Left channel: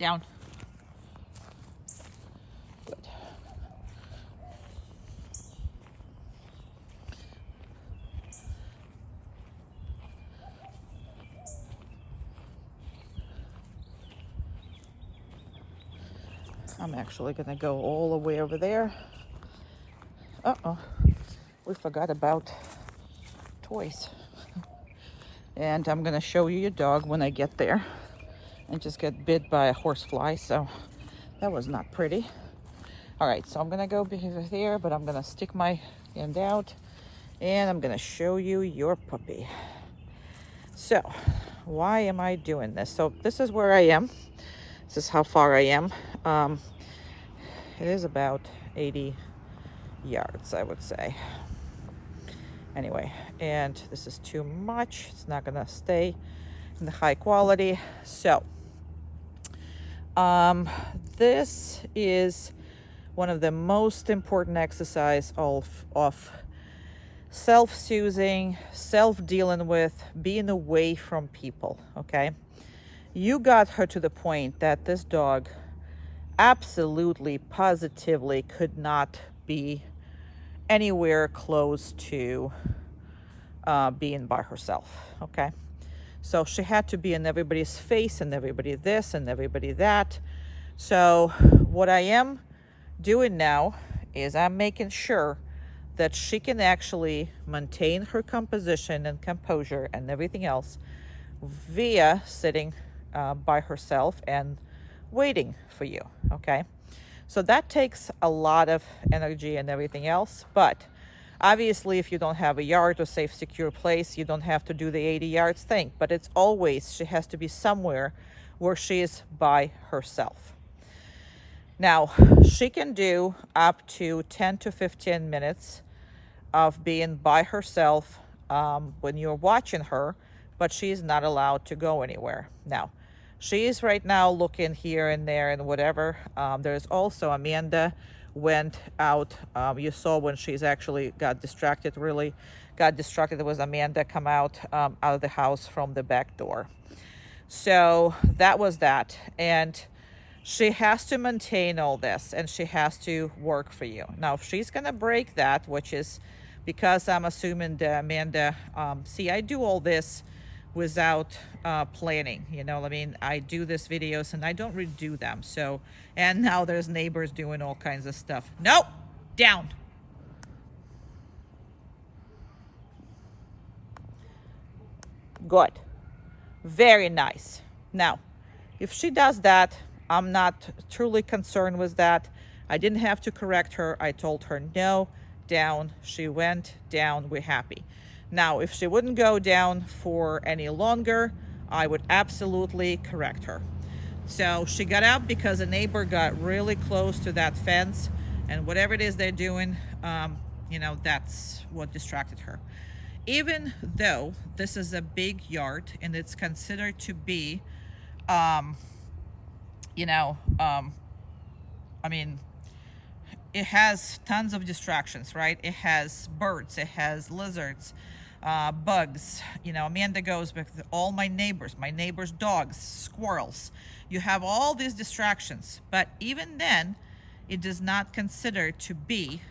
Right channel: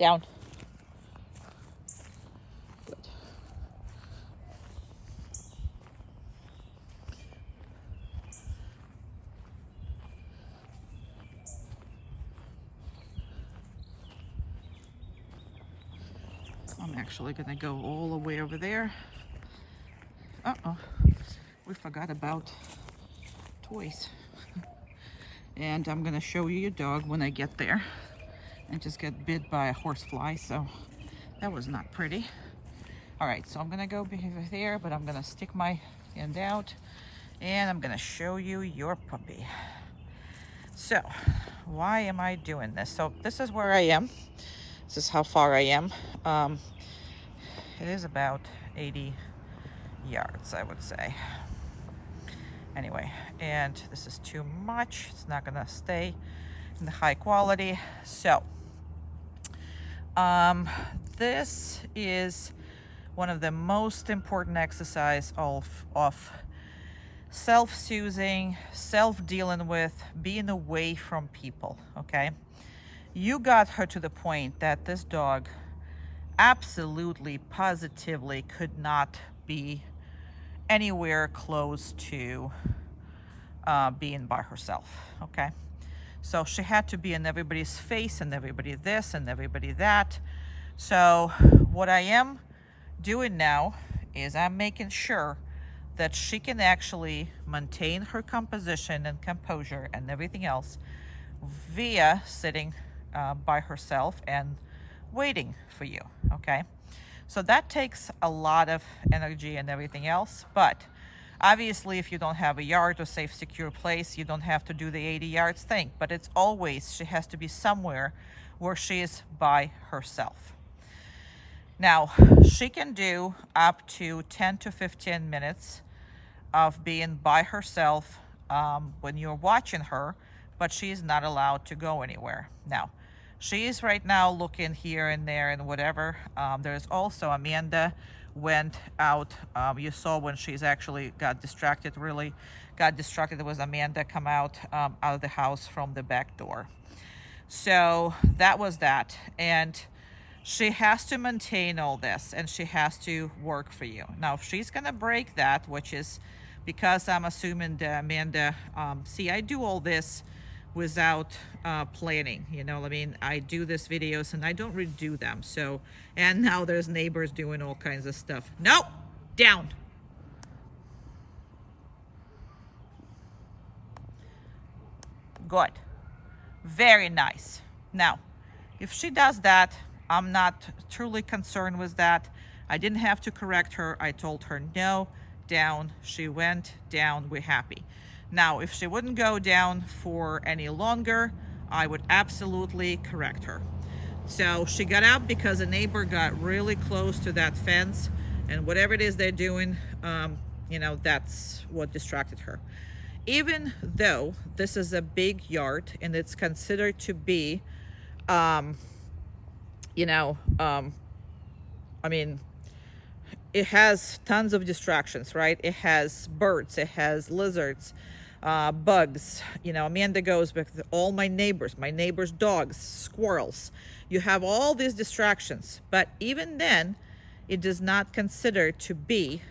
Down. Good. I'm actually gonna go all the way over there. Uh-oh, we forgot about toys. And I'm gonna show you your dog when I get there. And just get bit by a horsefly, so that was not pretty. All right, so I'm gonna go over there, but I'm gonna stick my hand out and I'm gonna show you your puppy. So, why am I doing this? So this is where I am. This is how far I am. It is about 80 yards, I would say. Anyway, and this is too much. It's not gonna stay in the high quality. So, this is one of the most important exercise of self-soothing, self-dealing with, being away from people, okay? You got her to the point that this dog absolutely, positively could not be anywhere close to being by herself, okay? So she had to be in everybody's face and everybody this and everybody that. So what I am doing now is I'm making sure that she can actually maintain her composition and composure and everything else via sitting by herself and waiting for you, okay? So that takes a lot of energy and everything else, but obviously if you don't have a yard or safe, secure place, you don't have to do the 80 yards thing, but it's always, she has to be somewhere where she is by herself. Now, she can do up to 10 to 15 minutes of being by herself when you're watching her, but she's not allowed to go anywhere. Now, she is right now looking here and there and whatever. There's also Amanda went out. You saw when she's actually got distracted, really got distracted. It was Amanda come out of the house from the back door. So that was that. And she has to maintain all this and she has to work for you. Now, if she's going to break that, which is because I'm assuming that Amanda, see, I do all this without planning, you know what I mean? I do these videos and I don't redo them. So, and now there's neighbors doing all kinds of stuff. Nope, down. Good, very nice. Now, if she does that, I'm not truly concerned with that. I didn't have to correct her. I told her no, down. She went down, we're happy. Now, if she wouldn't go down for any longer, I would absolutely correct her. So she got up because a neighbor got really close to that fence, and whatever it is they're doing, you know, that's what distracted her. Even though this is a big yard and it's considered to be, you know, I mean, it has tons of distractions, right? It has birds, it has lizards, bugs. You know, Amanda goes with all my neighbors' dogs, squirrels. You have all these distractions, but even then, it does not consider to be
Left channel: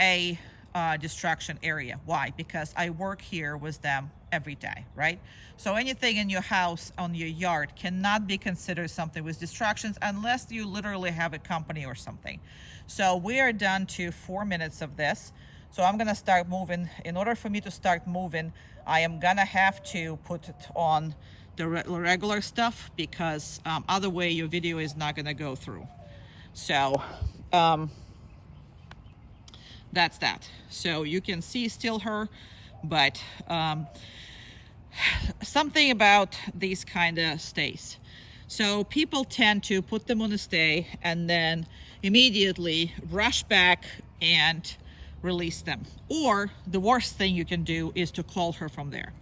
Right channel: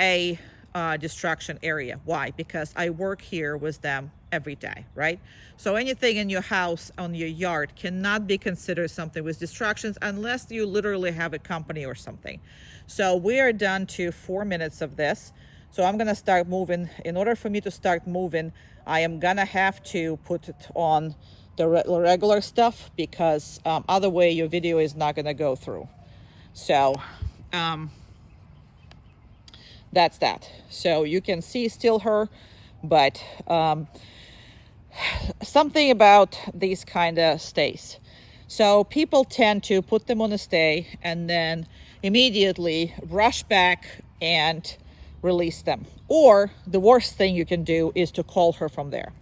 a distraction area. Why? Because I work here with them every day, right? So anything in your house, on your yard, cannot be considered something with distractions unless you literally have a company or something. So we are done to 4 minutes of this. So I'm gonna start moving. In order for me to start moving, I am gonna have to put it on the regular stuff because other way your video is not gonna go through. So that's that. So you can see still her, but something about these kind of stays. So people tend to put them on a stay and then immediately rush back and release them. Or the worst thing you can do is to call her from there.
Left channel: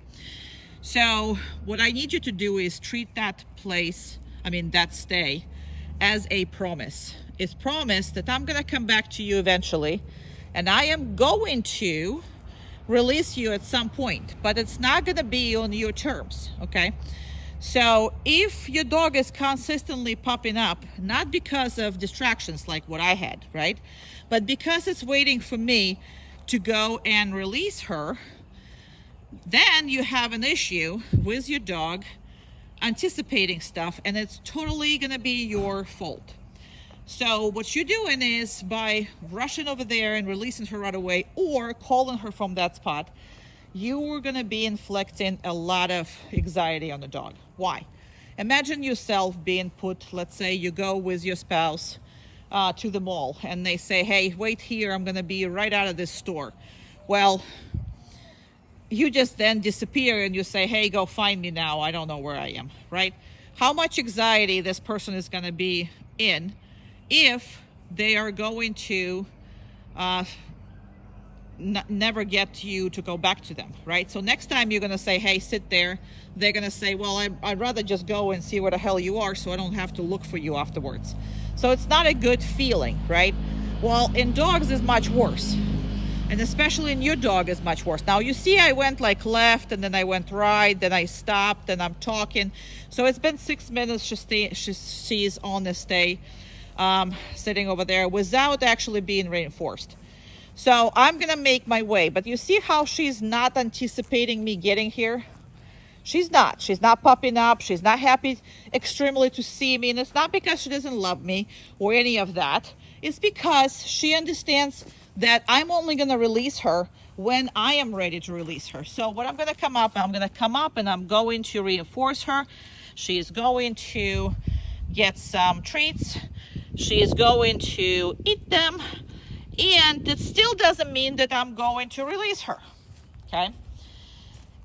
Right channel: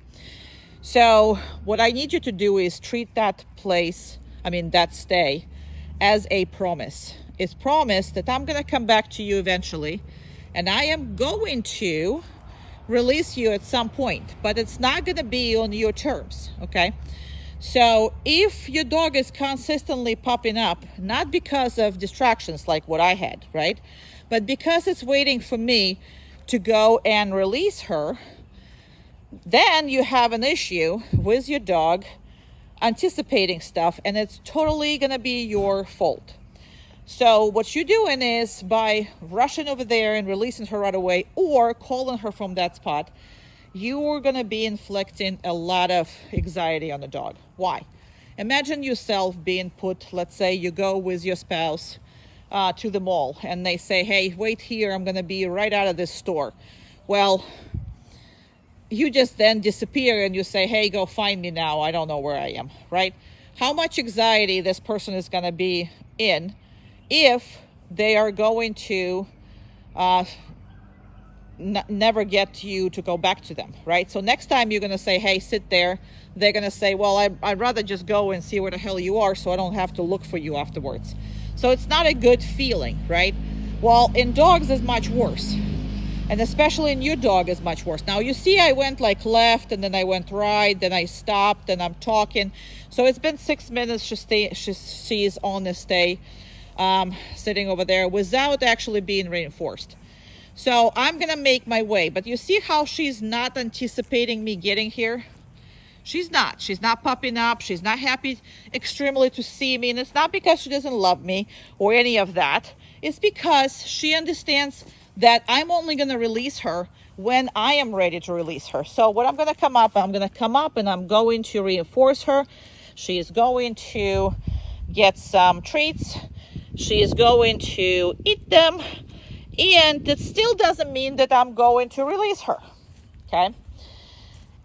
So what I need you to do is treat that place, that stay, as a promise. It's promise that I'm gonna come back to you eventually and I am going to release you at some point, but it's not gonna be on your terms, okay? So if your dog is consistently popping up, not because of distractions like what I had, right? But because it's waiting for me to go and release her, then you have an issue with your dog anticipating stuff, and it's totally gonna be your fault. So what you're doing is, by rushing over there and releasing her right away or calling her from that spot, you're gonna be inflicting a lot of anxiety on the dog. Why? Imagine yourself being put, let's say you go with your spouse to the mall and they say, hey, wait here, I'm gonna be right out of this store. Well, you just then disappear and you say, hey, go find me now, I don't know where I am, right? How much anxiety this person is gonna be in if they are going to never get you to go back to them, right? So next time you're gonna say, hey, sit there, they're gonna say, well, I'd rather just go and see where the hell you are so I don't have to look for you afterwards. So it's not a good feeling, right? Well, in dogs is much worse, and especially in your dog is much worse. Now you see I went like left and then I went right, then I stopped and I'm talking. So it's been 6 minutes. She's on the stay, sitting over there without actually being reinforced. So I'm gonna make my way, but you see how she's not anticipating me getting here? She's not popping up. She's not happy extremely to see me. And it's not because she doesn't love me or any of that. It's because she understands that I'm only gonna release her when I am ready to release her. So what I'm gonna come up and I'm going to reinforce her. She is going to get some treats. She is going to eat them. And it still doesn't mean that I'm going to release her, okay?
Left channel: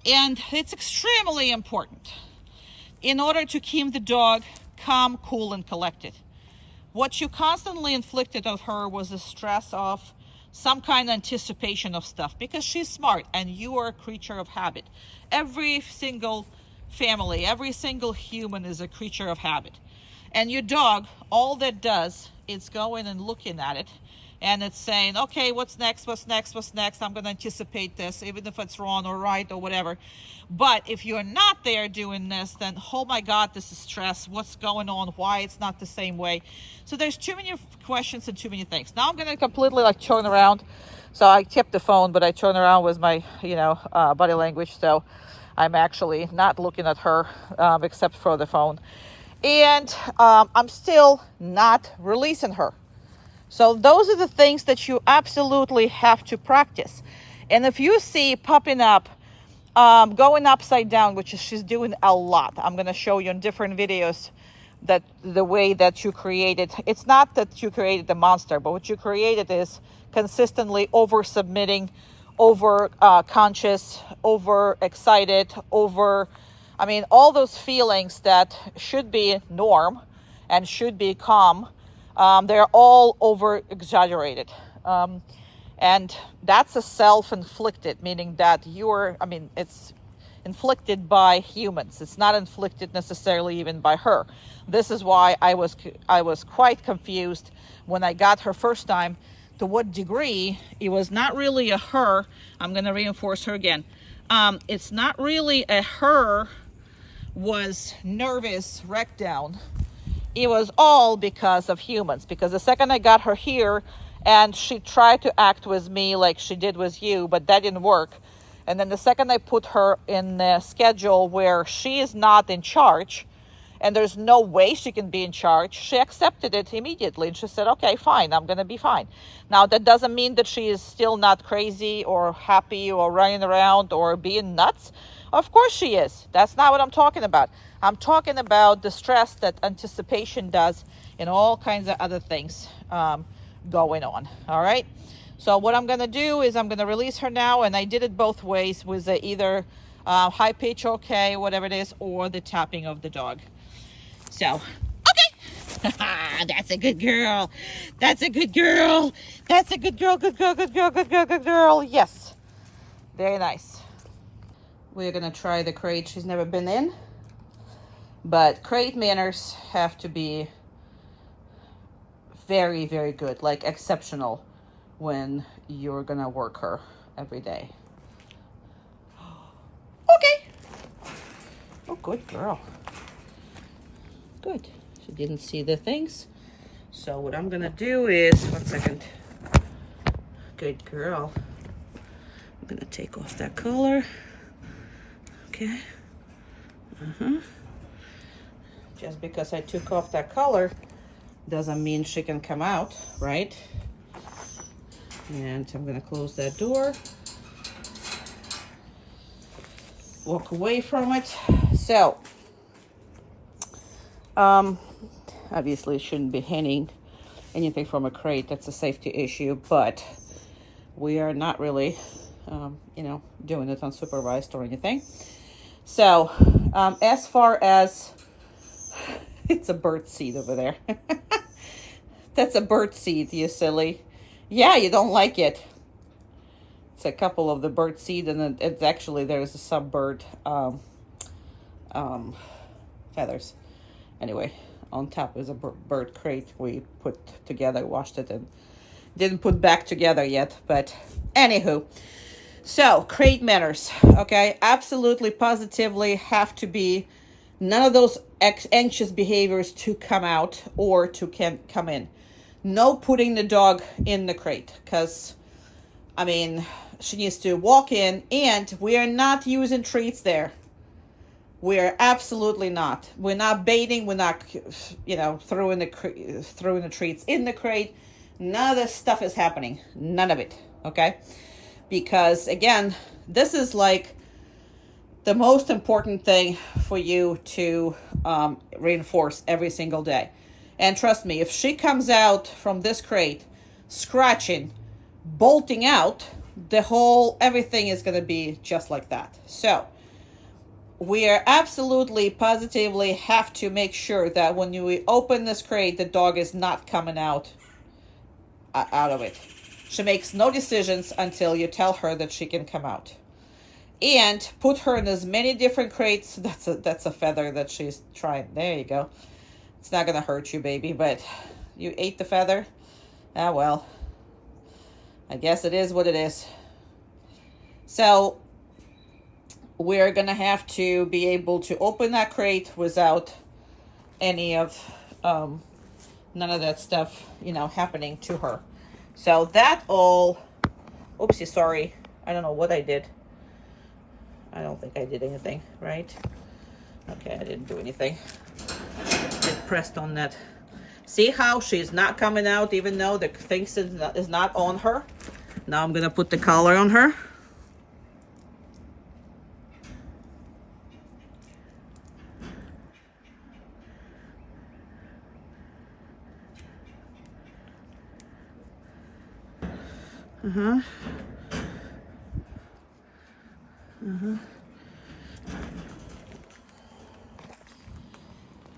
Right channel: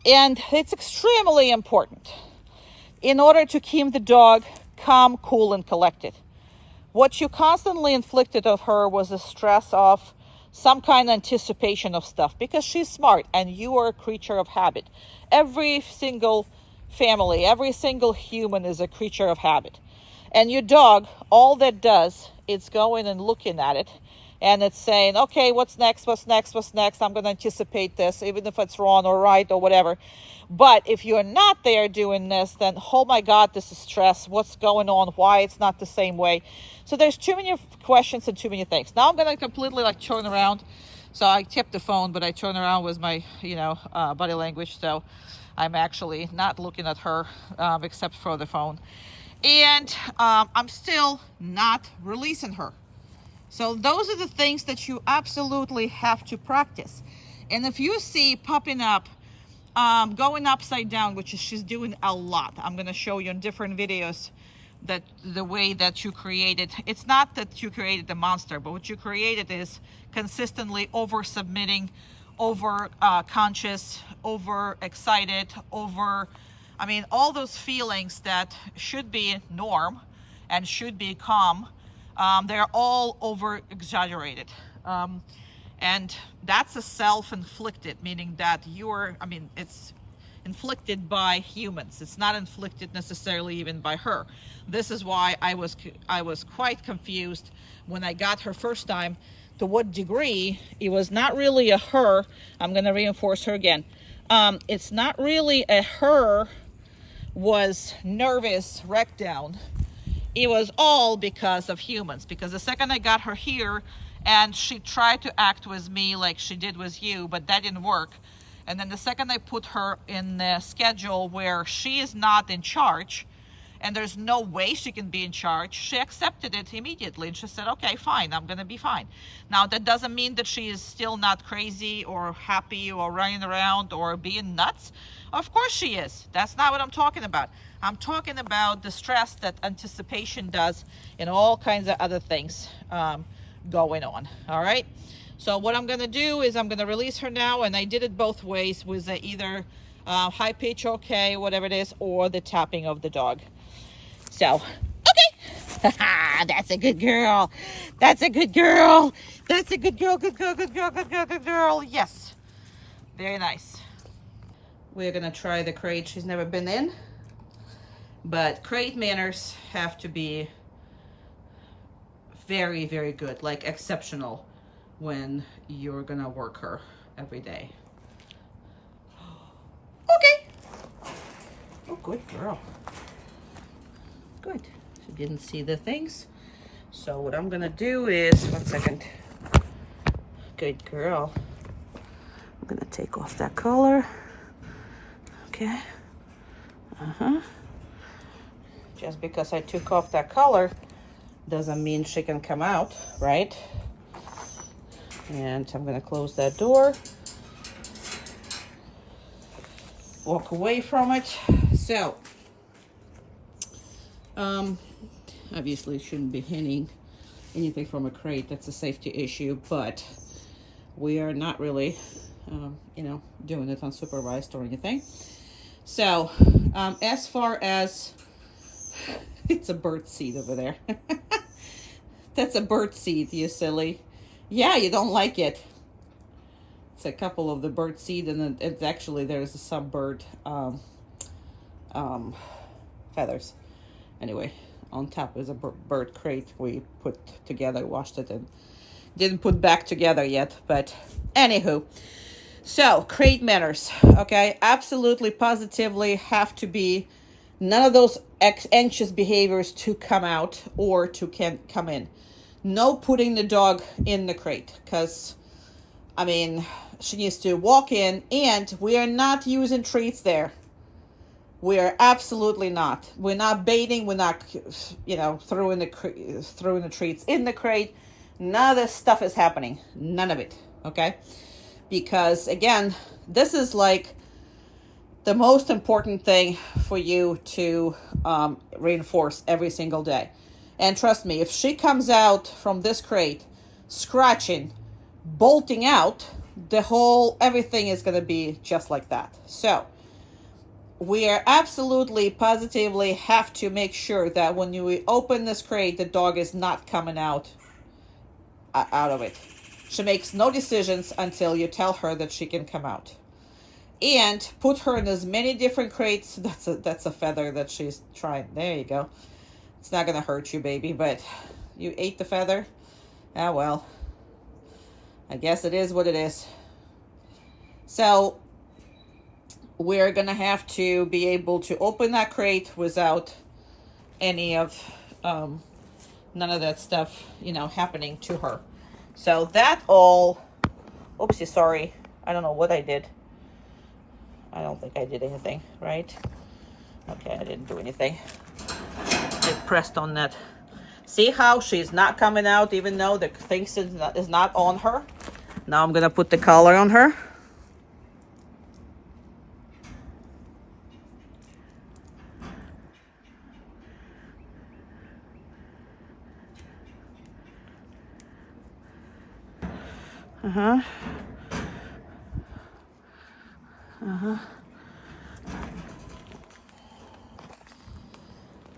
And it's extremely important in order to keep the dog calm, cool, and collected. What you constantly inflicted of her was a stress of some kind of anticipation of stuff, because she's smart and you are a creature of habit. Every single family, every single human is a creature of habit. And your dog, all that does is going and looking at it, and it's saying, okay, what's next, what's next, what's next? I'm going to anticipate this, even if it's wrong or right or whatever. But if you're not there doing this, then, oh my God, this is stress. What's going on? Why it's not the same way? So there's too many questions and too many things. Now I'm going to completely like turn around. So I kept the phone, but I turn around with my, body language. So I'm actually not looking at her, except for the phone. And I'm still not releasing her. So those are the things that you absolutely have to practice. And if you see popping up, going upside down, which is she's doing a lot. I'm going to show you in different videos that the way that you created. It's not that you created the monster, but what you created is consistently over submitting, over conscious, over excited, all those feelings that should be norm and should be calm. They're all over exaggerated. And that's a self-inflicted, meaning that it's inflicted by humans. It's not inflicted necessarily even by her. This is why I was quite confused when I got her first time, to what degree it was not really a her. I'm going to reinforce her again. It's not really a her was nervous wreck down. It was all because of humans, because the second I got her here and she tried to act with me like she did with you, but that didn't work. And then the second I put her in a schedule where she is not in charge and there's no way she can be in charge, she accepted it immediately. And she said, okay, fine, I'm going to be fine. Now, that doesn't mean that she is still not crazy or happy or running around or being nuts. Of course she is. That's not what I'm talking about. I'm talking about the stress that anticipation does and all kinds of other things going on. All right. So what I'm going to do is I'm going to release her now. And I did it both ways, with either high pitch, okay, whatever it is, or the tapping of the dog. So, okay. That's a good girl. That's a good girl. That's a good girl. Good girl. Good girl. Good girl. Good girl. Yes. Very nice. We're going to try the crate she's never been in. But crate manners have to be very, very good, like exceptional, when you're gonna work her every day. Okay. Oh, good girl. Good. She didn't see the things. So what I'm gonna do is, one second. Good girl. I'm gonna take off that collar. Okay. Just because I took off that collar doesn't mean she can come out, right? And I'm gonna close that door. Walk away from it. So, obviously shouldn't be hanging anything from a crate. That's a safety issue, but we are not really, doing it unsupervised or anything. So, as far as, it's a bird seed over there. That's a bird seed, you silly. Yeah, you don't like it. It's a couple of the bird seed, and it's actually, there's some bird feathers. Anyway, on top is a bird crate we put together, washed it, and didn't put back together yet. But anywho, so crate manners, okay? Absolutely, positively have to be none of those anxious behaviors to come out or to come in. No putting the dog in the crate, because, I mean, she needs to walk in, and we are not using treats there. We are absolutely not. We're not baiting. We're not, throwing the treats in the crate. None of this stuff is happening. None of it, okay? Because, again, this is like the most important thing for you to reinforce every single day. And trust me, if she comes out from this crate scratching, bolting out, everything is going to be just like that. So we are absolutely, positively have to make sure that when you open this crate, the dog is not coming out of it. She makes no decisions until you tell her that she can come out. And put her in as many different crates. That's a feather that she's trying. There you go. It's not going to hurt you, baby, but you ate the feather? Ah, well, I guess it is what it is. So we're going to have to be able to open that crate without any of, none of that stuff, happening to her. So that all, oopsie, sorry. I don't know what I did. I don't think I did anything, right? Okay, I didn't do anything. Just pressed on that. See how she's not coming out even though the thing is not on her? Now I'm going to put the collar on her.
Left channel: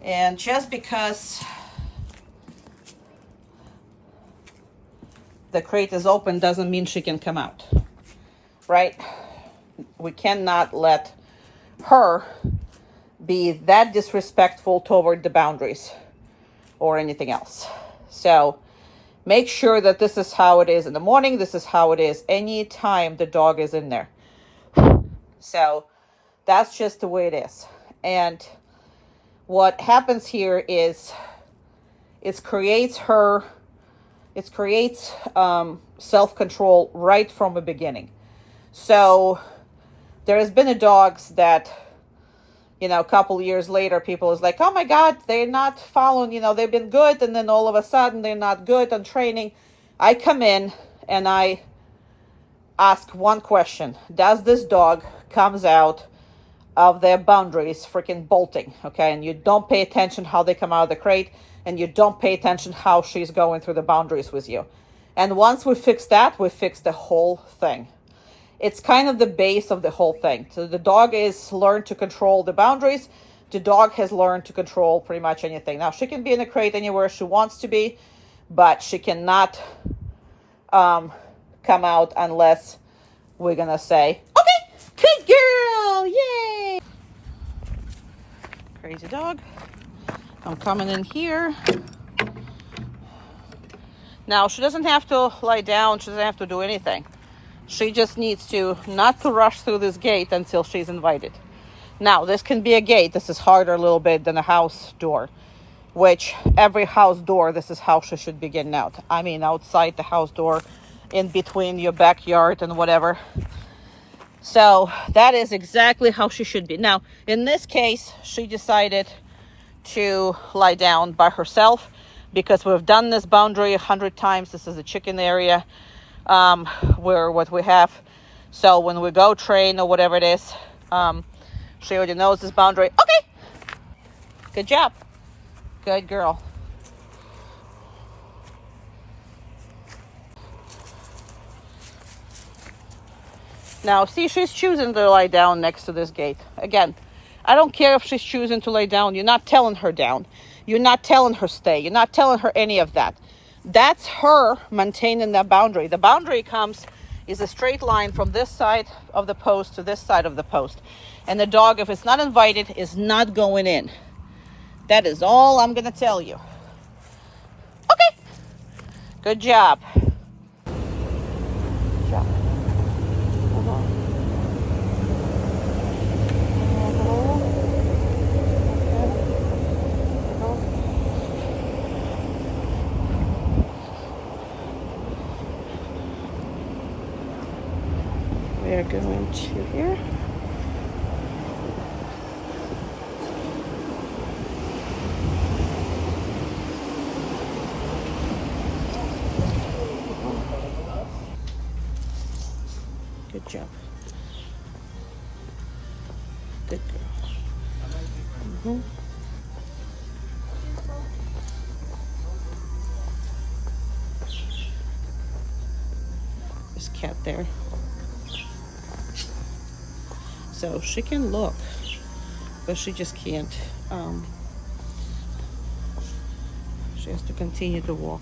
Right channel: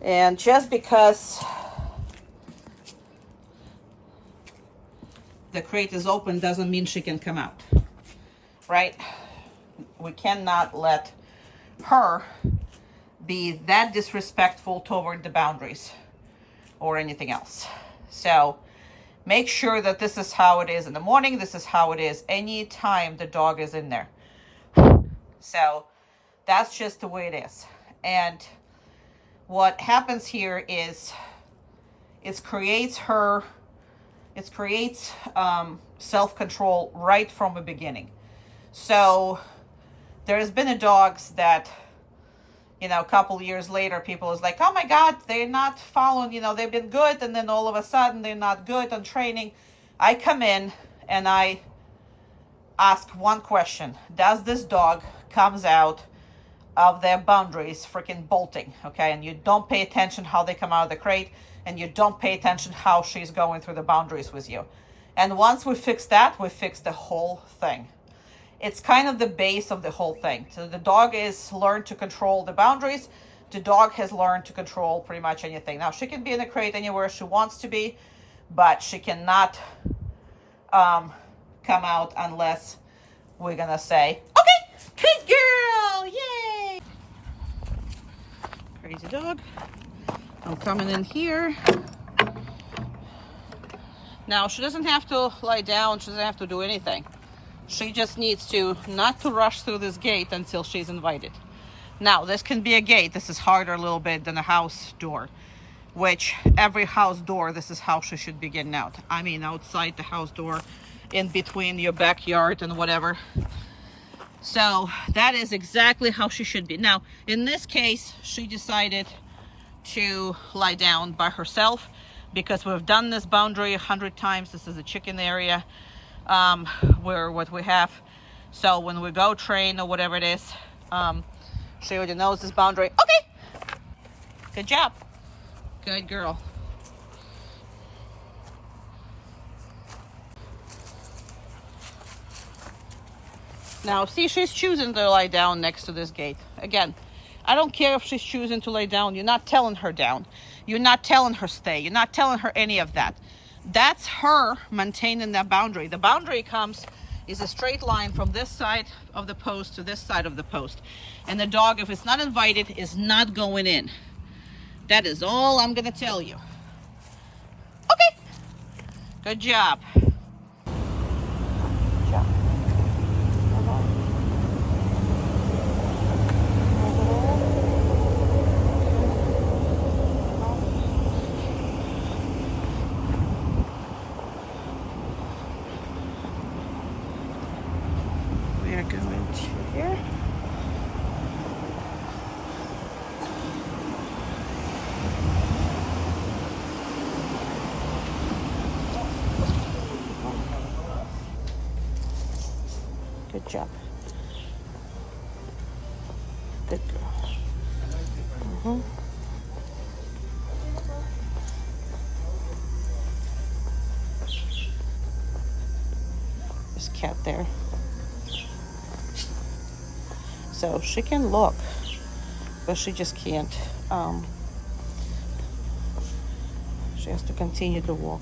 And just because the crate is open doesn't mean she can come out, right? We cannot let her be that disrespectful toward the boundaries or anything else. So make sure that this is how it is in the morning. This is how it is any time the dog is in there. So that's just the way it is. And what happens here is it creates self-control right from the beginning. So there has been dogs that, a couple of years later, people is like, oh my God, they're not following, they've been good. And then all of a sudden they're not good on training. I come in and I ask one question. Does this dog comes out of their boundaries freaking bolting, okay? And you don't pay attention how they come out of the crate, and you don't pay attention how she's going through the boundaries with you. And once we fix that, we fix the whole thing. It's kind of the base of the whole thing. So the dog is learned to control the boundaries. The dog has learned to control pretty much anything. Now, she can be in a crate anywhere she wants to be, but she cannot come out unless we're gonna say, okay, good girl, yay! Crazy dog. I'm coming in here. Now, she doesn't have to lie down. She doesn't have to do anything. She just needs to not to rush through this gate until she's invited. Now, this can be a gate. This is harder a little bit than a house door, which every house door, this is how she should be getting out. I mean, outside the house door, in between your backyard and whatever. So that is exactly how she should be. Now, in this case, she decided to lie down by herself because we've done this boundary 100 times. This is a chicken area where what we have. So when we go train or whatever it is, she already knows this boundary. Okay, good job, good girl. Now, see, she's choosing to lie down next to this gate. Again, I don't care if she's choosing to lay down. You're not telling her down. You're not telling her stay. You're not telling her any of that. That's her maintaining that boundary. The boundary is a straight line from this side of the post to this side of the post. And the dog, if it's not invited, is not going in. That is all I'm going to tell you. Okay. Good job. We are going to here. Good job. Good girl. There's a cat there. So she can look, but she just can't. She has to continue to walk.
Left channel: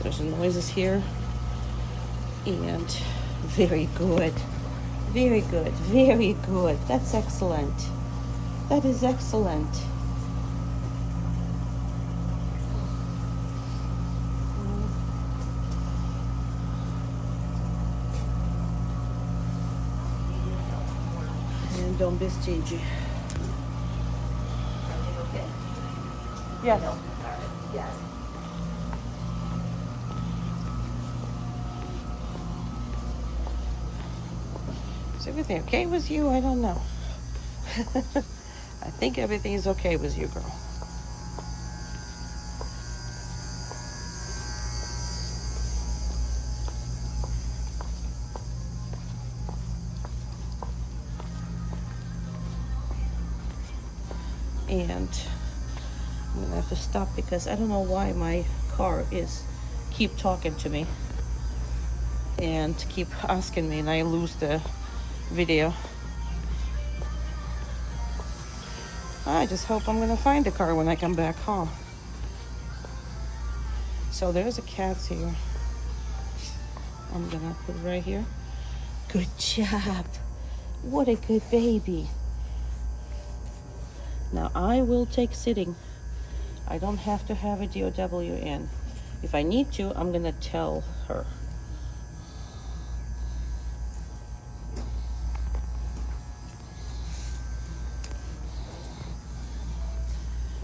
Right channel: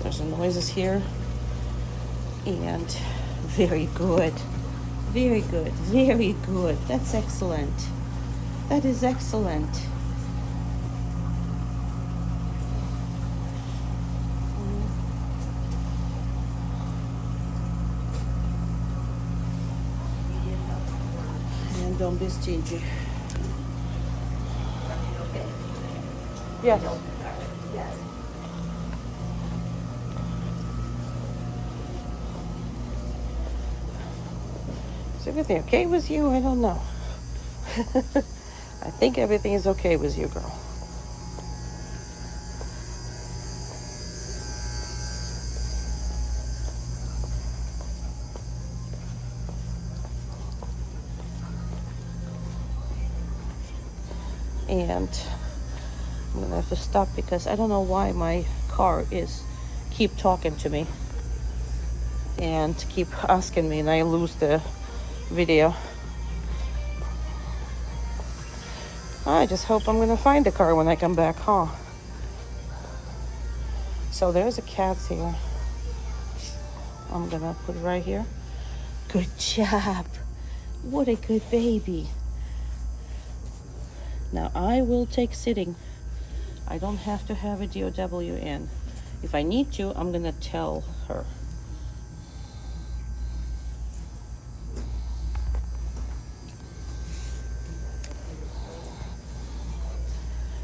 There's some noises here, and very good, very good, very good. That's excellent. That is excellent. And don't be stingy. Yes. Yes. Is everything okay with you? I don't know. I think everything is okay with you, girl. And I'm gonna have to stop because I don't know why my car is keep talking to me and keep asking me, and I lose the video. I just hope I'm gonna find the car when I come back home. So there's a cat here. I'm gonna put it right here. Good job. What a good baby. Now I will take sitting. I don't have to have a DOW in. If I need to, I'm gonna tell her.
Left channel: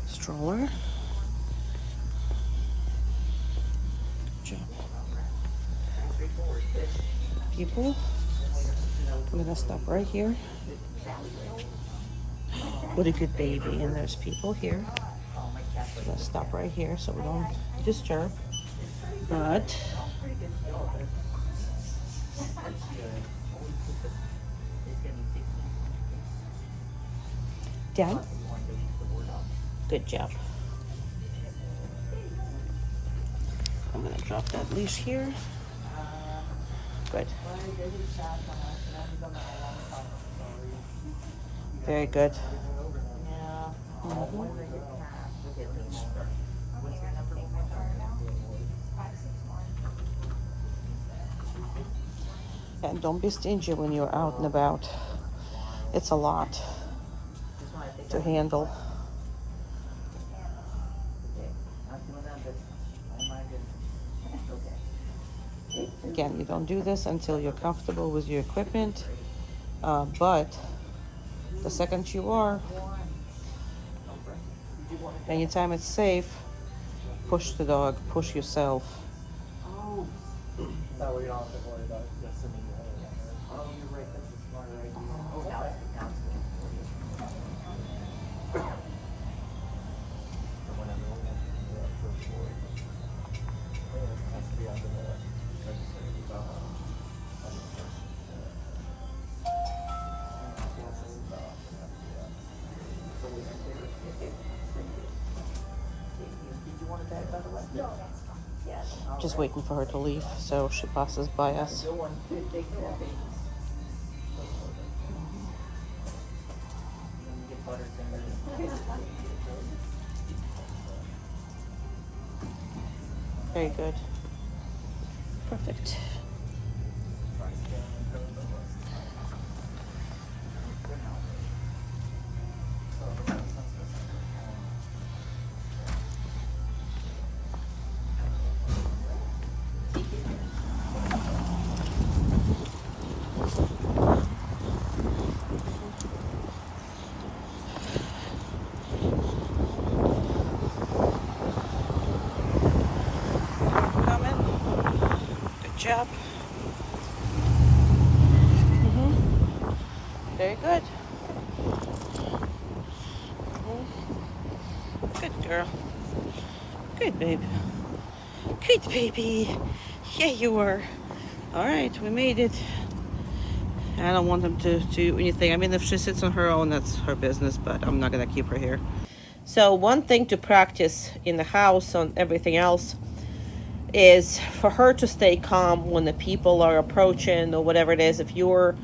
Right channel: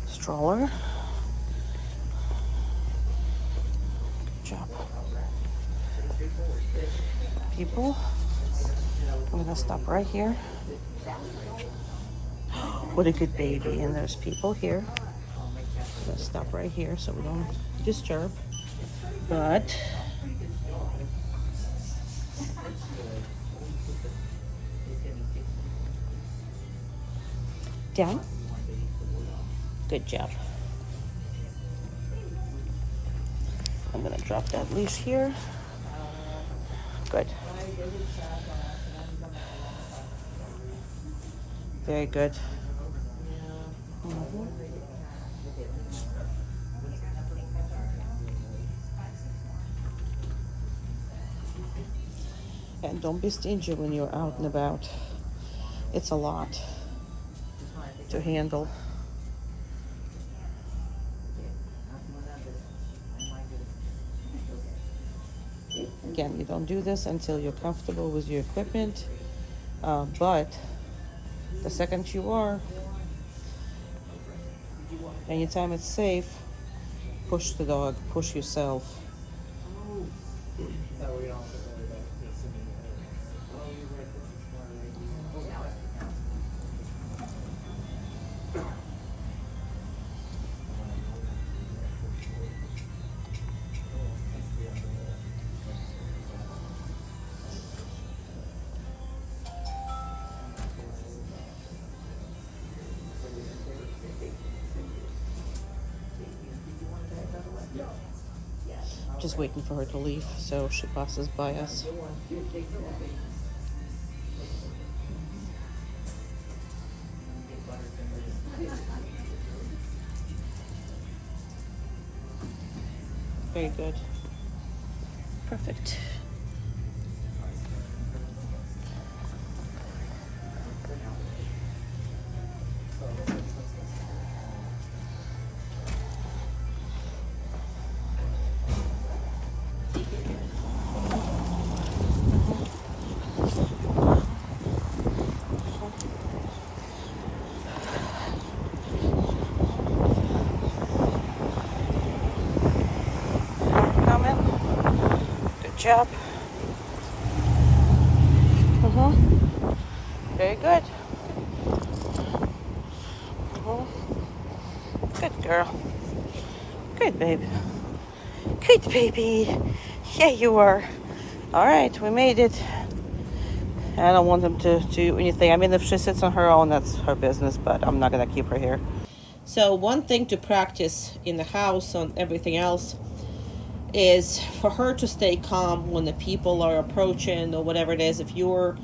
Stroller. Good job. People. I'm gonna stop right here. What a good baby. And there's people here. I'm gonna stop right here so we don't disturb. But down. Good job. I'm gonna drop that leash here. Good. Very good. And don't be stingy when you're out and about. It's a lot to handle. Again, you don't do this until you're comfortable with your equipment, but the second you are, anytime it's safe, push the dog, push yourself. That way you don't have to worry about it just sitting there. Oh, you're right. This is smart, right? Just waiting for her to leave, so she passes by us. Very good. Perfect. Coming. Good job. Very good. Good girl. Good baby. Good baby. Yeah, you are. All right, we made it. I don't want them to do anything. I mean, if she sits on her own, that's her business, but I'm not going to keep her here. So one thing to practice in the house on everything else is for her to stay calm when the people are approaching or whatever it is. If you're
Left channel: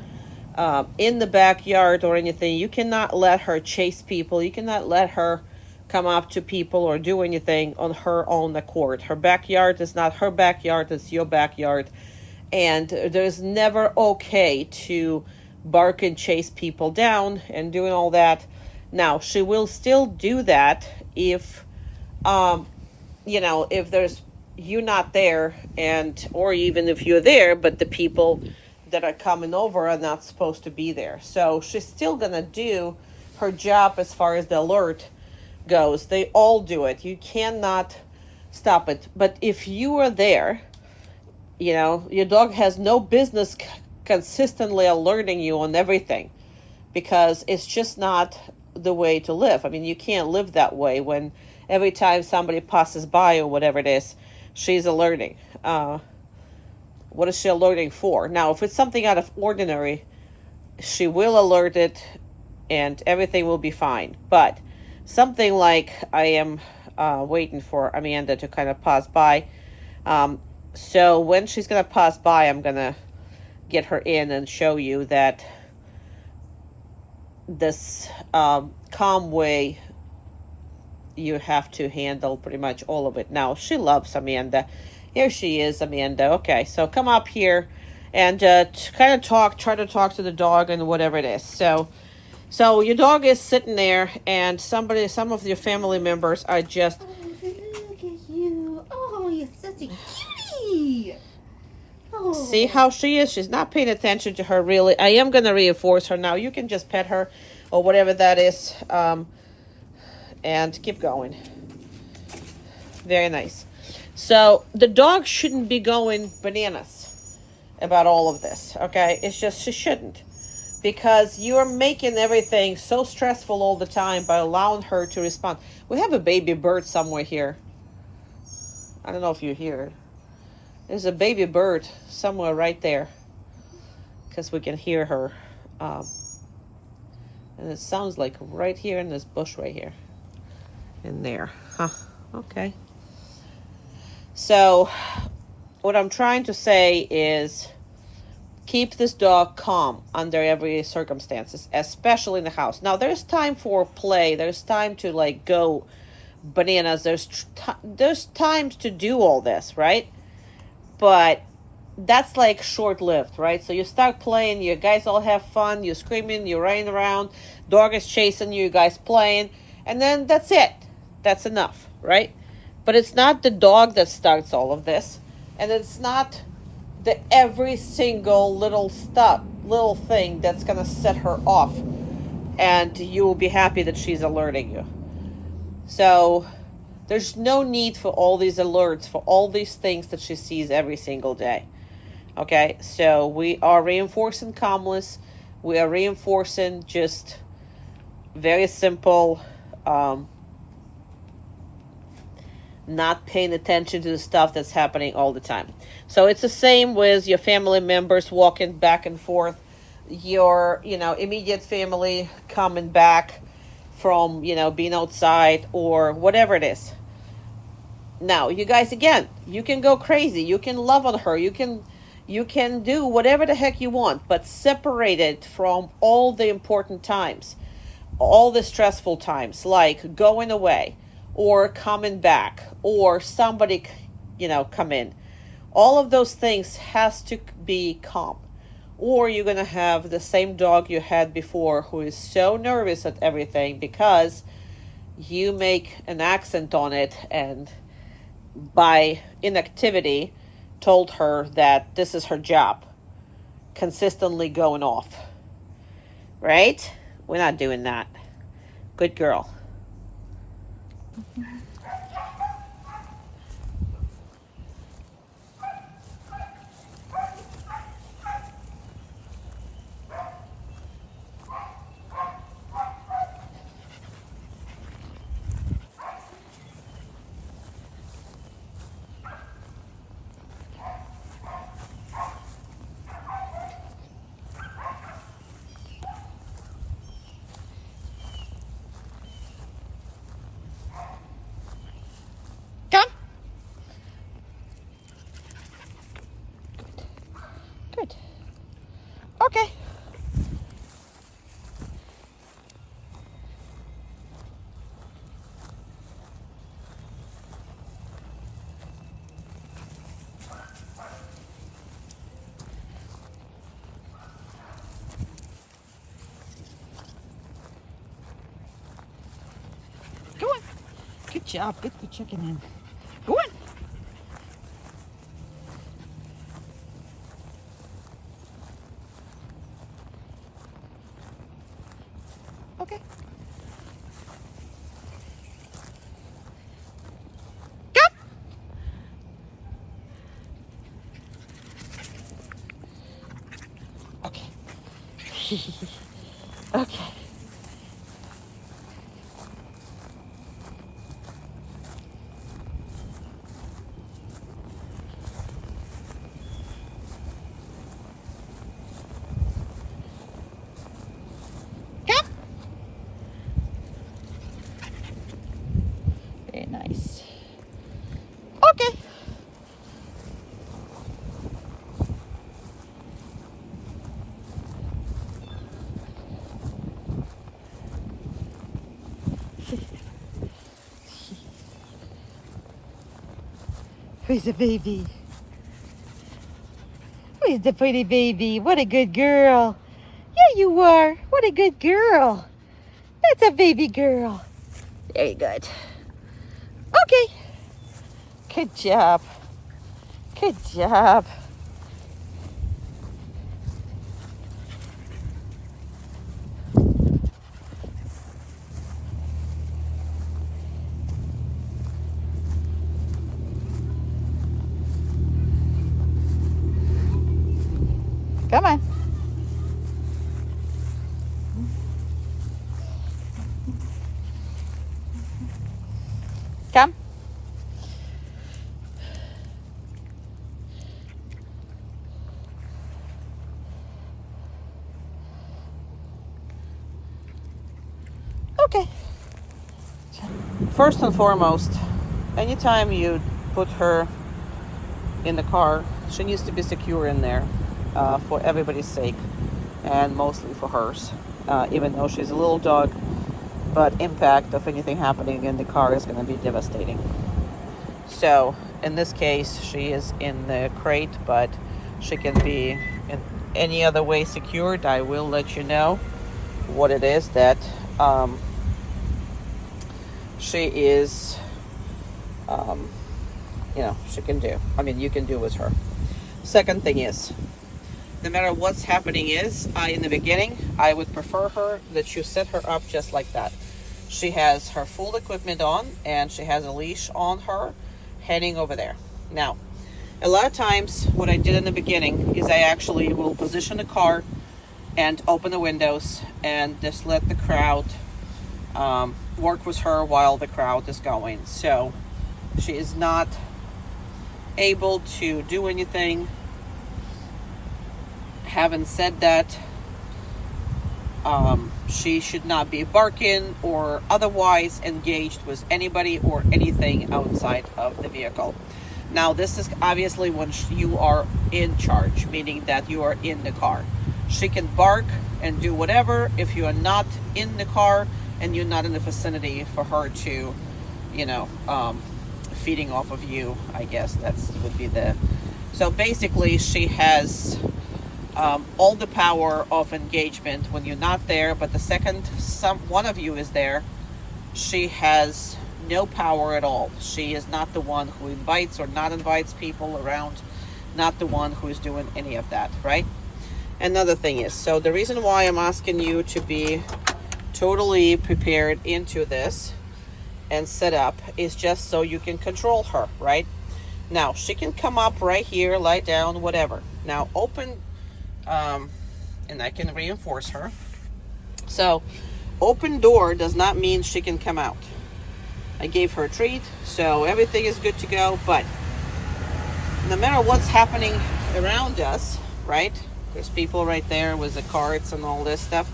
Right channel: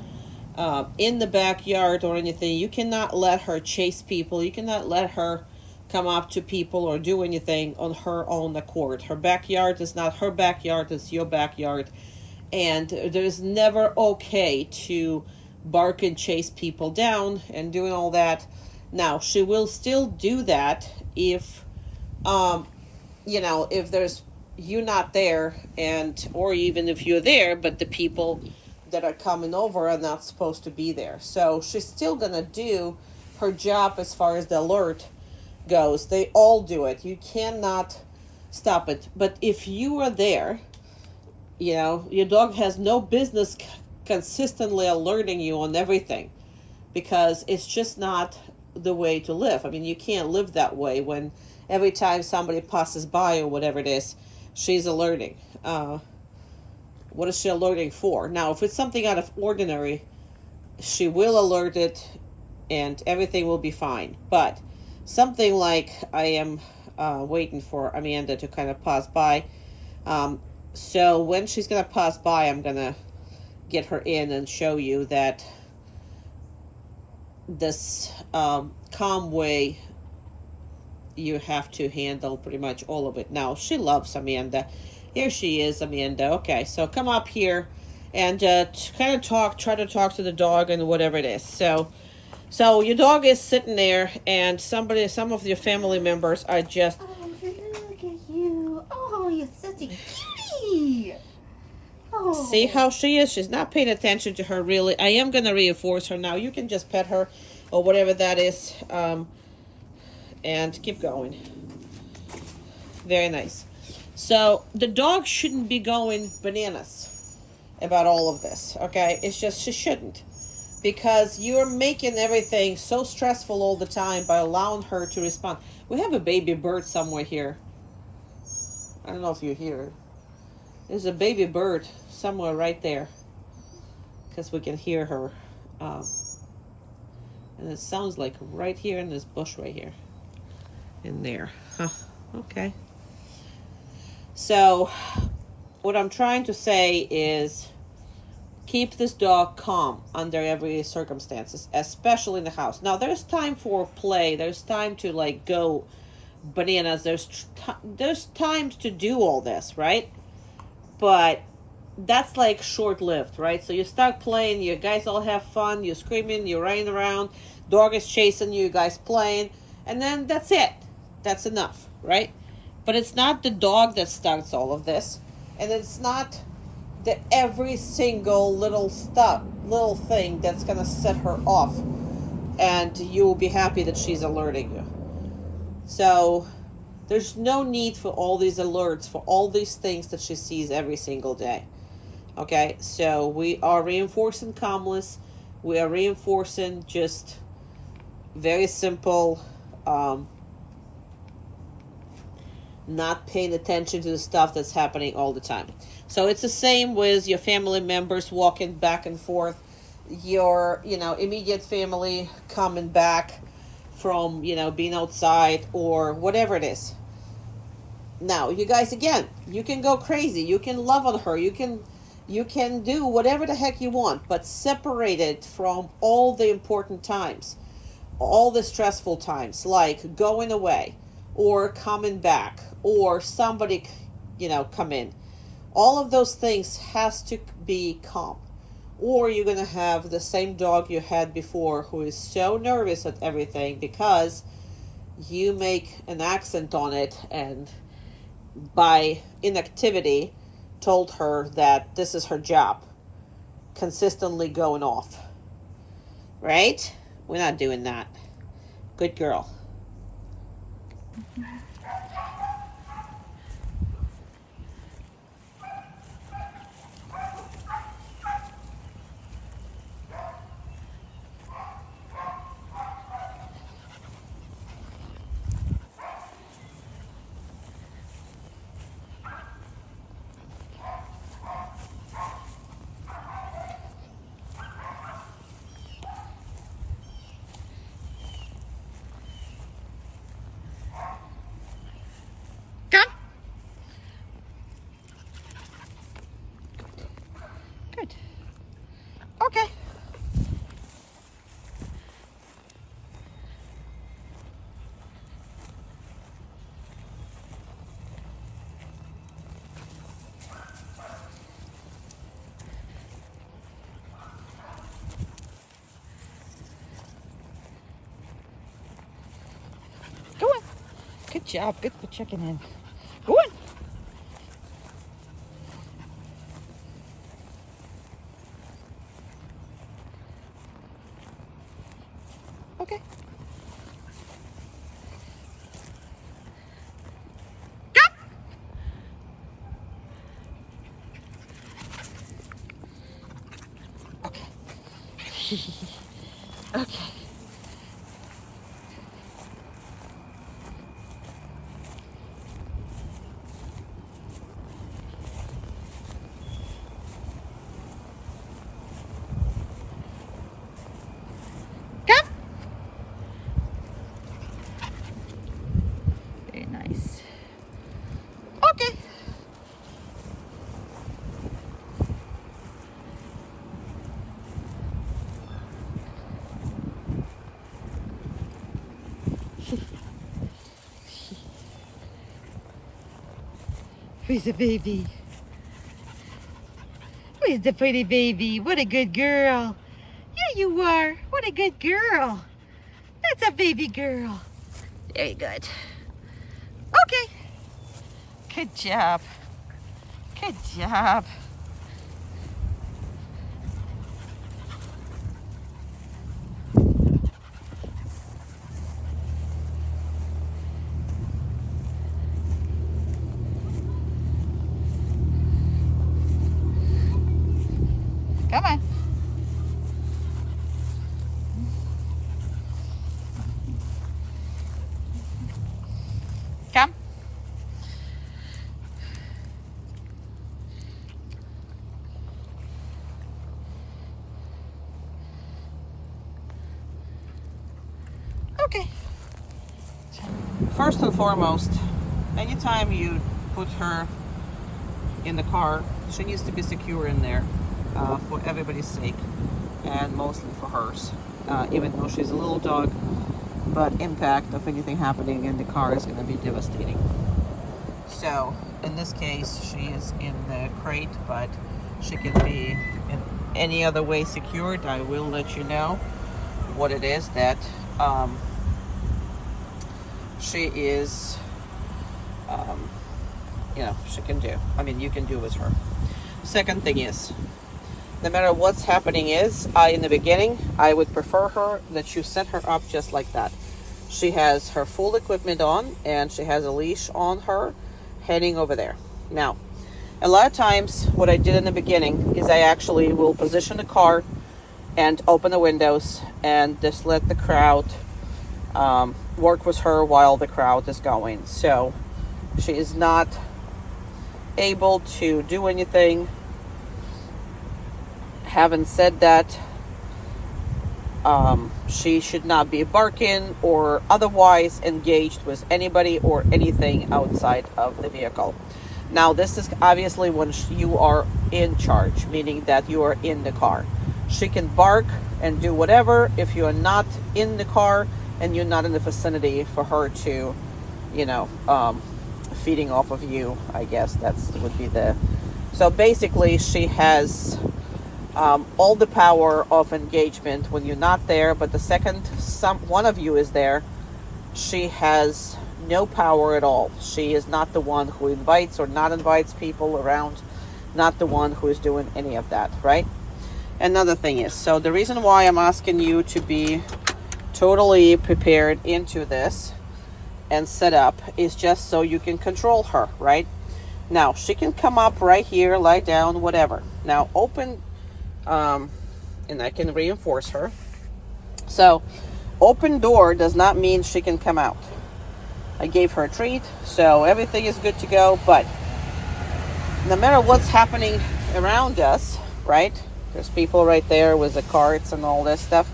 in the backyard or anything, you cannot let her chase people. You cannot let her come up to people or do anything on her own accord. Her backyard is not her backyard, it's your backyard. And there's never okay to bark and chase people down and doing all that. Now, she will still do that if, if there's you not there, and or even if you're there, but the people that are coming over are not supposed to be there. So she's still gonna do her job as far as the alert goes. They all do it. You cannot stop it. But if you are there, your dog has no business consistently alerting you on everything, because it's just not the way to live. I mean, you can't live that way when every time somebody passes by or whatever it is, she's alerting. What is she alerting for? Now, if it's something out of ordinary, she will alert it and everything will be fine. But something like I am waiting for Amanda to kind of pass by. So when she's going to pass by, I'm going to get her in and show you that this calm way you have to handle pretty much all of it. Now, she loves Amanda. Here she is, Amanda. Okay, so come up here and kind of try to talk to the dog and whatever it is. So your dog is sitting there, and some of your family members are just... Oh, look at you. Oh, you're such a cutie. Oh. See how she is? She's not paying attention to her, really. I am going to reinforce her now. You can just pet her or whatever that is, and keep going. Very nice. So the dog shouldn't be going bananas about all of this, okay? It's just she shouldn't, because you're making everything so stressful all the time by allowing her to respond. We have a baby bird somewhere here. I don't know if you hear it. There's a baby bird somewhere right there, because we can hear her. And it sounds like right here in this bush right here. In there. Huh. Okay. So what I'm trying to say is keep this dog calm under every circumstances, especially in the house. Now, there's time for play. There's time to go bananas. There's times to do all this, right? But that's short-lived, right? So you start playing, you guys all have fun, you're screaming, you're running around, dog is chasing you, guys playing, and then that's it. That's enough, right? But it's not the dog that starts all of this, and it's not the every single little thing that's gonna set her off, and you will be happy that she's alerting you. So there's no need for all these alerts, for all these things that she sees every single day. Okay, so we are reinforcing calmness. We are reinforcing just very simple, not paying attention to the stuff that's happening all the time. So it's the same with your family members walking back and forth, your, immediate family coming back from, being outside or whatever it is. Now, you guys, again, you can go crazy. You can love on her. You can do whatever the heck you want, but separate it from all the important times, all the stressful times, like going away or coming back or somebody, come in. All of those things has to be calm, or you're going to have the same dog you had before who is so nervous at everything because you make an accent on it and by inactivity told her that this is her job, consistently going off. Right? We're not doing that. Good girl. Come. Good. Okay. Go on. Good job. Good for checking in. Go on. Okay. Come. Okay. Okay. Come. Very nice. Okay. Who's the baby? Where's the pretty baby? What a good girl. Yeah, you are. What a good girl. That's a baby girl. Very good. Okay. Good job. Good job. Come on. Come. Okay. First and foremost, anytime you put her in the car, she needs to be secure in there, for everybody's sake, and mostly for hers. Even though she's a little dog, but impact of anything happening in the car is going to be devastating. So in this case, she is in the crate, but she can be in any other way secured. I will let you know what it is that she is, she can do. I mean, you can do with her. Second thing is, no matter what's happening is, in the beginning, I would prefer her that you set her up just like that. She has her full equipment on and she has a leash on her heading over there. Now, a lot of times what I did in the beginning is I actually will position the car and open the windows and just let the crowd work with her while the crowd is going. So she is not able to do anything. Having said that, she should not be barking or otherwise engaged with anybody or anything outside of the vehicle. Now, this is obviously when you are in charge, meaning that you are in the car. She can bark and do whatever if you are not in the car and you're not in the vicinity for her to, feeding off of you, I guess would be the... So basically, she has all the power of engagement when you're not there, but the second one of you is there, she has no power at all. She is not the one who invites or not invites people around, not the one who is doing any of that, right? Another thing is, so the reason why I'm asking you to be totally prepared into this and set up is just so you can control her, right? Now, she can come up right here, lie down, whatever. Now, open, and I can reinforce her. So, open door does not mean she can come out. I gave her a treat, so everything is good to go, but no matter what's happening around us, right? There's people right there with the carts and all this stuff.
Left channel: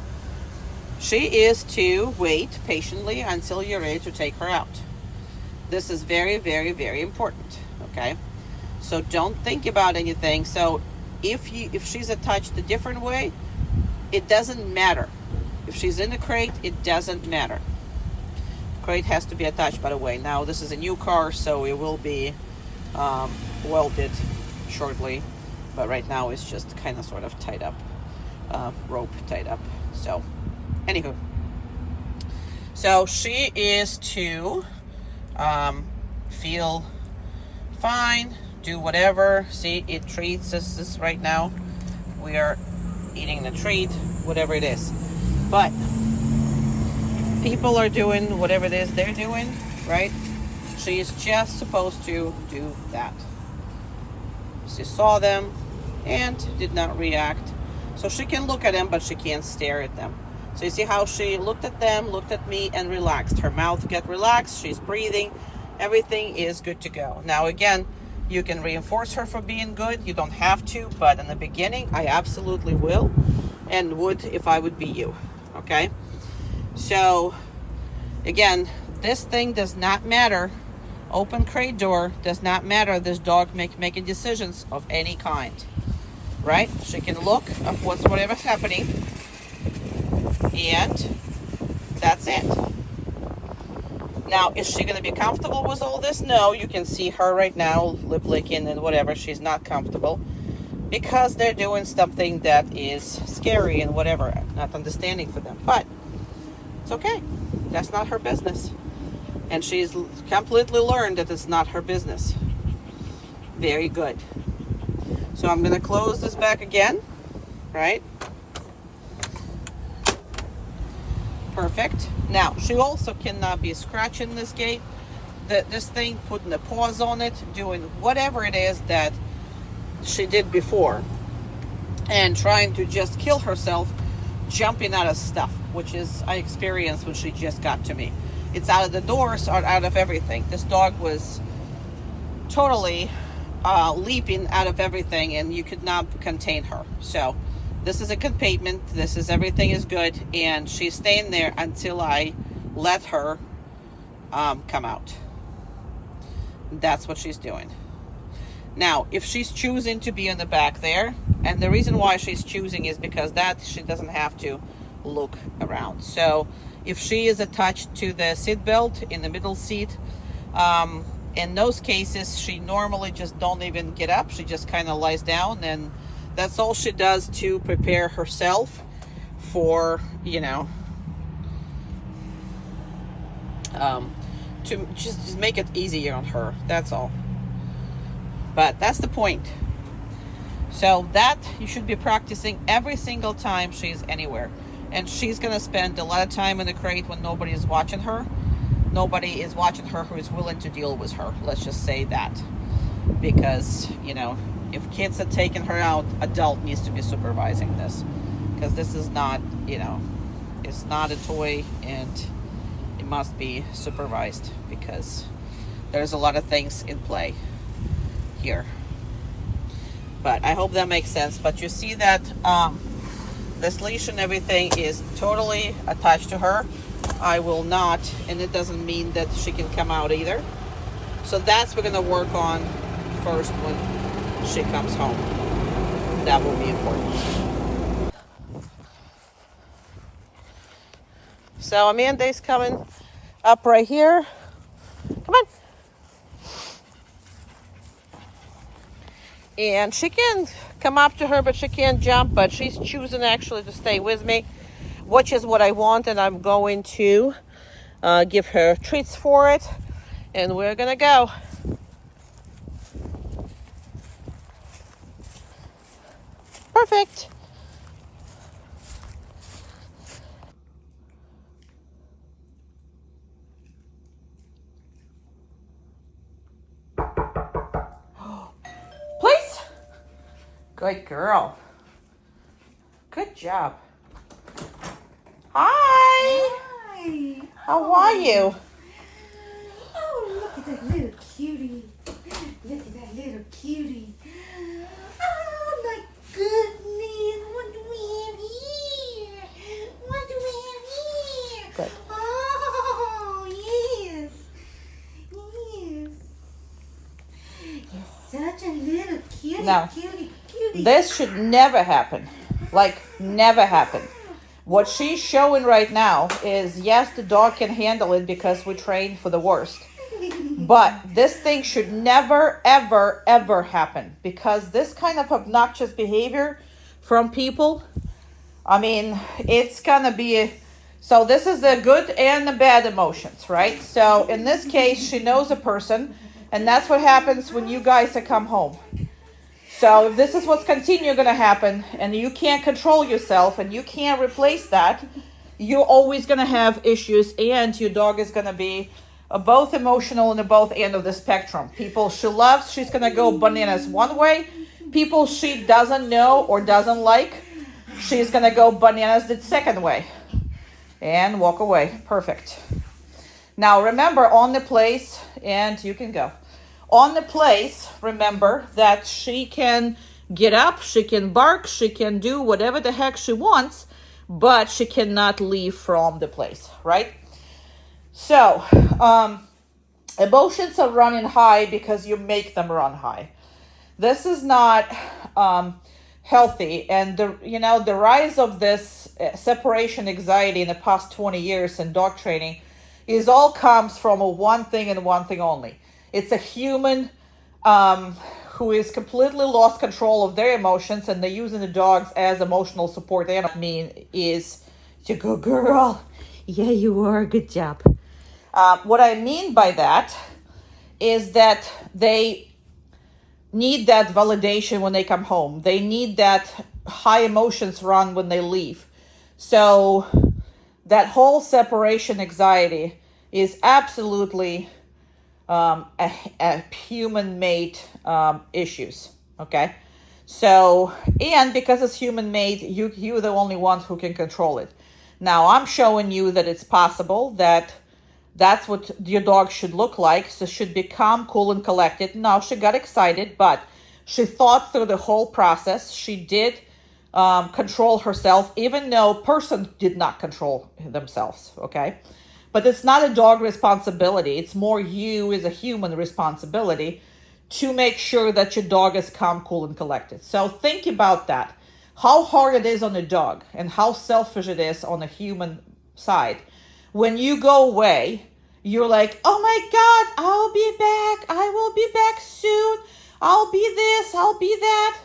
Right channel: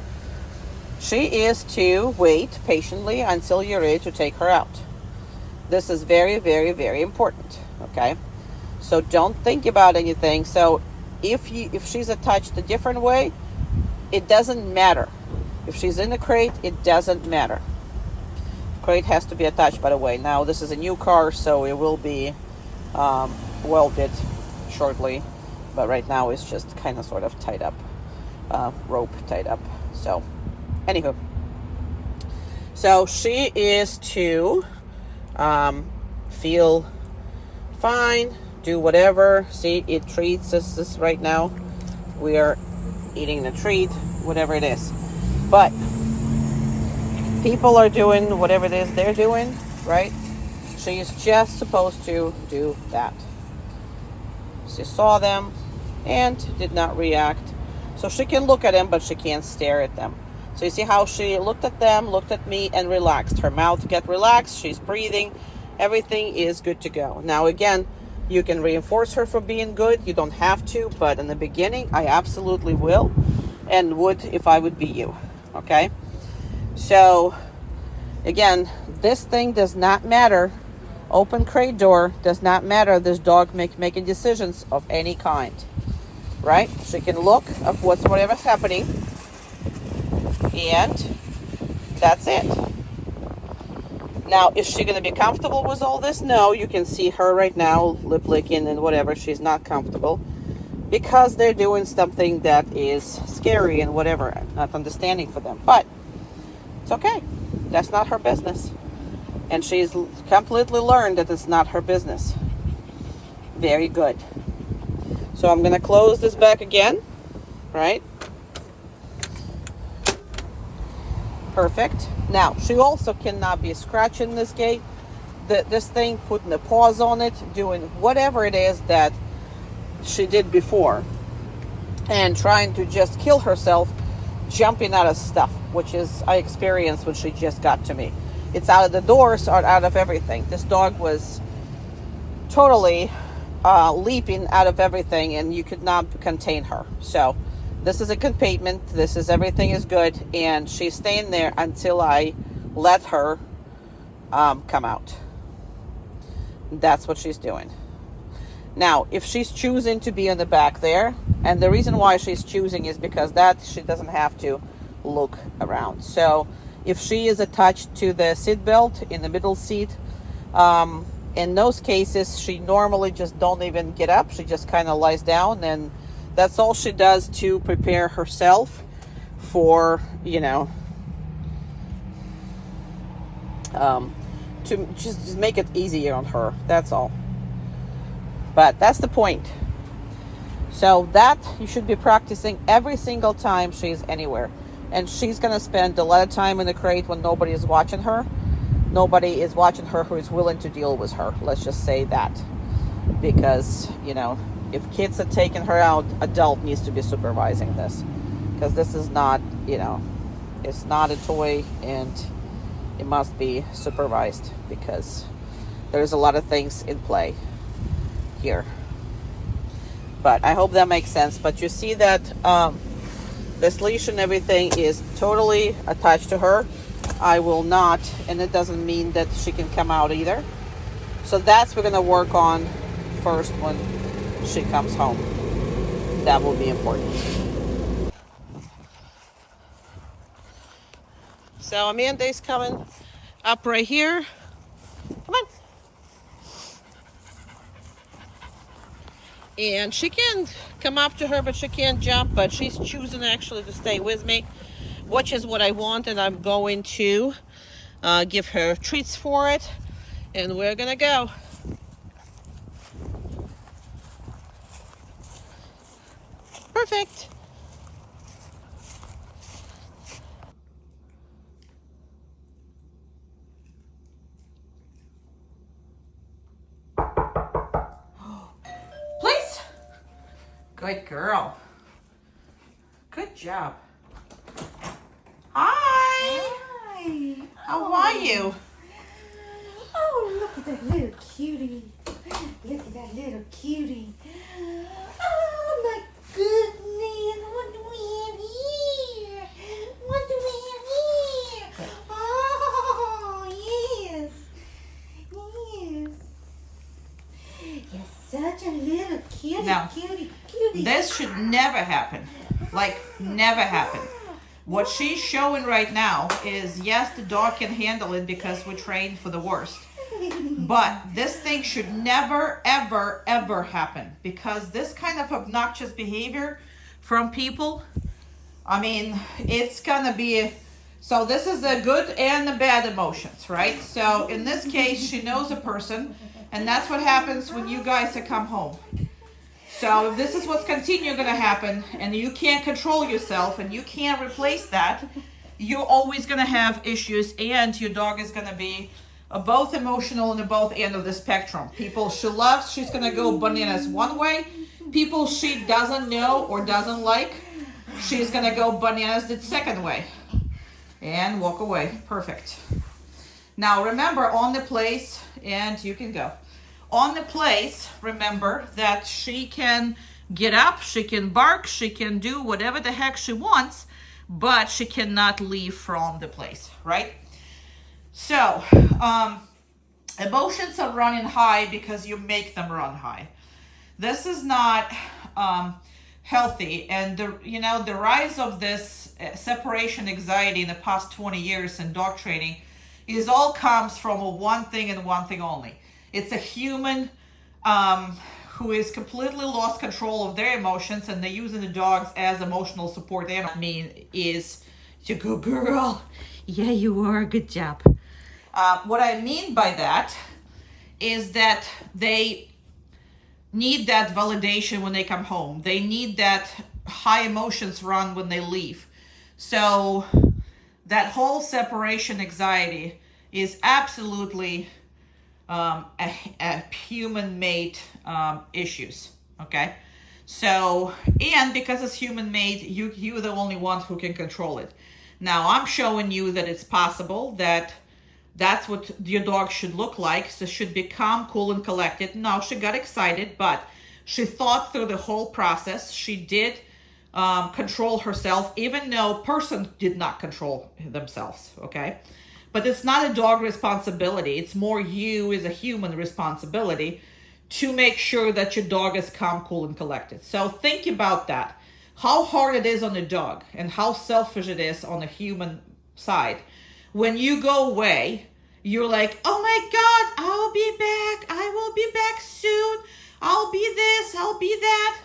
She is to wait patiently until you're ready to take her out. This is very, very, very important, okay? So don't think about anything. So if she's attached a different way, it doesn't matter. If she's in the crate, it doesn't matter. Crate has to be attached, by the way. Now, this is a new car, so it will be welded shortly. But right now, it's just kind of sort of tied up, rope tied up. So, anywho. So, she is to feel fine, do whatever. See, it treats us this right now. We are eating the treat, whatever it is. But people are doing whatever it is they're doing, right? She is just supposed to do that. She saw them and did not react. So she can look at them, but she can't stare at them. So you see how she looked at them, looked at me, and relaxed. Her mouth got relaxed. She's breathing. Everything is good to go. Now, again, you can reinforce her for being good. You don't have to, but in the beginning, I absolutely will and would if I would be you. Okay? So, again, this thing does not matter. Open crate door does not matter. This dog making decisions of any kind. Right? She can look of whatever's happening. And that's it. Now, is she going to be comfortable with all this? No, you can see her right now lip licking and whatever. She's not comfortable because they're doing something that is scary and whatever. Not understanding for them. But it's okay. That's not her business. And she's completely learned that it's not her business. Very good. So I'm going to close this back again. Right? Perfect. Now, she also cannot be scratching this gate, this thing, putting a paws on it, doing whatever it is that she did before, and trying to just kill herself, jumping out of stuff, which is, I experienced when she just got to me. It's out of the doors or out of everything. This dog was totally leaping out of everything, and you could not contain her. So this is a containment. This is everything is good, and she's staying there until I let her come out. That's what she's doing. Now, if she's choosing to be in the back there, and the reason why she's choosing is because that she doesn't have to look around. So if she is attached to the seat belt in the middle seat, in those cases, she normally just don't even get up. She just kind of lies down, and that's all she does to prepare herself for, to just make it easier on her. That's all. But that's the point. So that you should be practicing every single time she's anywhere. And she's going to spend a lot of time in the crate when nobody is watching her. Nobody is watching her who is willing to deal with her. Let's just say that. Because, you know, if kids are taking her out, adult needs to be supervising this. Because this is not, you know, it's not a toy, and it must be supervised because there's a lot of things in play here. But I hope that makes sense. But you see that this leash and everything is totally attached to her. I will not, and it doesn't mean that she can come out either. So that's we're gonna work on first when she comes home. That will be important. So Amanda's coming up right here. Come on. And she can come up to her, but she can't jump, but she's choosing actually to stay with me, which is what I want, and I'm going to give her treats for it, and we're gonna go. Perfect. Please. Good girl. Good job. Hi. Hi. How are you? Oh, look at that little cutie. Look at that little cutie. Oh, my goodness. What do we have here? What do we have here? Good. Oh, yes. Yes. You're such a little cutie, Now, cutie, cutie. This should never happen. Like, never happen. What she's showing right now is, yes, the dog can handle it because we trained for the worst. But this thing should never, ever, ever happen, because this kind of obnoxious behavior from people, I mean, it's gonna be, so this is the good and the bad emotions, right? So in this case, she knows a person, and that's what happens when you guys come home. So if this is what's continue gonna happen, and you can't control yourself, and you can't replace that, you're always gonna have issues, and your dog is gonna be both emotional and both end of the spectrum. People she loves, she's gonna go bananas one way. People she doesn't know or doesn't like, she's gonna go bananas the second way and walk away. Perfect. Now remember, on the place, and you can go. On the place, remember that she can get up, she can bark, she can do whatever the heck she wants, but she cannot leave from the place, right? So, emotions are running high because you make them run high. This is not healthy, and the rise of this separation anxiety in the past 20 years in dog training is all comes from one thing and one thing only. It's a human who is completely lost control of their emotions, and they're using the dogs as emotional support. I mean, is to go, girl. Yeah, you are. Good job. What I mean by that is that they need that validation when they come home. They need that high emotions run when they leave. So that whole separation anxiety is absolutely a human-made issues. Okay, so, and because it's human-made, you're the only one who can control it. Now I'm showing you that it's possible that that's what your dog should look like. So should be calm, cool, and collected. Now she got excited, but she thought through the whole process. She did control herself, even though person did not control themselves. Okay, but it's not a dog responsibility. It's more you as a human responsibility to make sure that your dog is calm, cool, and collected. So think about that. How hard it is on the dog and how selfish it is on the human side. When you go away, you're like, oh my God, I'll be back. I will be back soon. I'll be this, I'll be that.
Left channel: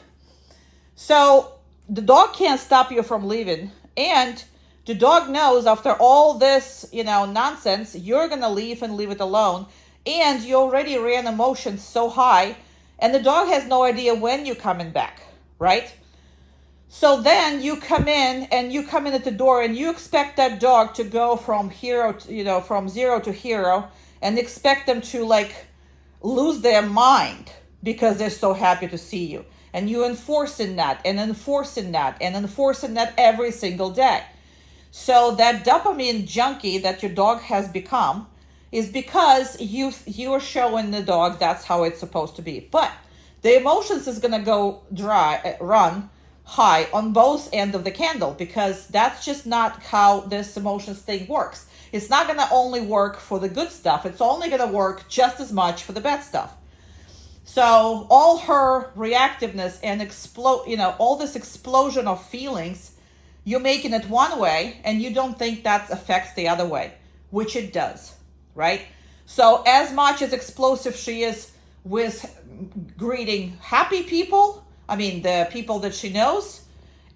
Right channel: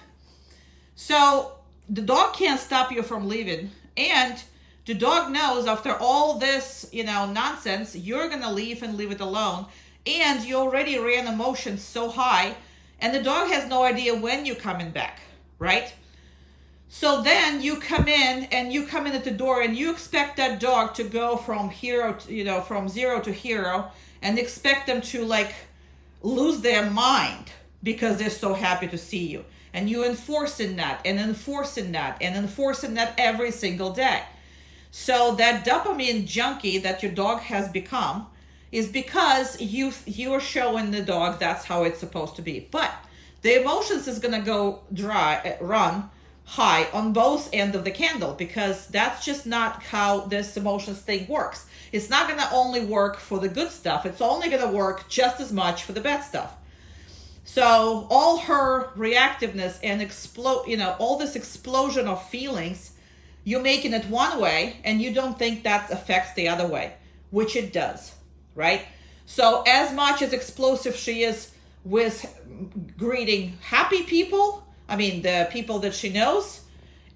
So the dog can't stop you from leaving. And the dog knows after all this, nonsense, you're going to leave and leave it alone. And you already ran emotions so high. And the dog has no idea when you're coming back, right? So then you come in at the door and you expect that dog to go from from 0 to hero, and expect them to like lose their mind because they're so happy to see you. And you enforcing that and enforcing that and enforcing that every single day. So that dopamine junkie that your dog has become is because you're showing the dog that's how it's supposed to be. But the emotions is gonna run high on both ends of the candle, because that's just not how this emotions thing works. It's not gonna only work for the good stuff. It's only gonna work just as much for the bad stuff. So all her reactiveness and all this explosion of feelings, you're making it one way and you don't think that affects the other way, which it does, right? So as much as explosive she is with greeting happy people, the people that she knows,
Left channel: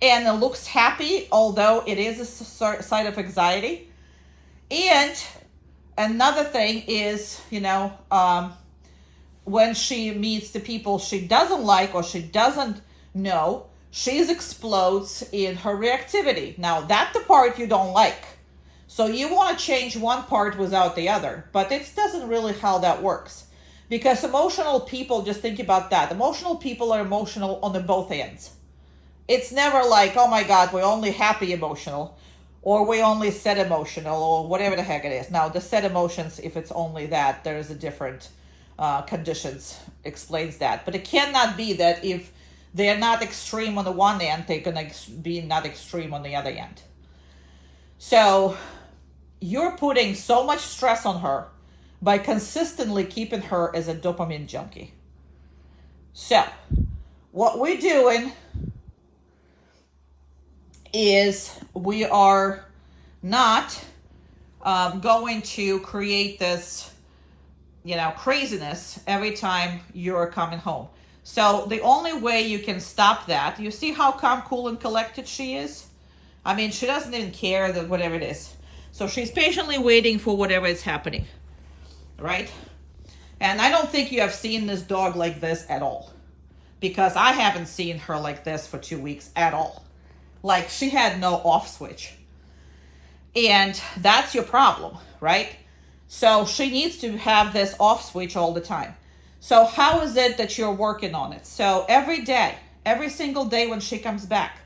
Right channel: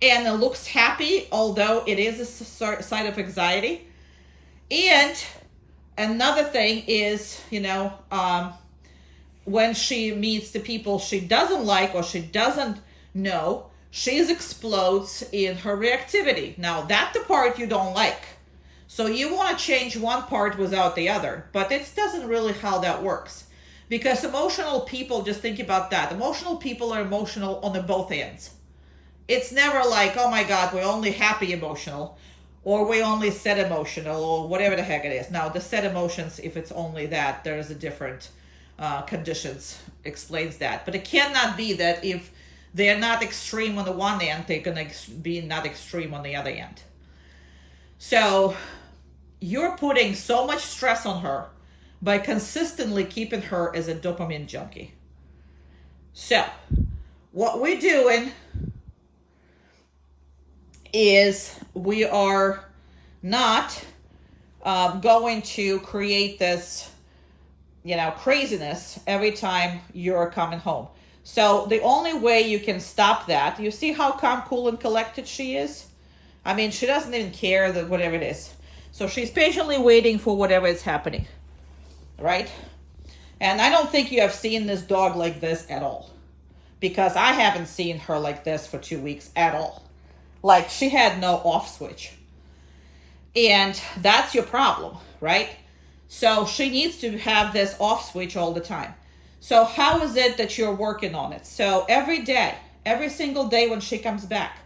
and it looks happy, although it is a sign of anxiety. And another thing is, when she meets the people she doesn't like or she doesn't know, she explodes in her reactivity. Now, that's the part you don't like. So you want to change one part without the other, but it doesn't really how that works. Because emotional people, just think about that. Emotional people are emotional on the both ends. It's never like, oh my God, we're only happy emotional, or we only sad emotional, or whatever the heck it is. Now, the sad emotions, if it's only that, there is a different conditions explains that. But it cannot be that if they're not extreme on the one end, they're going to be not extreme on the other end. So you're putting so much stress on her by consistently keeping her as a dopamine junkie. So what we're doing is we are not going to create this craziness every time you're coming home. So the only way you can stop that, you see how calm, cool, and collected she is? She doesn't even care that whatever it is. So she's patiently waiting for whatever is happening, right? And I don't think you have seen this dog like this at all, because I haven't seen her like this for 2 weeks at all. Like, she had no off switch. And that's your problem, right? So she needs to have this off switch all the time. So how is it that you're working on it? So every day, every single day when she comes back,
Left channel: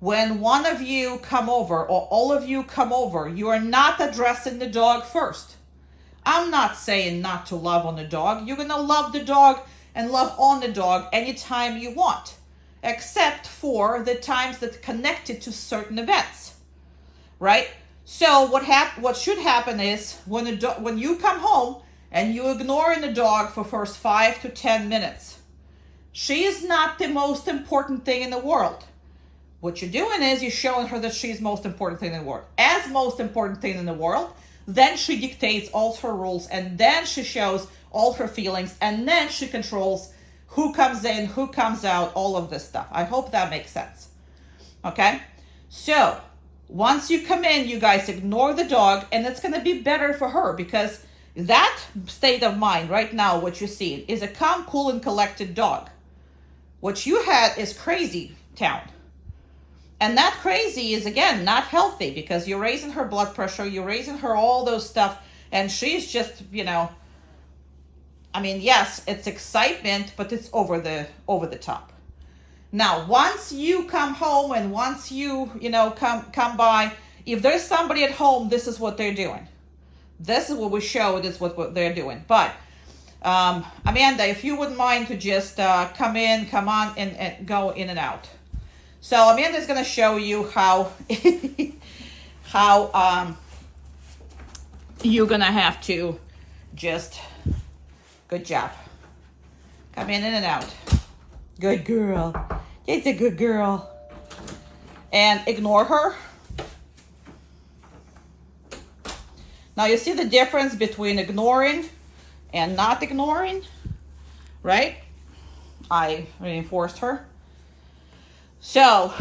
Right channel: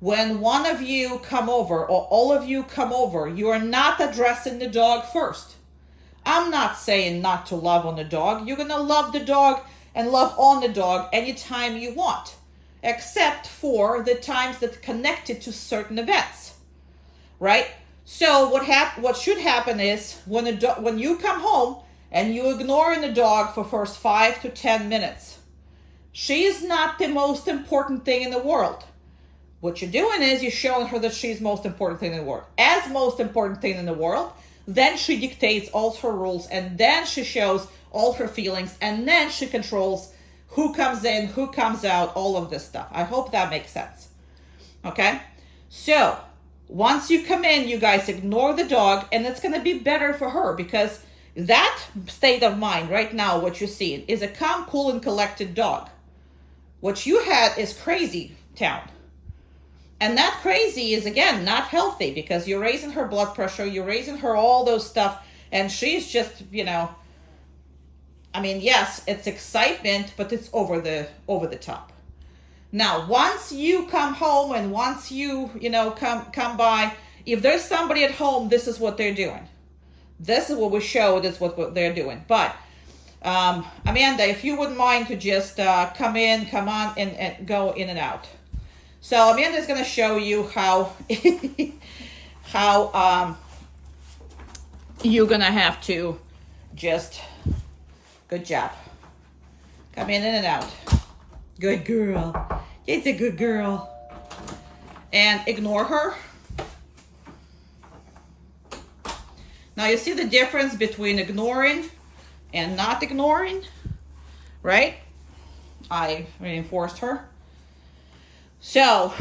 when one of you come over or all of you come over, you are not addressing the dog first. I'm not saying not to love on the dog. You're going to love the dog and love on the dog anytime you want, except for the times that connected to certain events, right? So what should happen is when you come home and you ignoring the dog for first 5 to 10 minutes, she is not the most important thing in the world. What you're doing is you're showing her that she's most important thing in the world. As most important thing in the world, then she dictates all her rules, and then she shows all her feelings, and then she controls who comes in, who comes out, all of this stuff. I hope that makes sense. Okay? So once you come in, you guys ignore the dog, and it's going to be better for her, because that state of mind right now, what you see, is a calm, cool, and collected dog. What you had is crazy town. And that crazy is, again, not healthy, because you're raising her blood pressure, you're raising her all those stuff, and she's just, yes, it's excitement, but it's over the top. Now, once you come home and once you, come by, if there's somebody at home, this is what they're doing. This is what we show, this is what they're doing. But, Amanda, if you wouldn't mind to just come on, and go in and out. So Amanda's going to show you how you're going to have to just, good job. Come in and out. Good girl. It's a good girl. And ignore her. Now you see the difference between ignoring and not ignoring, right? I reinforced her. So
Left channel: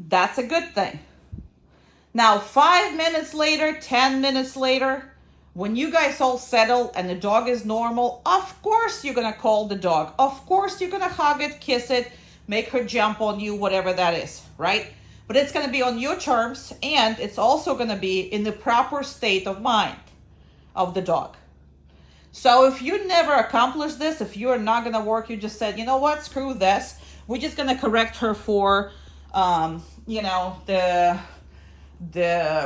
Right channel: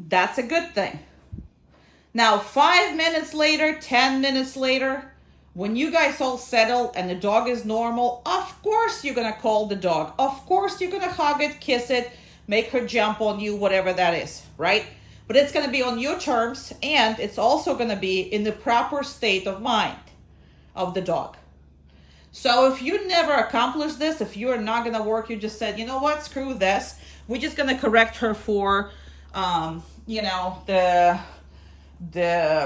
that's a good thing. Now 5 minutes later, 10 minutes later, when you guys all settle and the dog is normal, of course you're going to call the dog. Of course you're going to hug it, kiss it, make her jump on you, whatever that is, right? But it's going to be on your terms, and it's also going to be in the proper state of mind of the dog. So if you never accomplish this, if you're not going to work, you just said, you know what, screw this. We're just going to correct her for, the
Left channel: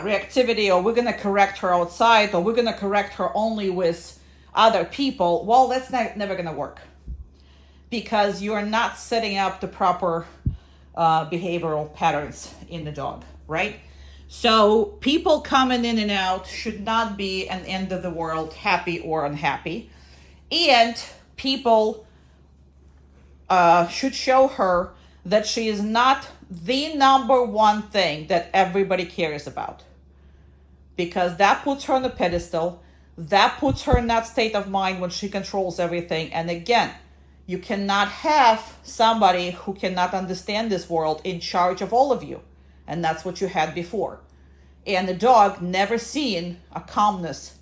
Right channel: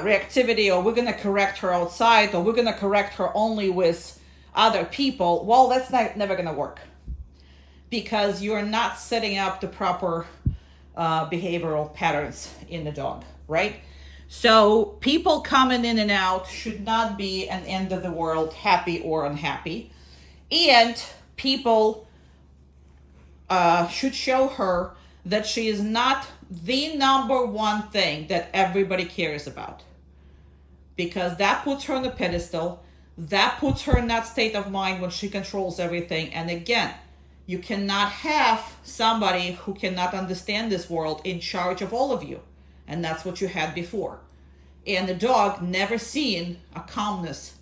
reactivity, or we're going to correct her outside, or we're going to correct her only with other people. Well, that's never going to work, because you're not setting up the proper behavioral patterns in the dog, right? So people coming in and out should not be an end of the world, happy or unhappy. And people should show her that she is not the number one thing that everybody cares about. Because that puts her on a pedestal. That puts her in that state of mind when she controls everything. And again, you cannot have somebody who cannot understand this world in charge of all of you. And that's what you had before. And the dog never seen a calmness,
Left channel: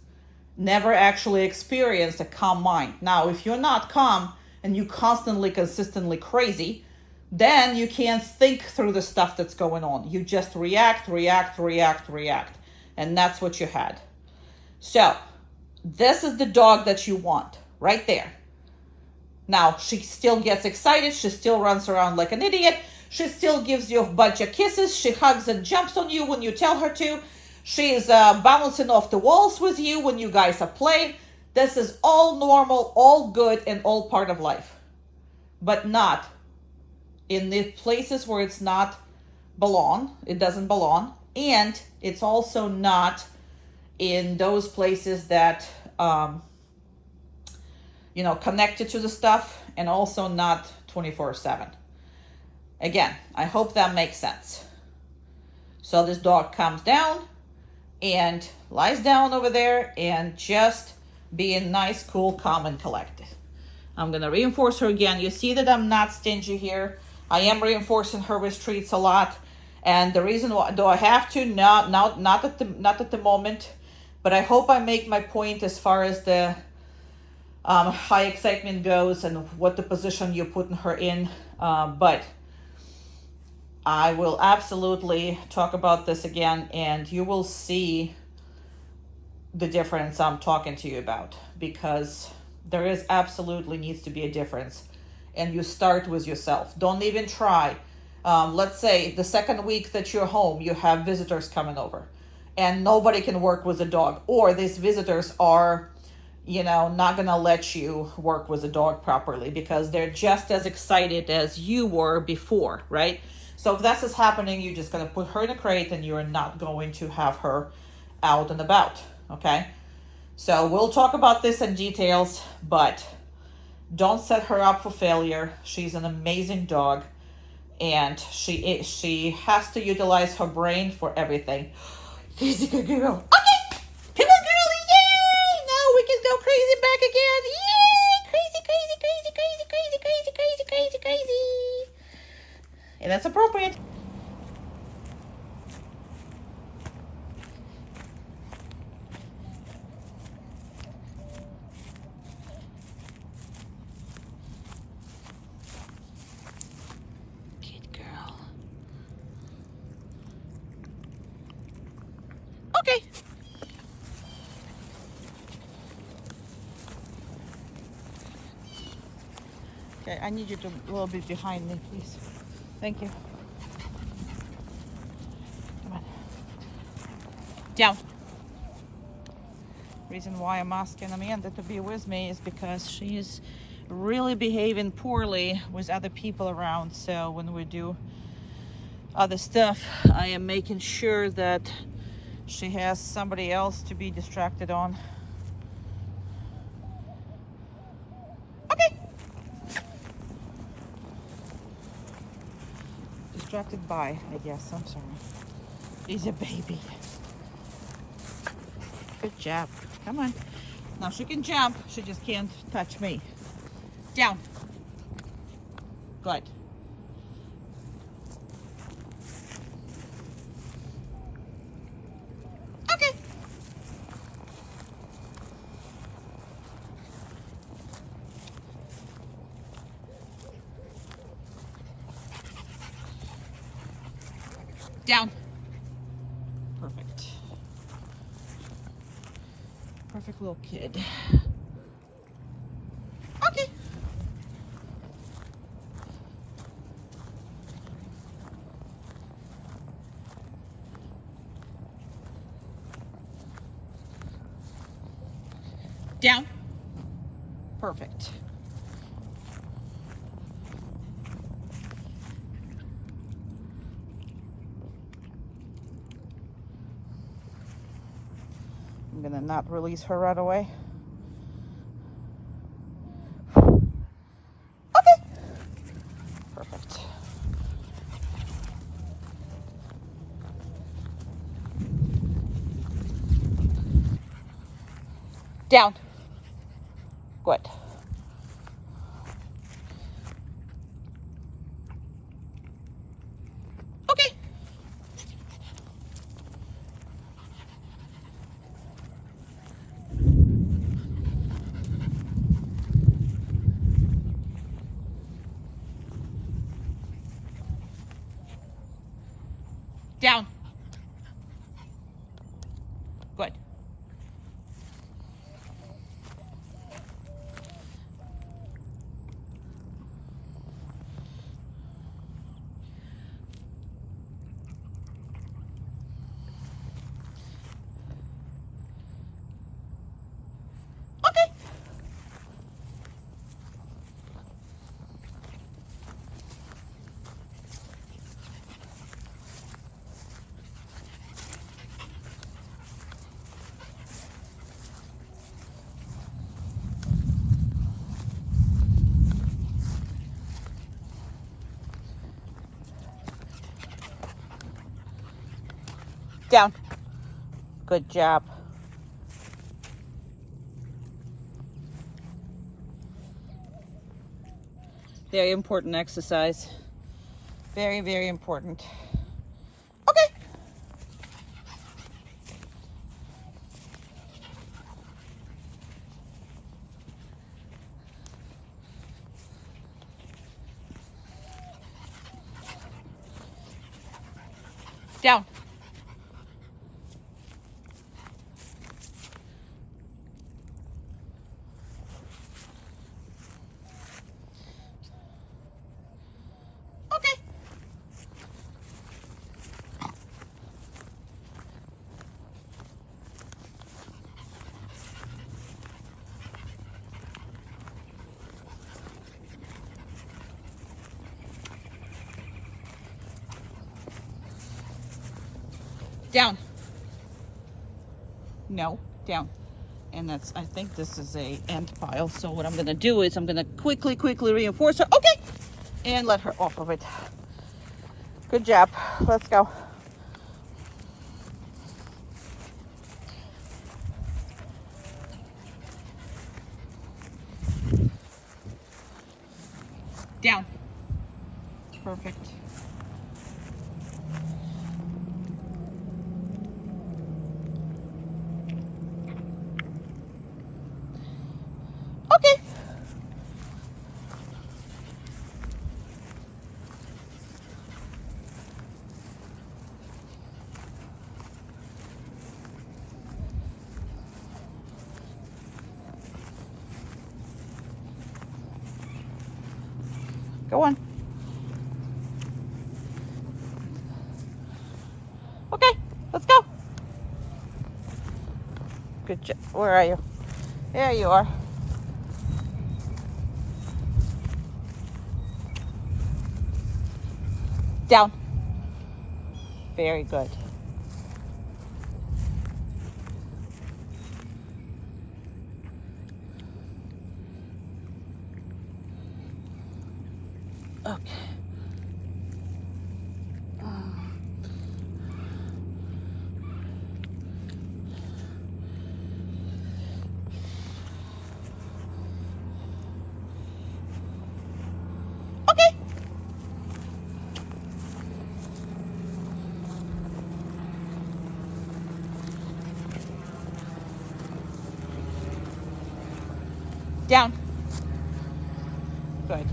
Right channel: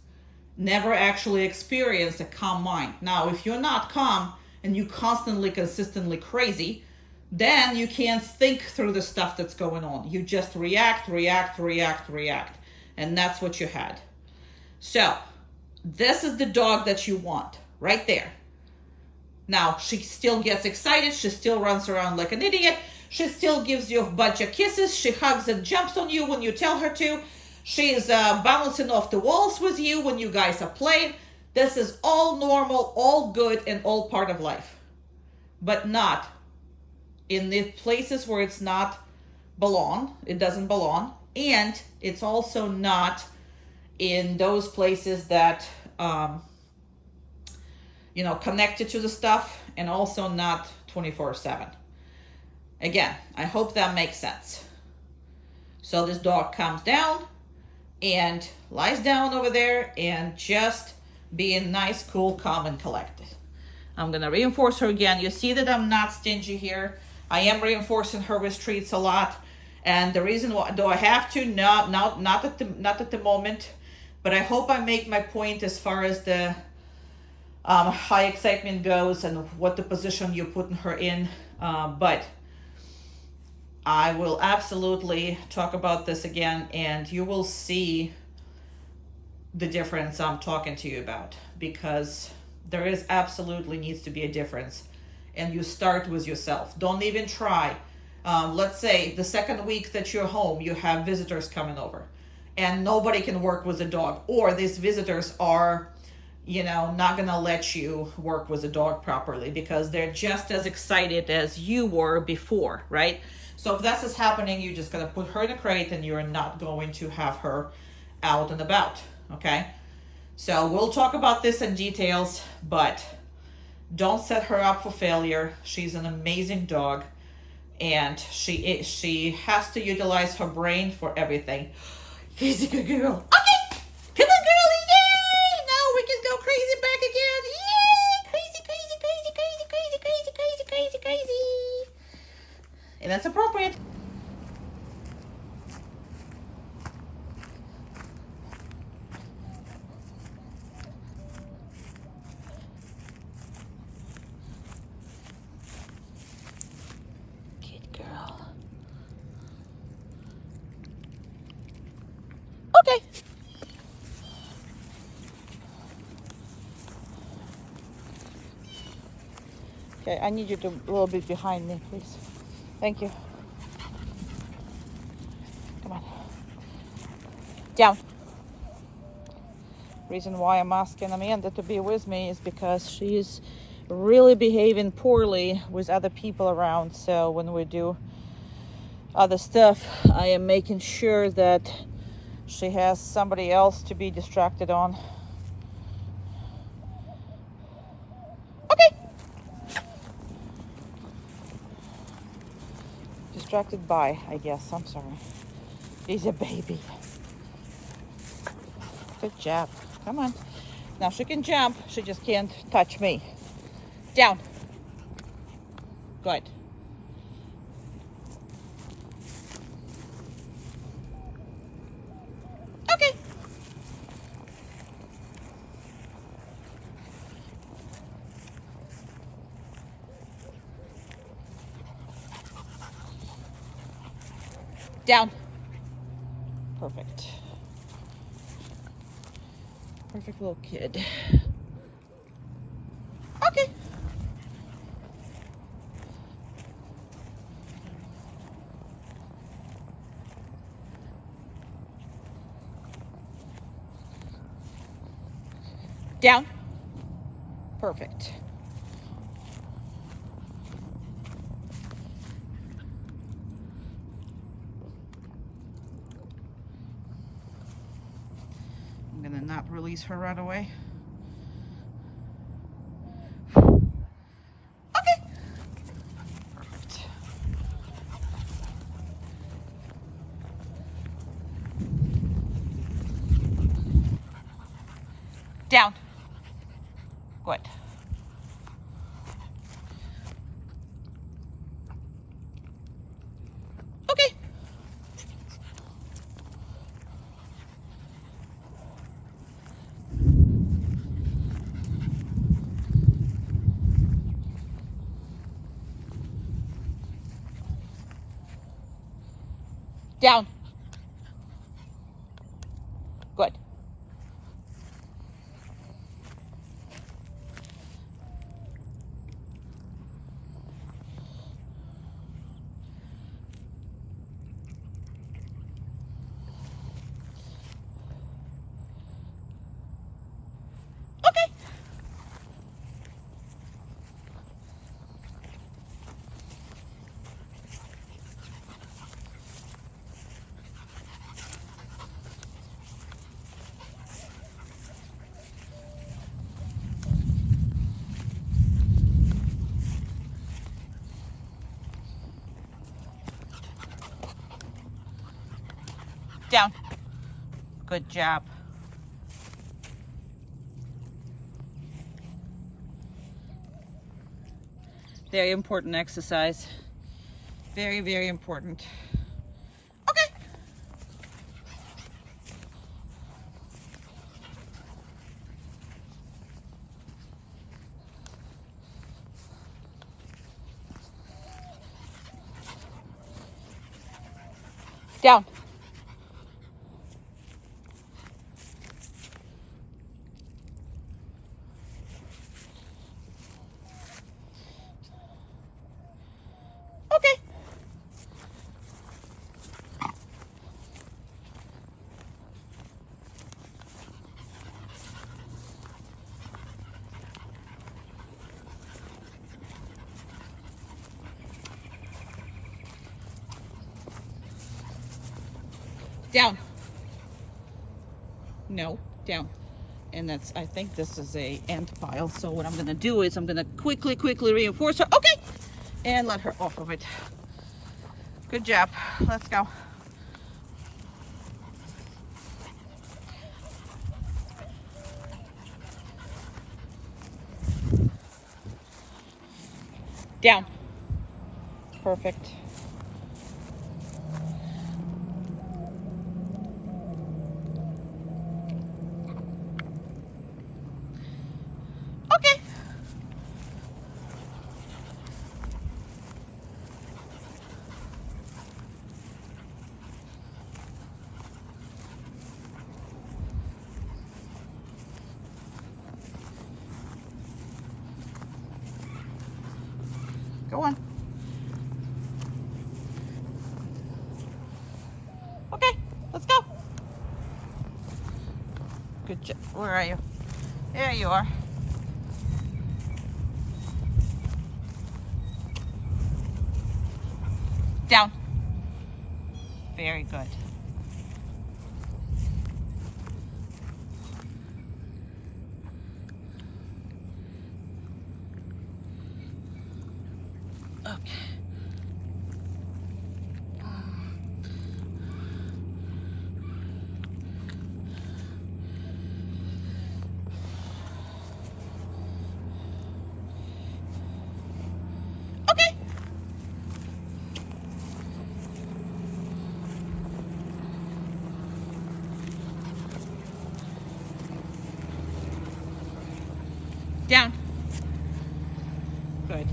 never actually experienced a calm mind. Now, if you're not calm and you constantly, consistently crazy, then you can't think through the stuff that's going on. You just react. And that's what you had. So, this is the dog that you want, right there. Now, she still gets excited. She still runs around like an idiot. She still gives you a bunch of kisses. She hugs and jumps on you when you tell her to. She is bouncing off the walls with you when you guys are playing. This is all normal, all good, and all part of life. But not in the places where it's not belong. It doesn't belong. And it's also not in those places that connected to the stuff, and also not 24/7. Again, I hope that makes sense. So this dog comes down and lies down over there and just being nice, cool, calm, and collected. I'm going to reinforce her again. You see that I'm not stingy here. I am reinforcing her with treats a lot. And the reason why, do I have to? No, not at the moment. But I hope I make my point as far as the high excitement goes and what the position you're putting her in. But I will absolutely talk about this again, and you will see the difference I'm talking to you about, because there is absolutely needs to be a difference. And you start with yourself. Don't even try. Let's say the second week that you're home, you have visitors coming over and nobody can work with the dog, or these visitors are not going to let you work with the dog properly because they're just as excited as you were before, right? So if this is happening, you're just going to put her in a crate and you're not going to have her out and about, okay? So we'll talk about this in details, but don't set her up for failure. She's an amazing dog, and she has to utilize her brain for everything. She's a good girl. Okay, come on, girlie, yay! Now we can go crazy back again. Yay! Crazy. And that's appropriate. Good girl. Okay. Okay, I need you to a little bit behind me, please. Thank you. Come on. Down. Reason why I'm asking Amanda to be with me is because she's really behaving poorly with other people around. So when we do other stuff, I am making sure that she has somebody else to be distracted on. Okay. Distracted by, I guess. I'm sorry. He's a baby. Good job. Come on. Now she can jump. She just can't touch me. Down. Good. Okay. Down. Perfect. Perfect little kid. Okay. Down. Perfect. I'm gonna not release her right away. Okay. Perfect. Down. Good. Okay. Down. Good. Okay. Down. Good job. Very important exercise. Very, very important. Okay. Down. Okay. Down. No, down. And that's, I think this is a ant pile. So what I'm gonna do is I'm gonna quickly reinforce her. Okay. And let her off of it. Good job. Let's go. Down. Perfect. Okay. Go on. Okay, let's go. Good job. Where are you? There you are. Down. Very good. Okay. Okay. Down. Good.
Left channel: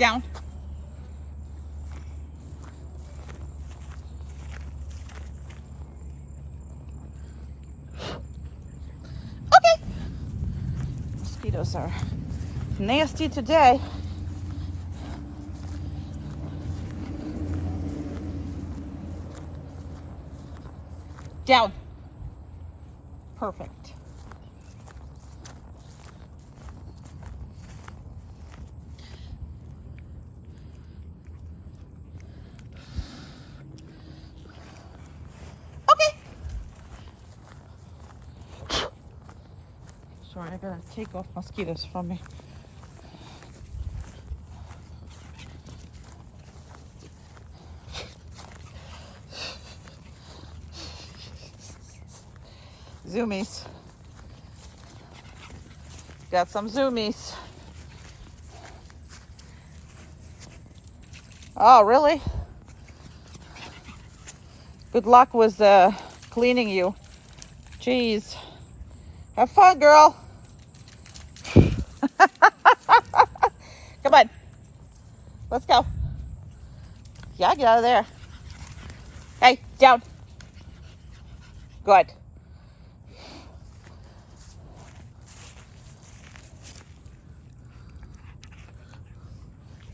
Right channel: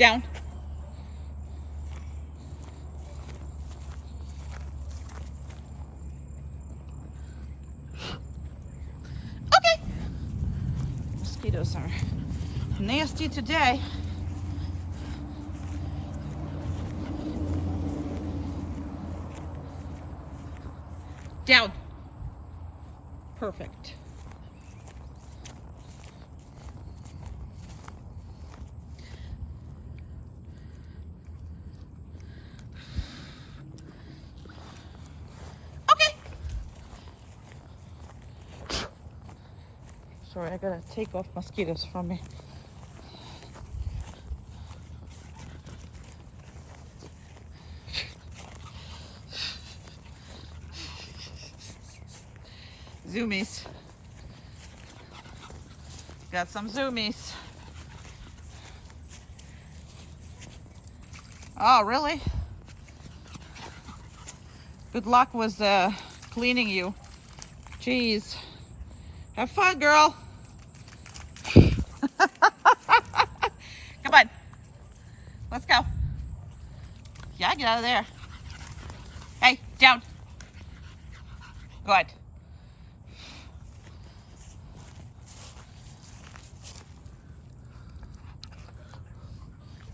Down. Okay. Mosquitoes are nasty today. Down. Perfect. Okay. Sorry, I gotta take off mosquitoes from me. Zoomies. Got some zoomies. Oh, really? Good luck with cleaning you. Jeez. Have fun, girl. Come on. Let's go. Yeah, get out of there. Hey, down. Good.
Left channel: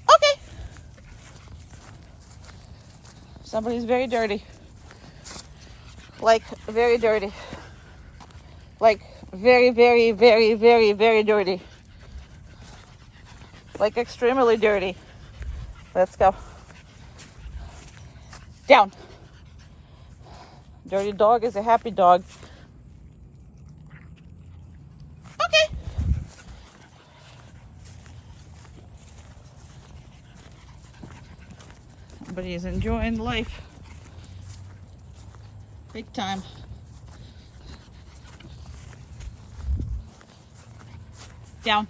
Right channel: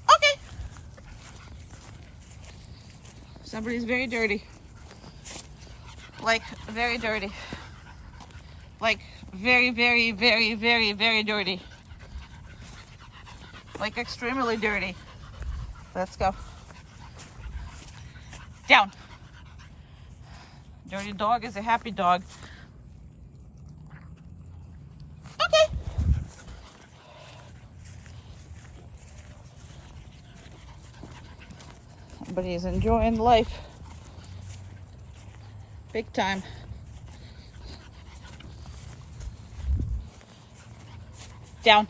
Okay. Somebody's very dirty. Like, very dirty. Like, very, very, very, very, very dirty. Like, extremely dirty. Let's go. Down. Dirty dog is a happy dog. Okay. Somebody is enjoying life. Big time. Down.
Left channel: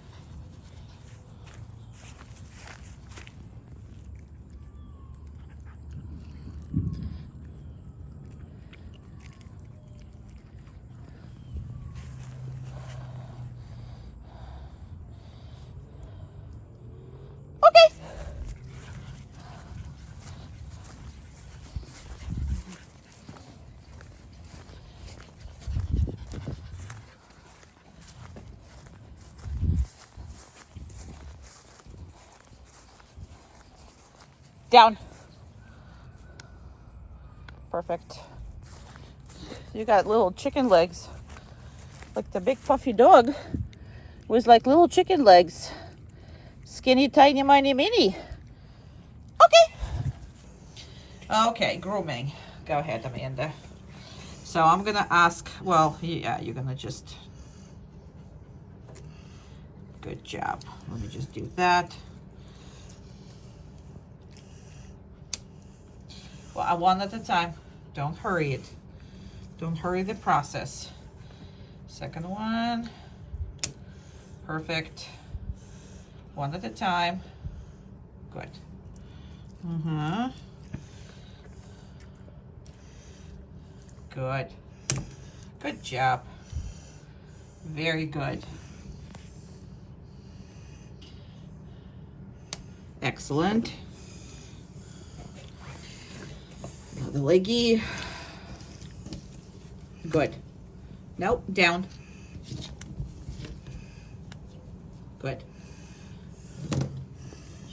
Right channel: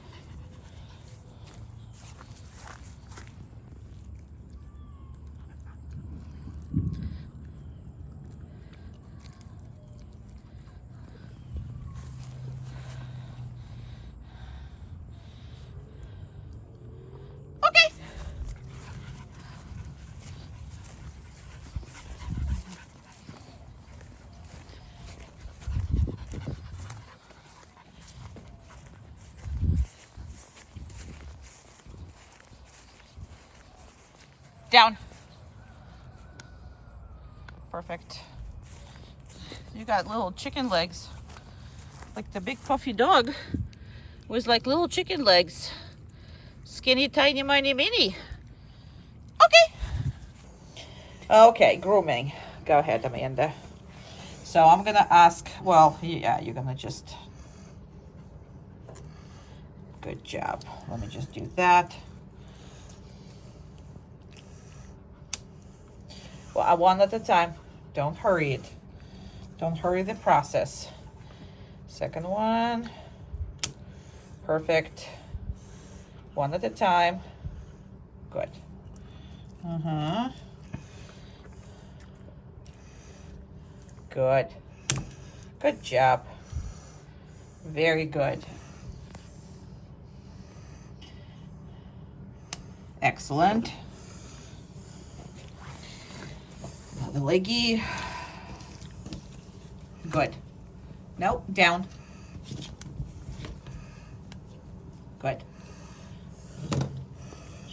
Okay. Down. Perfect. You got little chicken legs. Like the big puffy dog was like little chicken legs. Skinny, tiny, miny, mini. Okay. Okay, grooming. Go ahead, Amanda. So I'm gonna ask, well, yeah, you're gonna just, good job. Let me just do that. Well, one at a time. Don't hurry it. Don't hurry the process. Second one. Perfect. One at a time. Good. Good. Good job. Very good. Excellent. Another leggy. Good. Nope, down. Good.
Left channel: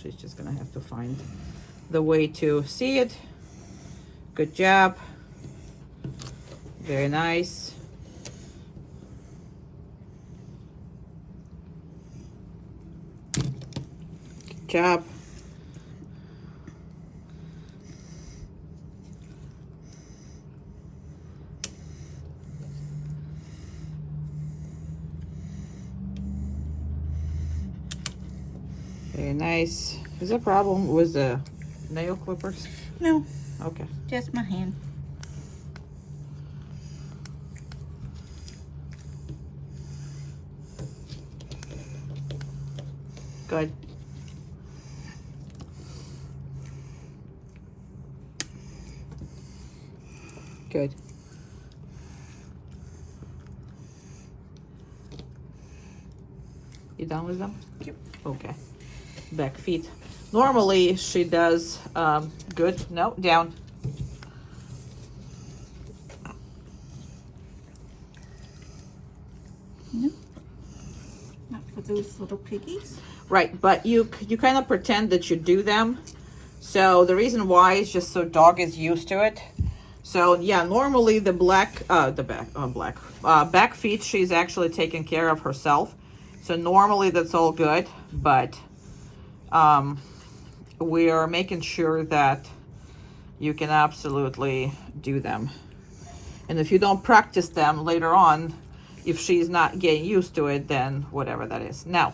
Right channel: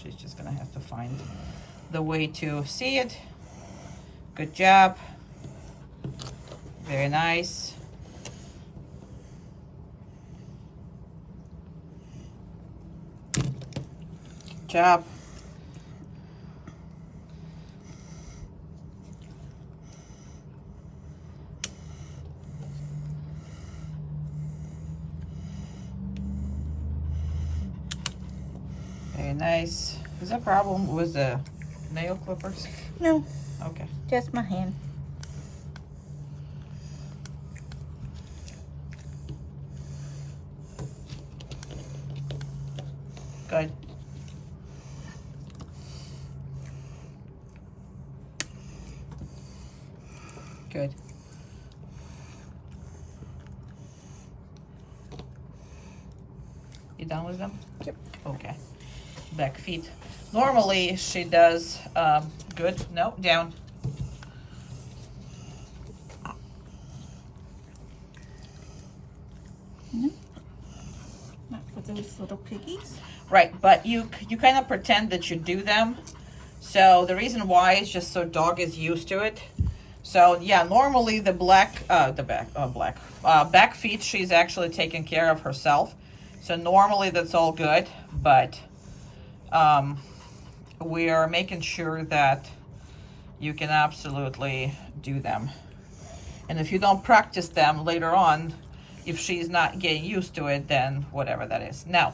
She's just gonna have to find the way to see it. Good job. Very nice. Good job. Very nice. Is there a problem with the nail clippers? No, Okay. just my hand. Good. Good. You done with them? Yep. Okay. back feet. Normally she does good. No, down. Not for those little piggies. Right, but you kind of pretend that you do them. So the reason why is just so dog is used to it. So yeah, normally the back feet she's actually taking care of herself. So normally that's all good, but we are making sure that you can absolutely do them. And if you don't practice them later on, if she's not getting used to it, then whatever that is. Now,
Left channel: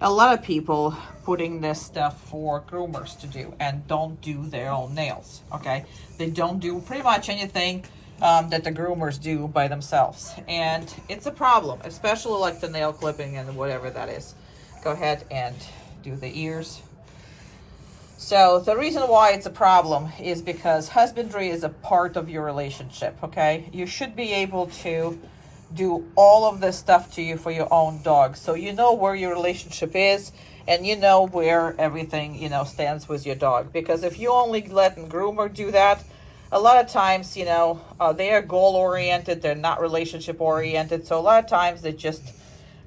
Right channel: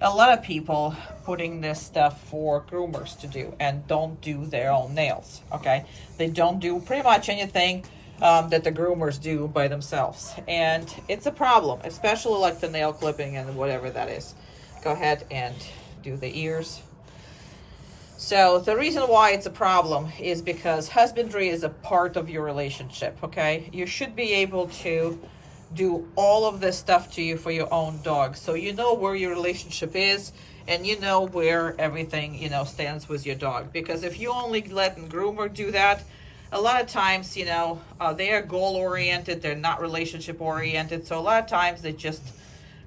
a lot of people putting this stuff for groomers to do and don't do their own nails, okay? They don't do pretty much anything that the groomers do by themselves. And it's a problem, especially like the nail clipping and whatever that is. Go ahead and do the ears. So the reason why it's a problem is because husbandry is a part of your relationship, okay? You should be able to do all of this stuff to you for your own dog. So you know where your relationship is and you know where everything, stands with your dog. Because if you only let a groomer do that, a lot of times, they are goal oriented, they're not relationship oriented. So a lot of times they just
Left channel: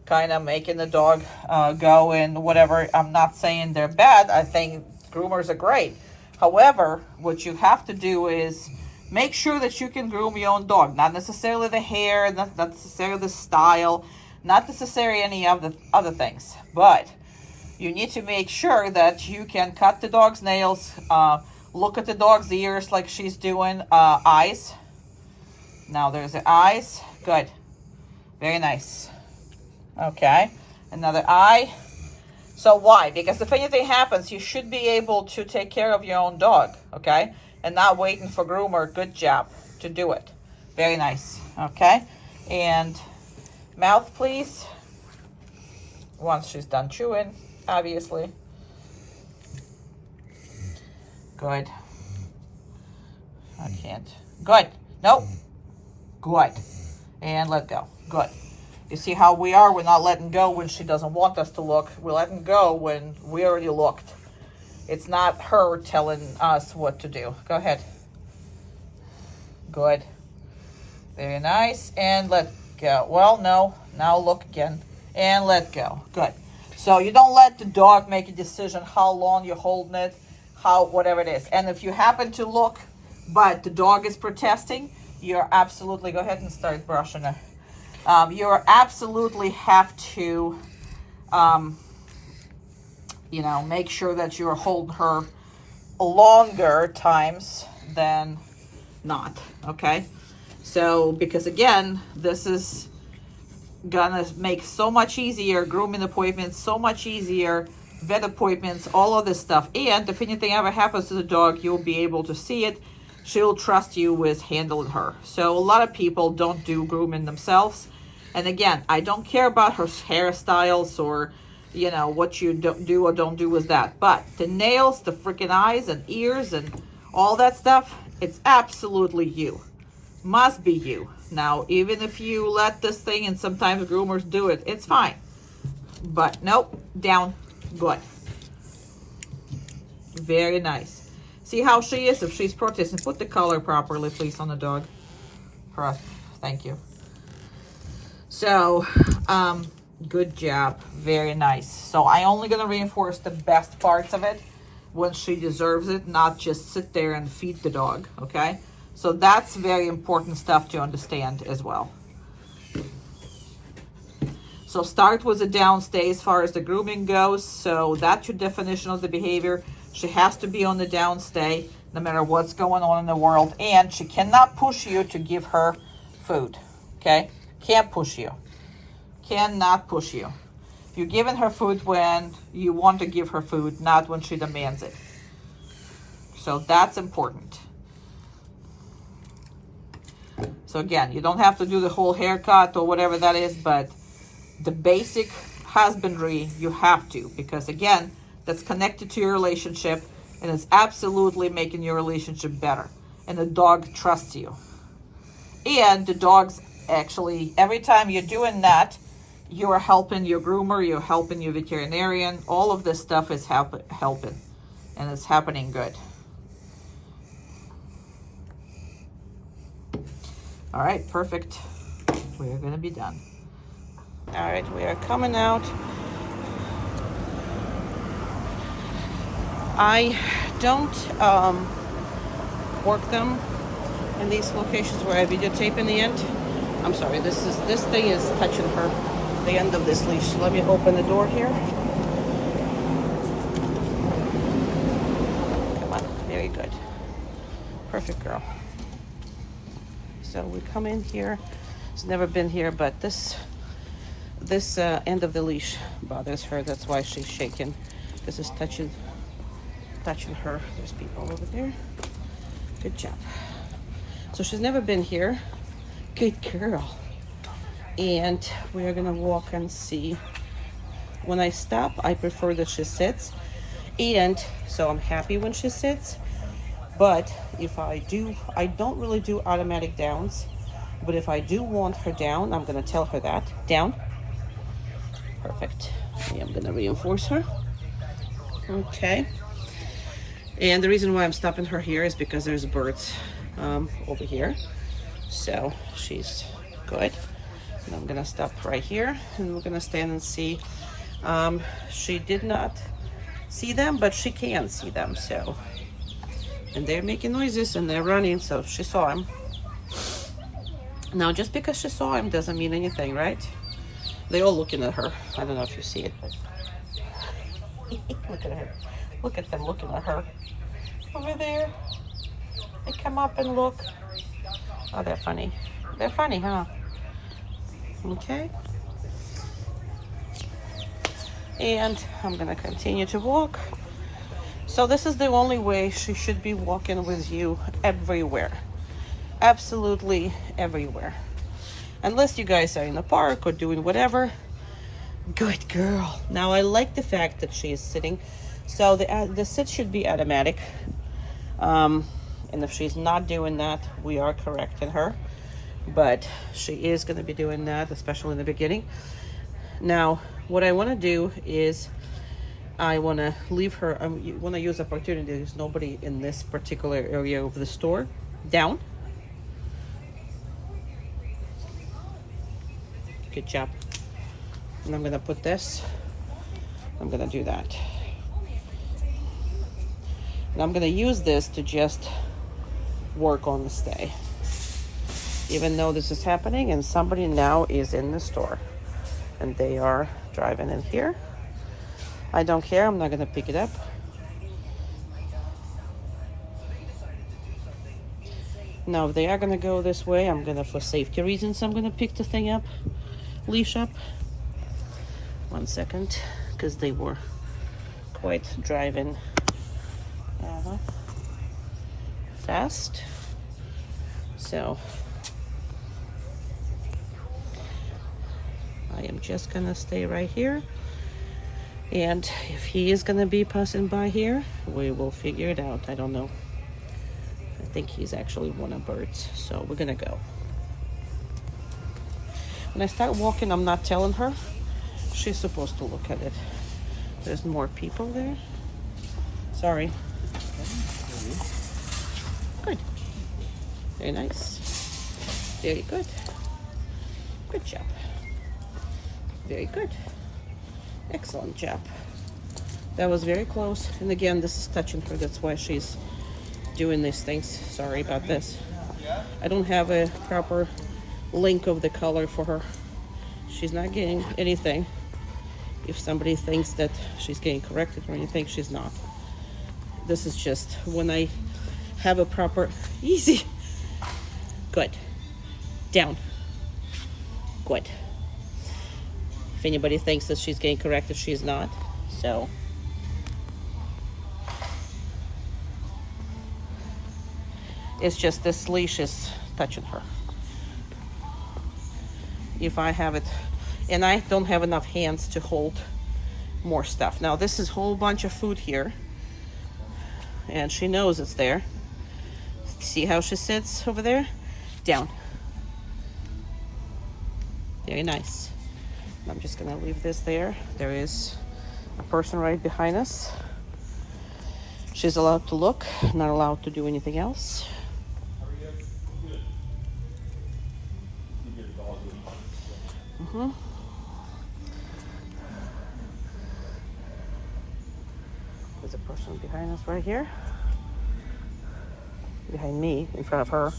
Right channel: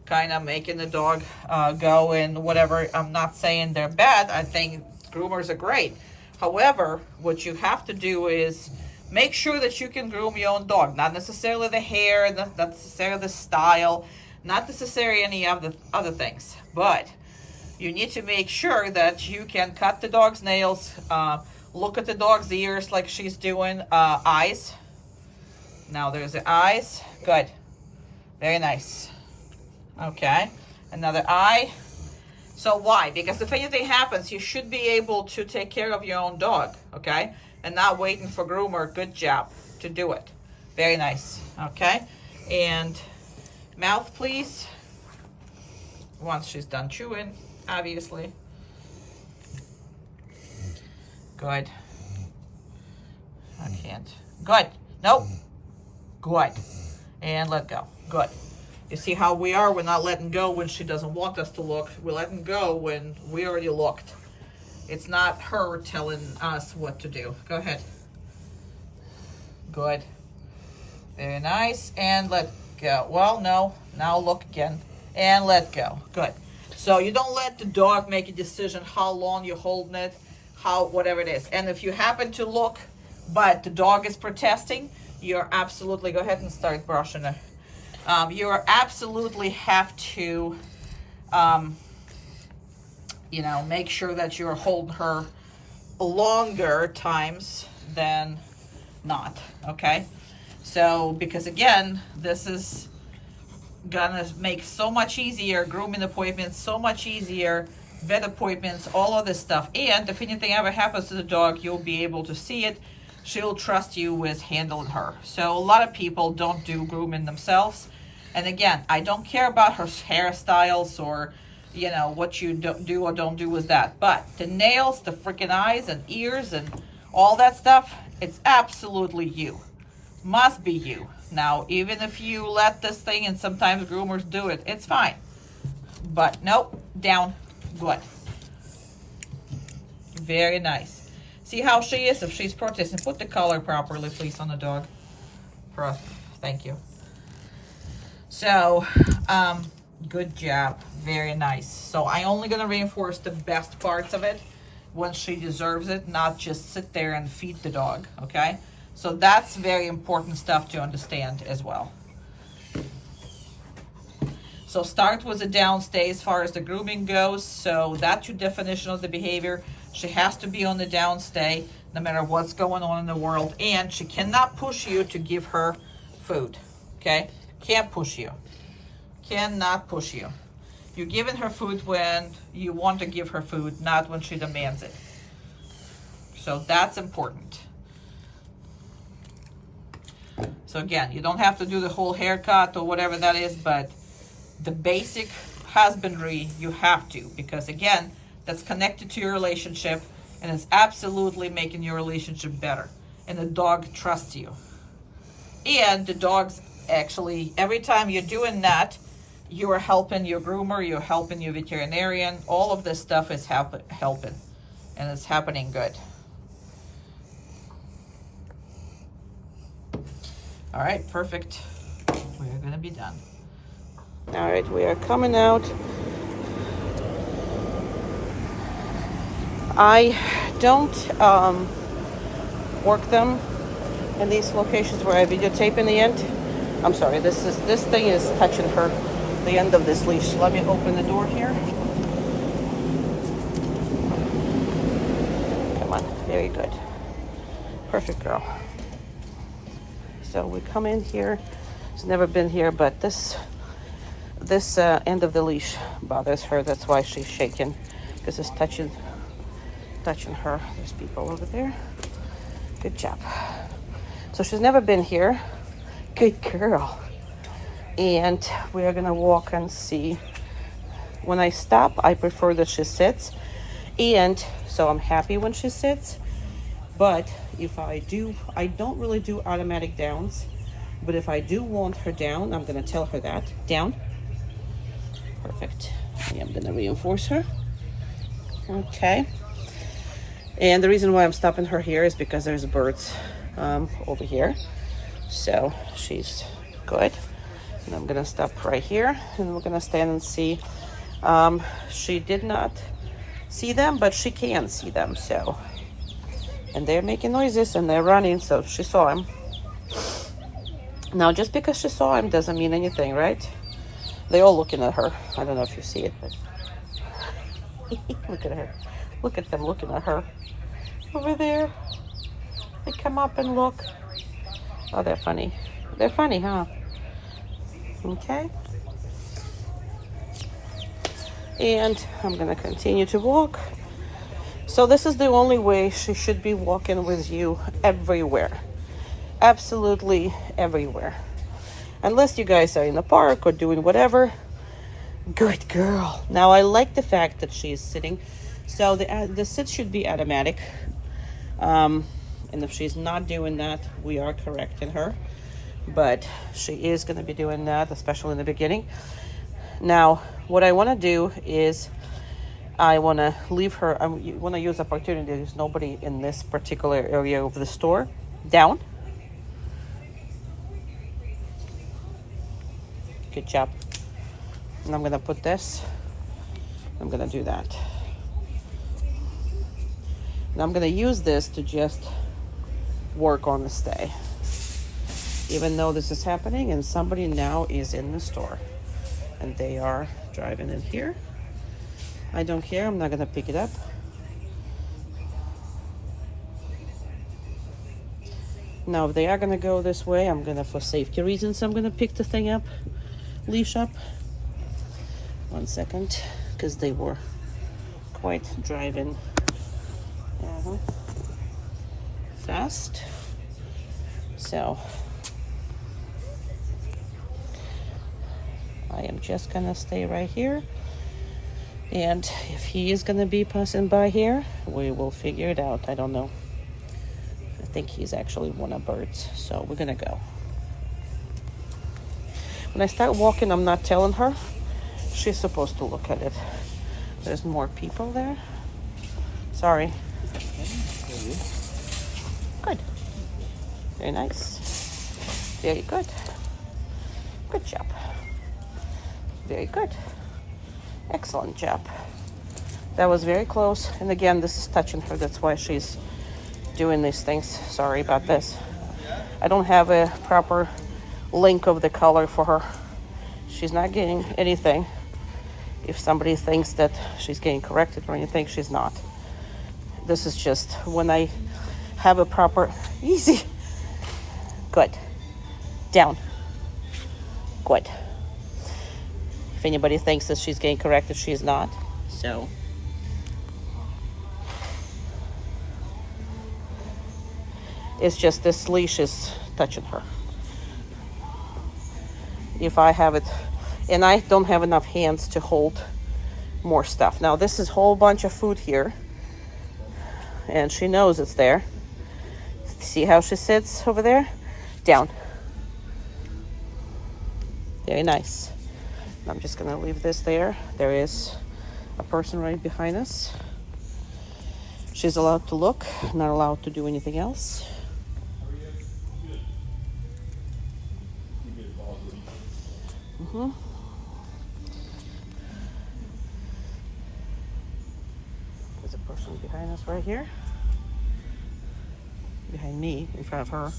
kind of making the dog go and whatever. I'm not saying they're bad. I think groomers are great. However, what you have to do is make sure that you can groom your own dog. Not necessarily the hair, not necessarily the style, not necessarily any of the other things. But you need to make sure that you can cut the dog's nails, look at the dog's ears like she's doing, eyes. Now there's the eyes. Good. Very nice. Okay. Another eye. So why? Because if anything happens, you should be able to take care of your own dog, okay? And not waiting for groomer, good job, to do it. Very nice, okay? And mouth, please. Once she's done chewing, obviously. Good. I can't. Good. Nope. Good. And let go. Good. You see how we are? We're not letting go when she doesn't want us to look. We're letting go when we already looked. It's not her telling us what to do. Go ahead. Good. Very nice. And let go. Well, no. Now look again. And let go. Good. So you don't let the dog make a decision how long you're holding it, whatever it is. And if you happen to look, but the dog is protesting, you're absolutely, go ahead and start brushing her. You absolutely have to, make sure that you're holding her longer times than not, okay? So, because again, this is gonna make so much easier, grooming appointments, so much easier, vet appointments, all of this stuff. And if anything ever happens to the dog, you'll be able to see it. She'll trust you with handling her. So a lot of people don't do grooming themselves. And again, I don't care about her hairstyles or, what you do or don't do with that. But the nails, the freaking eyes and ears and all that stuff, it's absolutely you. Must be you. Now, even if you let this thing, and sometimes groomers do it, it's fine. But nope, down. Good. Very nice. See how she is if she's protesting. Put the collar properly, please, on the dog. Thank you. So, good job. Very nice. So I only gonna reinforce the best parts of it when she deserves it, not just sit there and feed the dog, okay? So that's very important stuff to understand as well. So start with the downstay as far as the grooming goes. So that's your definition of the behavior. She has to be on the downstay no matter what's going on in the world. And she cannot push you to give her food, okay? Can't push you. Cannot push you. You're giving her food when you want to give her food, not when she demands it. So that's important. So again, you don't have to do the whole haircut or whatever that is, but the basic husbandry you have to, because again, that's connected to your relationship and it's absolutely making your relationship better. And the dog trusts you. And the dog's actually, every time you're doing that, you are helping your groomer, you're helping your veterinarian. All of this stuff is helping, and it's happening good. All right, perfect. We're gonna be done. All right, we are coming out. I don't work them in these locations where I videotape in the end. I'm sorry, this thing is touching her, the end of this leash. Let me open the door here. Come on, very good. Perfect girl. So we come in here. She's never been here, but this end of the leash bothers her. That's why she's shaking, because it's touching her. There's people over there. Good job. So she's never been here. Good girl. And we're gonna walk and see. When I stop, I prefer that she sits, and so I'm happy when she sits. But if I don't really do automatic downs, but if I do want her down, I'm gonna tell her that. Down. Perfect. I am gonna reinforce her. Okay. And the reason why I'm stopping her here is because there's birds over here. So she's good. And I'm gonna stop right here, and we're gonna stand and see. She did not see them, but she can see them, so. And they're making noises and they're running, so she saw him. Now, just because she saw him doesn't mean anything, right? They're all looking at her. I don't know if you see it, but look at her. Look at them looking at her. Over there. They come up and look. Oh, they're funny. They're funny, huh? Okay. And I'm gonna continue to walk. So this is the only way she should be walking with you everywhere. Absolutely everywhere. Unless you guys are in the park or doing whatever. Good girl. Now I like the fact that she is sitting. So the sit should be automatic. And if she's not doing that, we are correcting her. But she is going to be doing that, especially in the beginning. Now, what I want to do is I want to leave her. I want to use opportunity. There's nobody in this particular area of the store. Down. Good job. And I'm going to put this. I'm going to do that. And I'm going to use this to just work on the stay. Even though this is happening and somebody now is in the store. And they are driving in here. I don't care. I'm not going to pick it up. Now, if they are going to go this way, I'm going to, for safety reasons, I'm going to pick the thing up, leash up. 1 second, because they were quite driving fast. So, I am just going to stay right here. And if he is going to be passing by here, we will figure it out. I don't know. I think he's actually one of birds. So we're going to go. When I start walking, I'm not telling her. She's supposed to look at it. There's more people there. Sorry. Good. Very nice. Very good. Good job. Very good. Excellent job. That was very close. And again, this is touching her. That's why she's doing these things. Sorry about this. I don't have a proper link of the color for her. She's not getting anything. If somebody thinks that she's getting corrected or anything, she's not. This is just when I have a proper... Easy. Good. Down. Good. If anybody thinks that she's getting corrected, she's not. So... it's just this leash is touching her. If I have it... and I don't have enough hands to hold more stuff. Now, this is a whole bunch of food here. And she knows it's there. See how she sits over there? Down. Very nice. I'm just gonna leave this there. There is a person right behind us. She's allowed to look, not allowed to do anything else. Mm-hmm. There's a person behind us right here. Behind me, in front of her.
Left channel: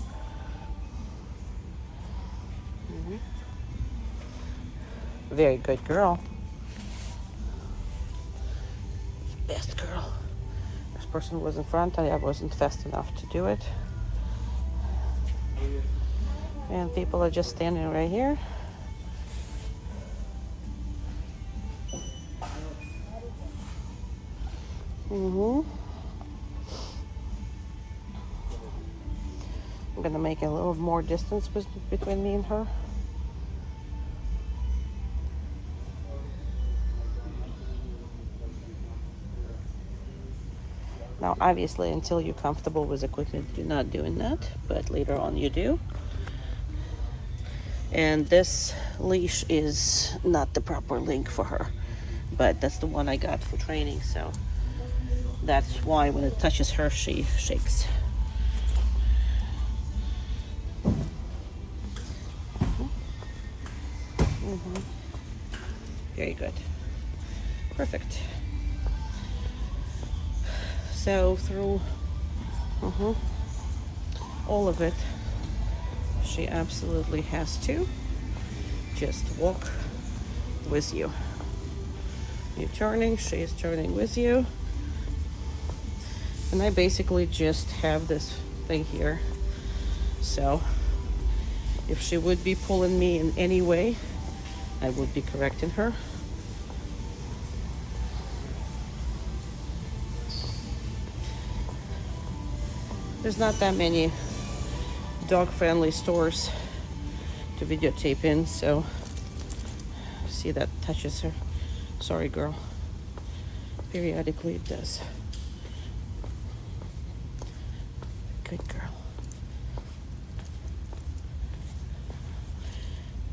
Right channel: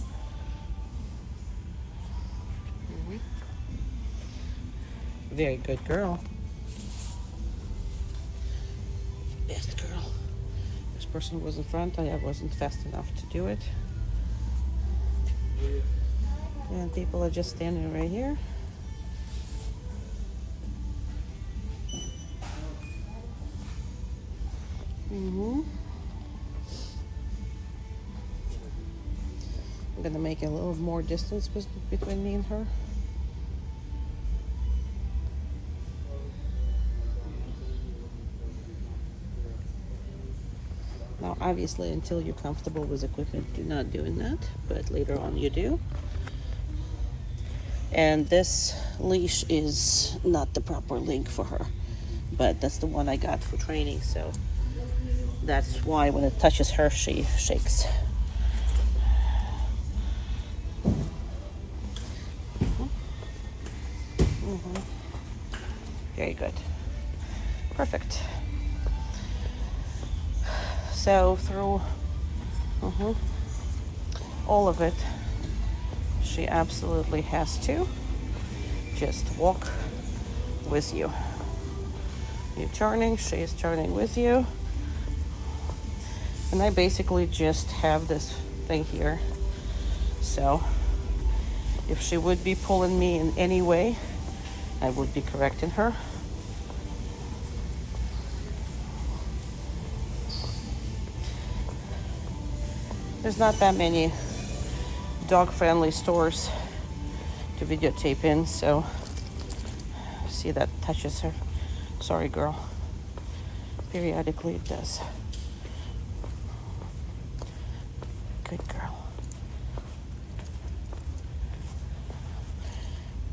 Mm-hmm. Very good girl. Best girl. This person was in front, I wasn't fast enough to do it. And people are just standing right here. Mm-hmm. I'm gonna make a little more distance between me and her. Now, obviously, until you're comfortable with equipment, you're not doing that, but later on you do. And this leash is not the proper length for her, but that's the one I got for training, so that's why when it touches her, she shakes. Mm-hmm. Very good. Perfect. So through all of it, she absolutely has to just walk with you. You're turning, she's turning with you. And I basically just have this thing here. So if she would be pulling me in any way, I would be correcting her. There's not that many dog-friendly stores to videotape in, so see that touches her. Sorry, girl. Periodically it does. Good girl.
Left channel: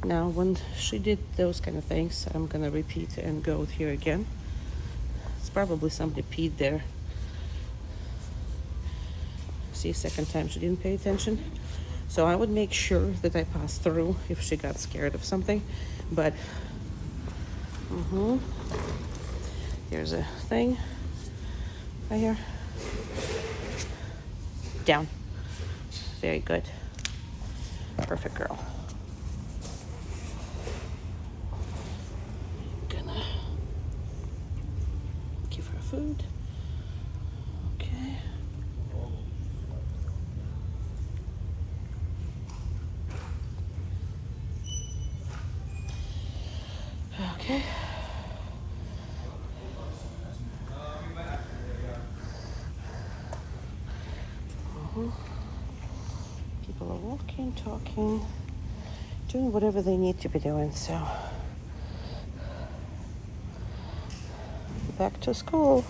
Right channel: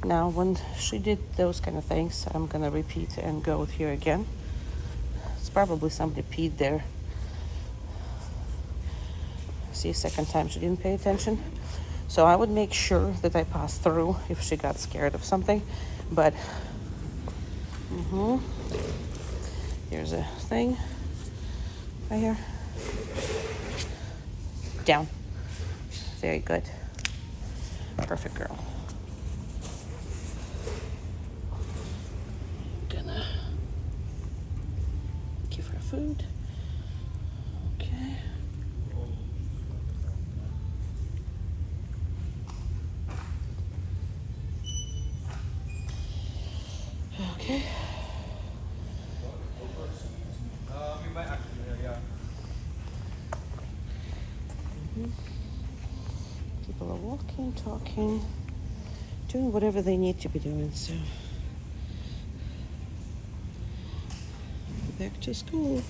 Now, when she did those kind of things, I'm gonna repeat and go with her again. It's probably somebody peed there. See, second time she didn't pay attention. So I would make sure that I pass through if she got scared of something. But, here's a thing right here. Down. Very good. Perfect girl. Gonna give her food. Okay. Okay. People are walking, talking, doing whatever they need to be doing, so back to school.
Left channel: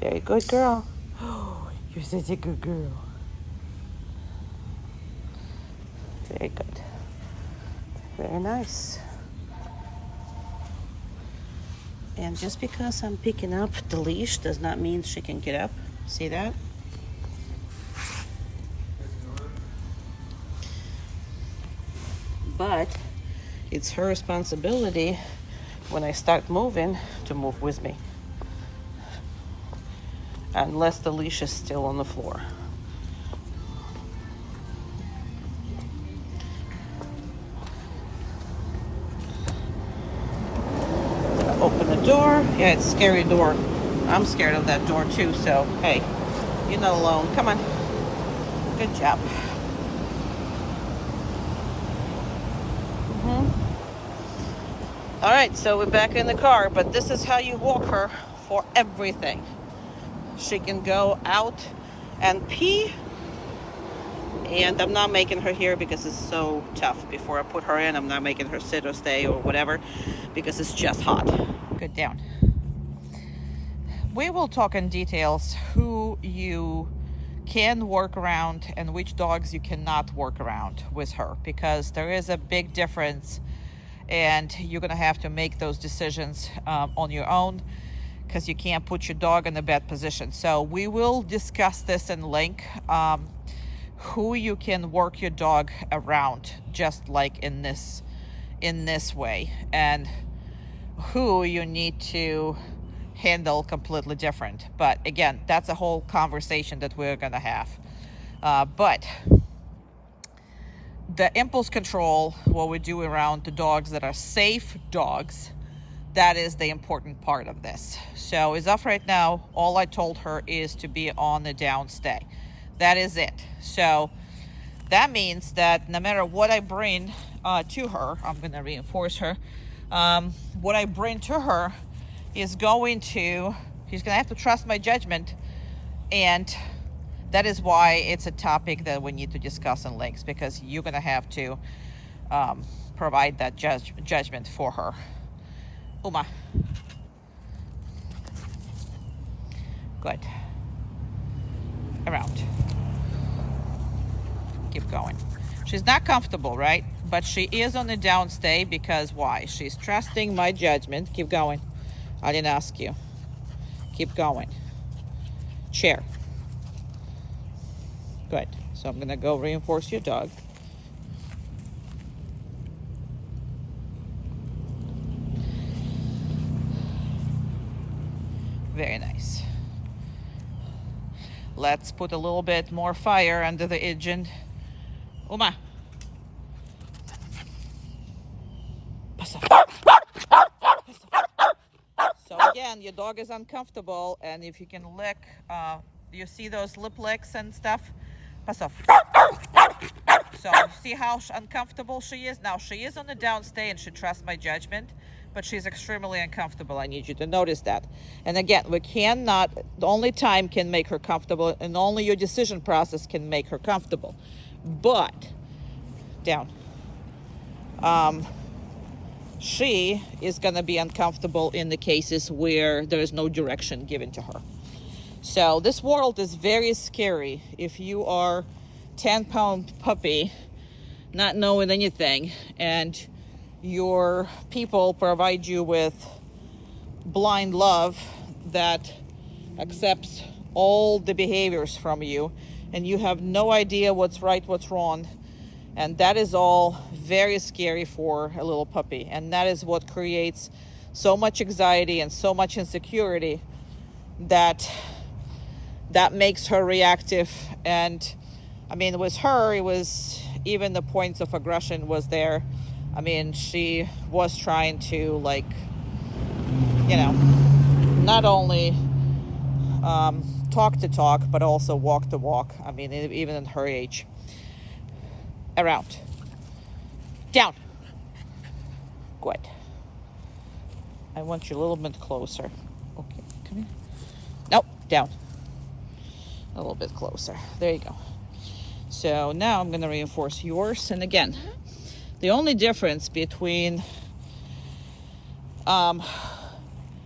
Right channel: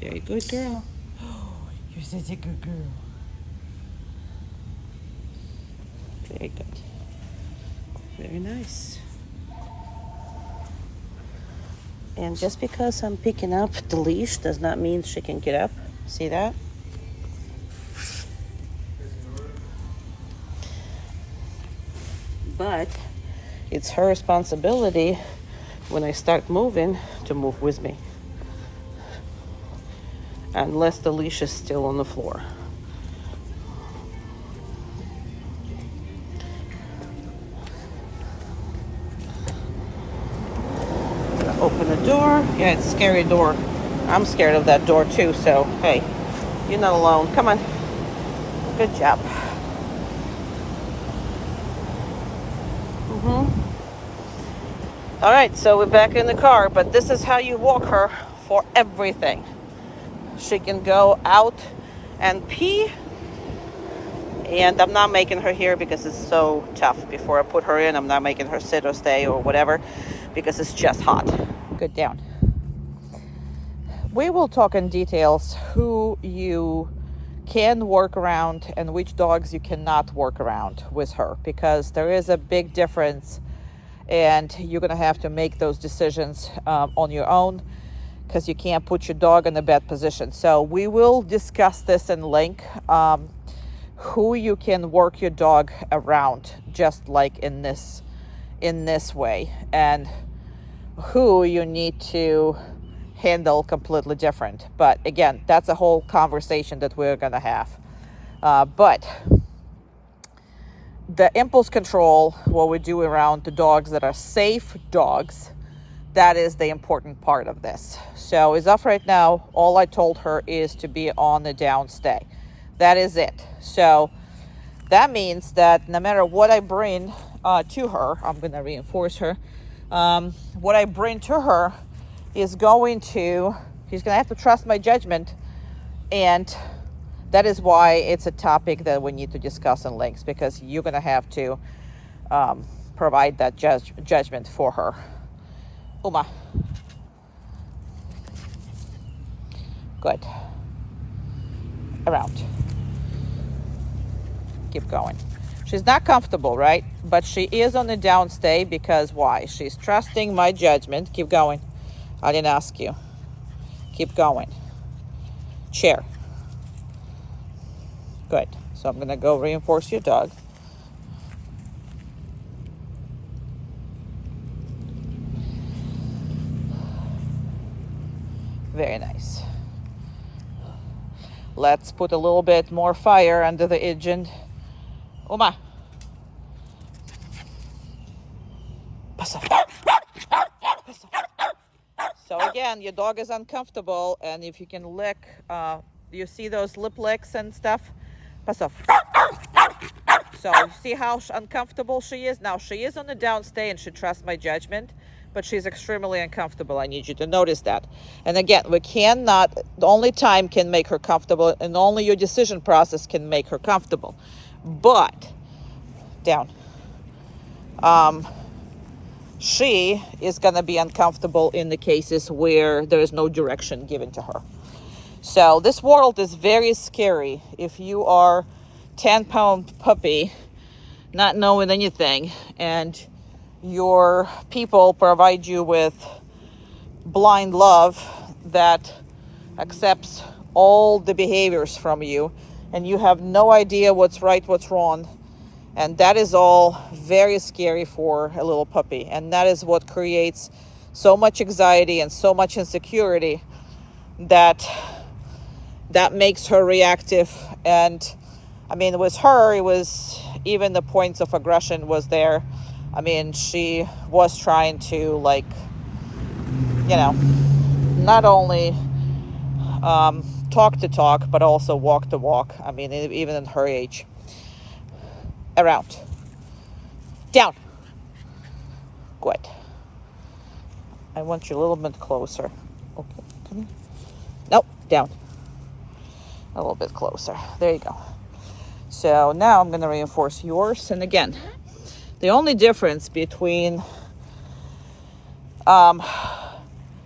Very good girl. Oh, you're such a good girl. Very good. Very nice. And just because I'm picking up the leash does not mean she can get up. See that? But it's her responsibility when I start moving to move with me. Unless the leash is still on the floor. Open the door. Yeah, it's a scary door. I'm scared of that door too, so hey, you're not alone. Come on. Good job. All right, so we're back in the car, but this is how you walk her for everything. She can go out and pee, and I'm not making her here because it's so tough. Before I put her in, I'm not making her sit or stay or whatever because it's just hot. Good, down. We will talk in details who you can work around and which dogs you cannot work around with her, because there is a big difference, and you're gonna have to make those decisions on your own, because you can't put your dog in a bad position. So we will discuss this in length, who you can work your dog around, just like in this way, and who you need to handle completely different. But again, that's a whole conversation that we're gonna have. But the impulse control, what we do around the dogs that are safe dogs, that is the important part of this. So as of right now, all I told her is to be on the downstay. That is it. So that means that no matter what I bring to her, I'm gonna reinforce her. What I bring to her is she's gonna have to trust my judgment, and that is why it's a topic that we need to discuss in length, because you're gonna have to provide that judgment for her. Uma. Good. Around. Keep going. She's not comfortable, right? But she is on the downstay because why? She's trusting my judgment. Keep going. I didn't ask you. Keep going. Chair. Good. So I'm gonna go reinforce your dog. Very nice. Let's put a little bit more fire under the engine. Uma. Pass off. So again, your dog is uncomfortable, and if you can lick, you see those lip licks and stuff? Pass off. So see how uncomfortable she is? Now she is on the downstay and she trusts my judgment, but she's extremely uncomfortable. I need you to notice that. And again, the only time can make her comfortable, and only your decision process can make her comfortable. But, down. She is gonna be uncomfortable in the cases where there is no direction given to her. So this world is very scary if you are 10-pound puppy, not knowing anything, and your people provide you with blind love that accepts all the behaviors from you, and you have no idea what's right, what's wrong. And that is all very scary for a little puppy. And that is what creates so much anxiety and so much insecurity that makes her reactive. And I mean, with her, it was even the points of aggression was there. I mean, she was trying to, like, not only talk the talk, but also walk the walk. I mean, even at her age. Around. Down. Good. I want you a little bit closer. Okay, come here. Nope, down. A little bit closer. There you go. So now I'm going to reinforce yours. And again, the only difference between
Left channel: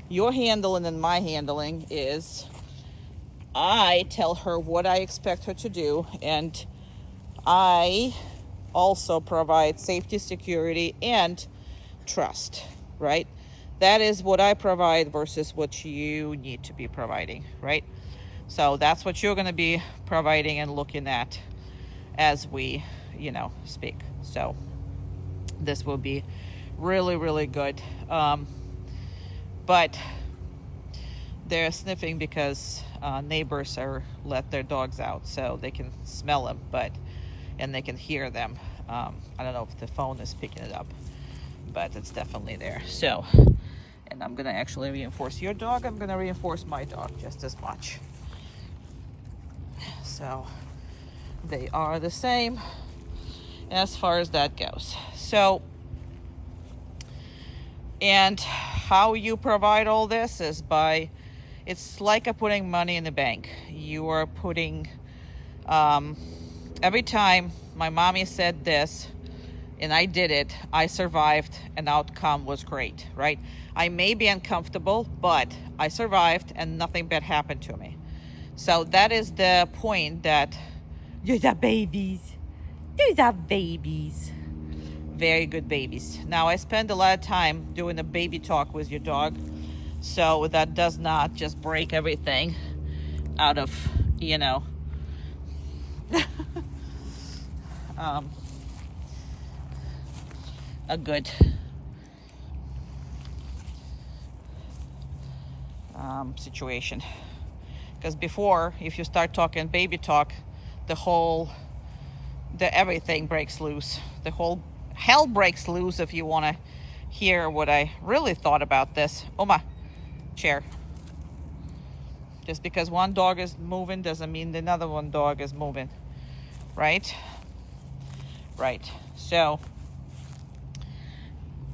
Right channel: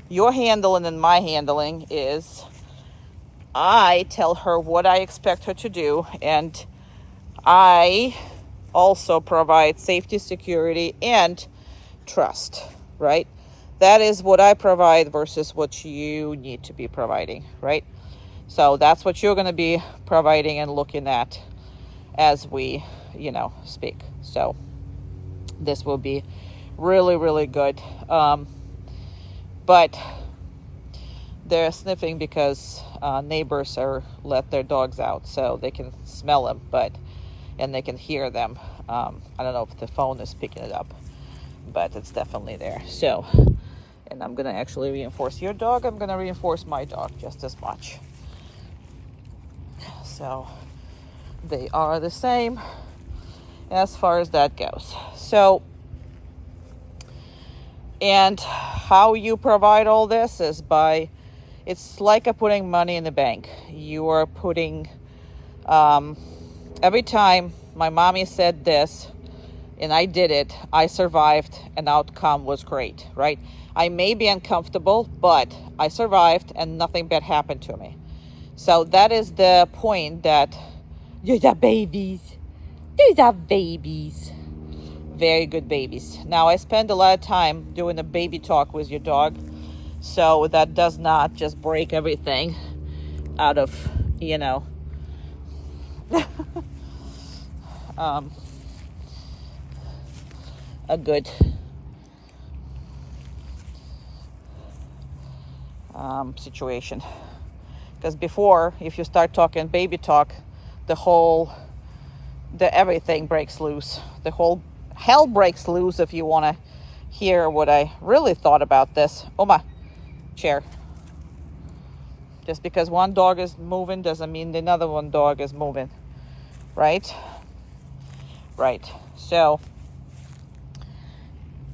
your handling and my handling is I tell her what I expect her to do, and I also provide safety, security, and trust, right? That is what I provide versus what you need to be providing, right? So that's what you're going to be providing and looking at as we, speak. So this will be really, really good. But they're sniffing because neighbors let their dogs out, so they can smell them, and they can hear them. I don't know if the phone is picking it up, but it's definitely there. So, and I'm gonna actually reinforce your dog. I'm gonna reinforce my dog just as much. So they are the same as far as that goes. So, and how you provide all this is it's like putting money in the bank. You are putting, every time my mommy said this and I did it, I survived, and outcome was great, right? I may be uncomfortable, but I survived and nothing bad happened to me. So that is the point, that these are babies. These are babies. Very good babies. Now, I spend a lot of time doing a baby talk with your dog, so that does not just break everything out of, you know, a good situation. Because before, if you start talking baby talk, the everything breaks loose. The whole hell breaks loose if you want to hear what I really thought about this. Oma, chair. Just because one dog is moving doesn't mean another one dog is moving, right? Right. So,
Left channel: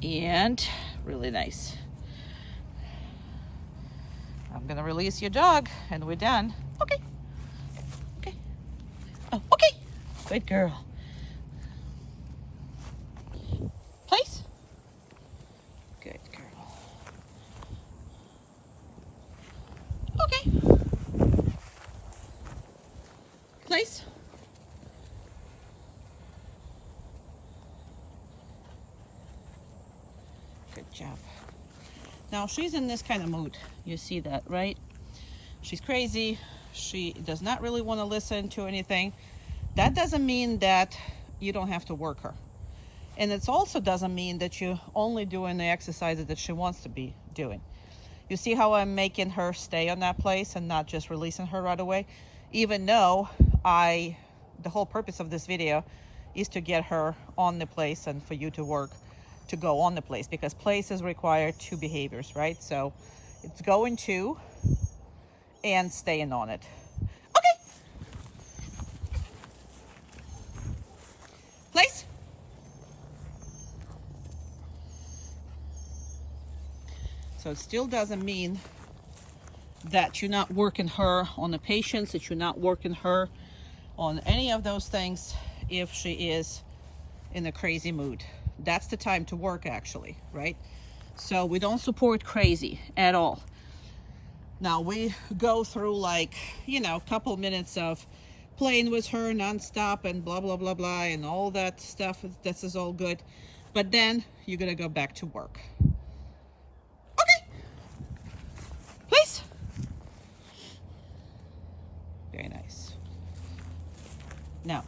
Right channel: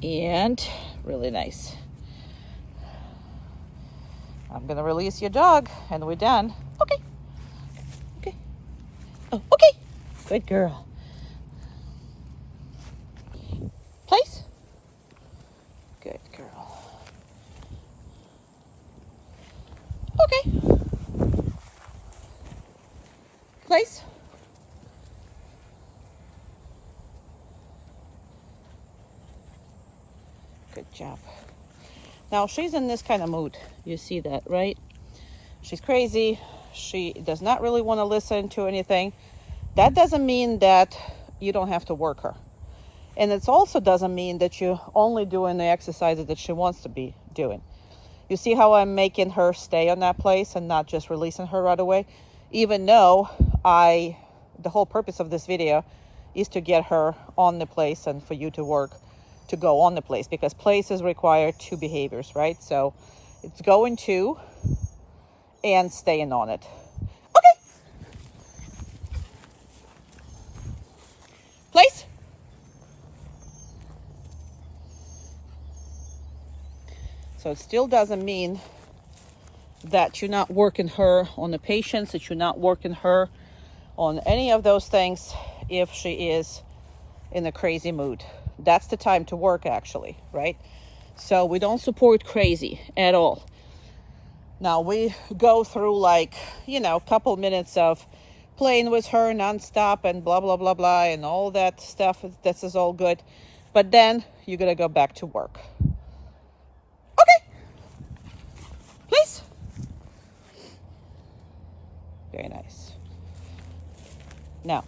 and really nice. I'm gonna release your dog and we're done. Okay. Okay. Oh, okay. Good girl. Place. Good girl. Okay. Place. Good job. Now she's in this kind of mood. You see that, right? She's crazy. She does not really want to listen to anything. That doesn't mean that you don't have to work her. And it also doesn't mean that you're only doing the exercises that she wants to be doing. You see how I'm making her stay on that place and not just releasing her right away? Even though the whole purpose of this video is to get her on the place and for you to work to go on the place, because place is required 2 behaviors, right? So it's going to and staying on it. Okay. Place. So it still doesn't mean that you're not working her on the patience, that you're not working her on any of those things if she is in a crazy mood. That's the time to work, actually, right? So we don't support crazy at all. Now we go through, like, you know, a couple minutes of playing with her nonstop and blah, blah, blah, blah, and all that stuff. This is all good. But then you're going to go back to work. Okay. Please. Very nice. Now,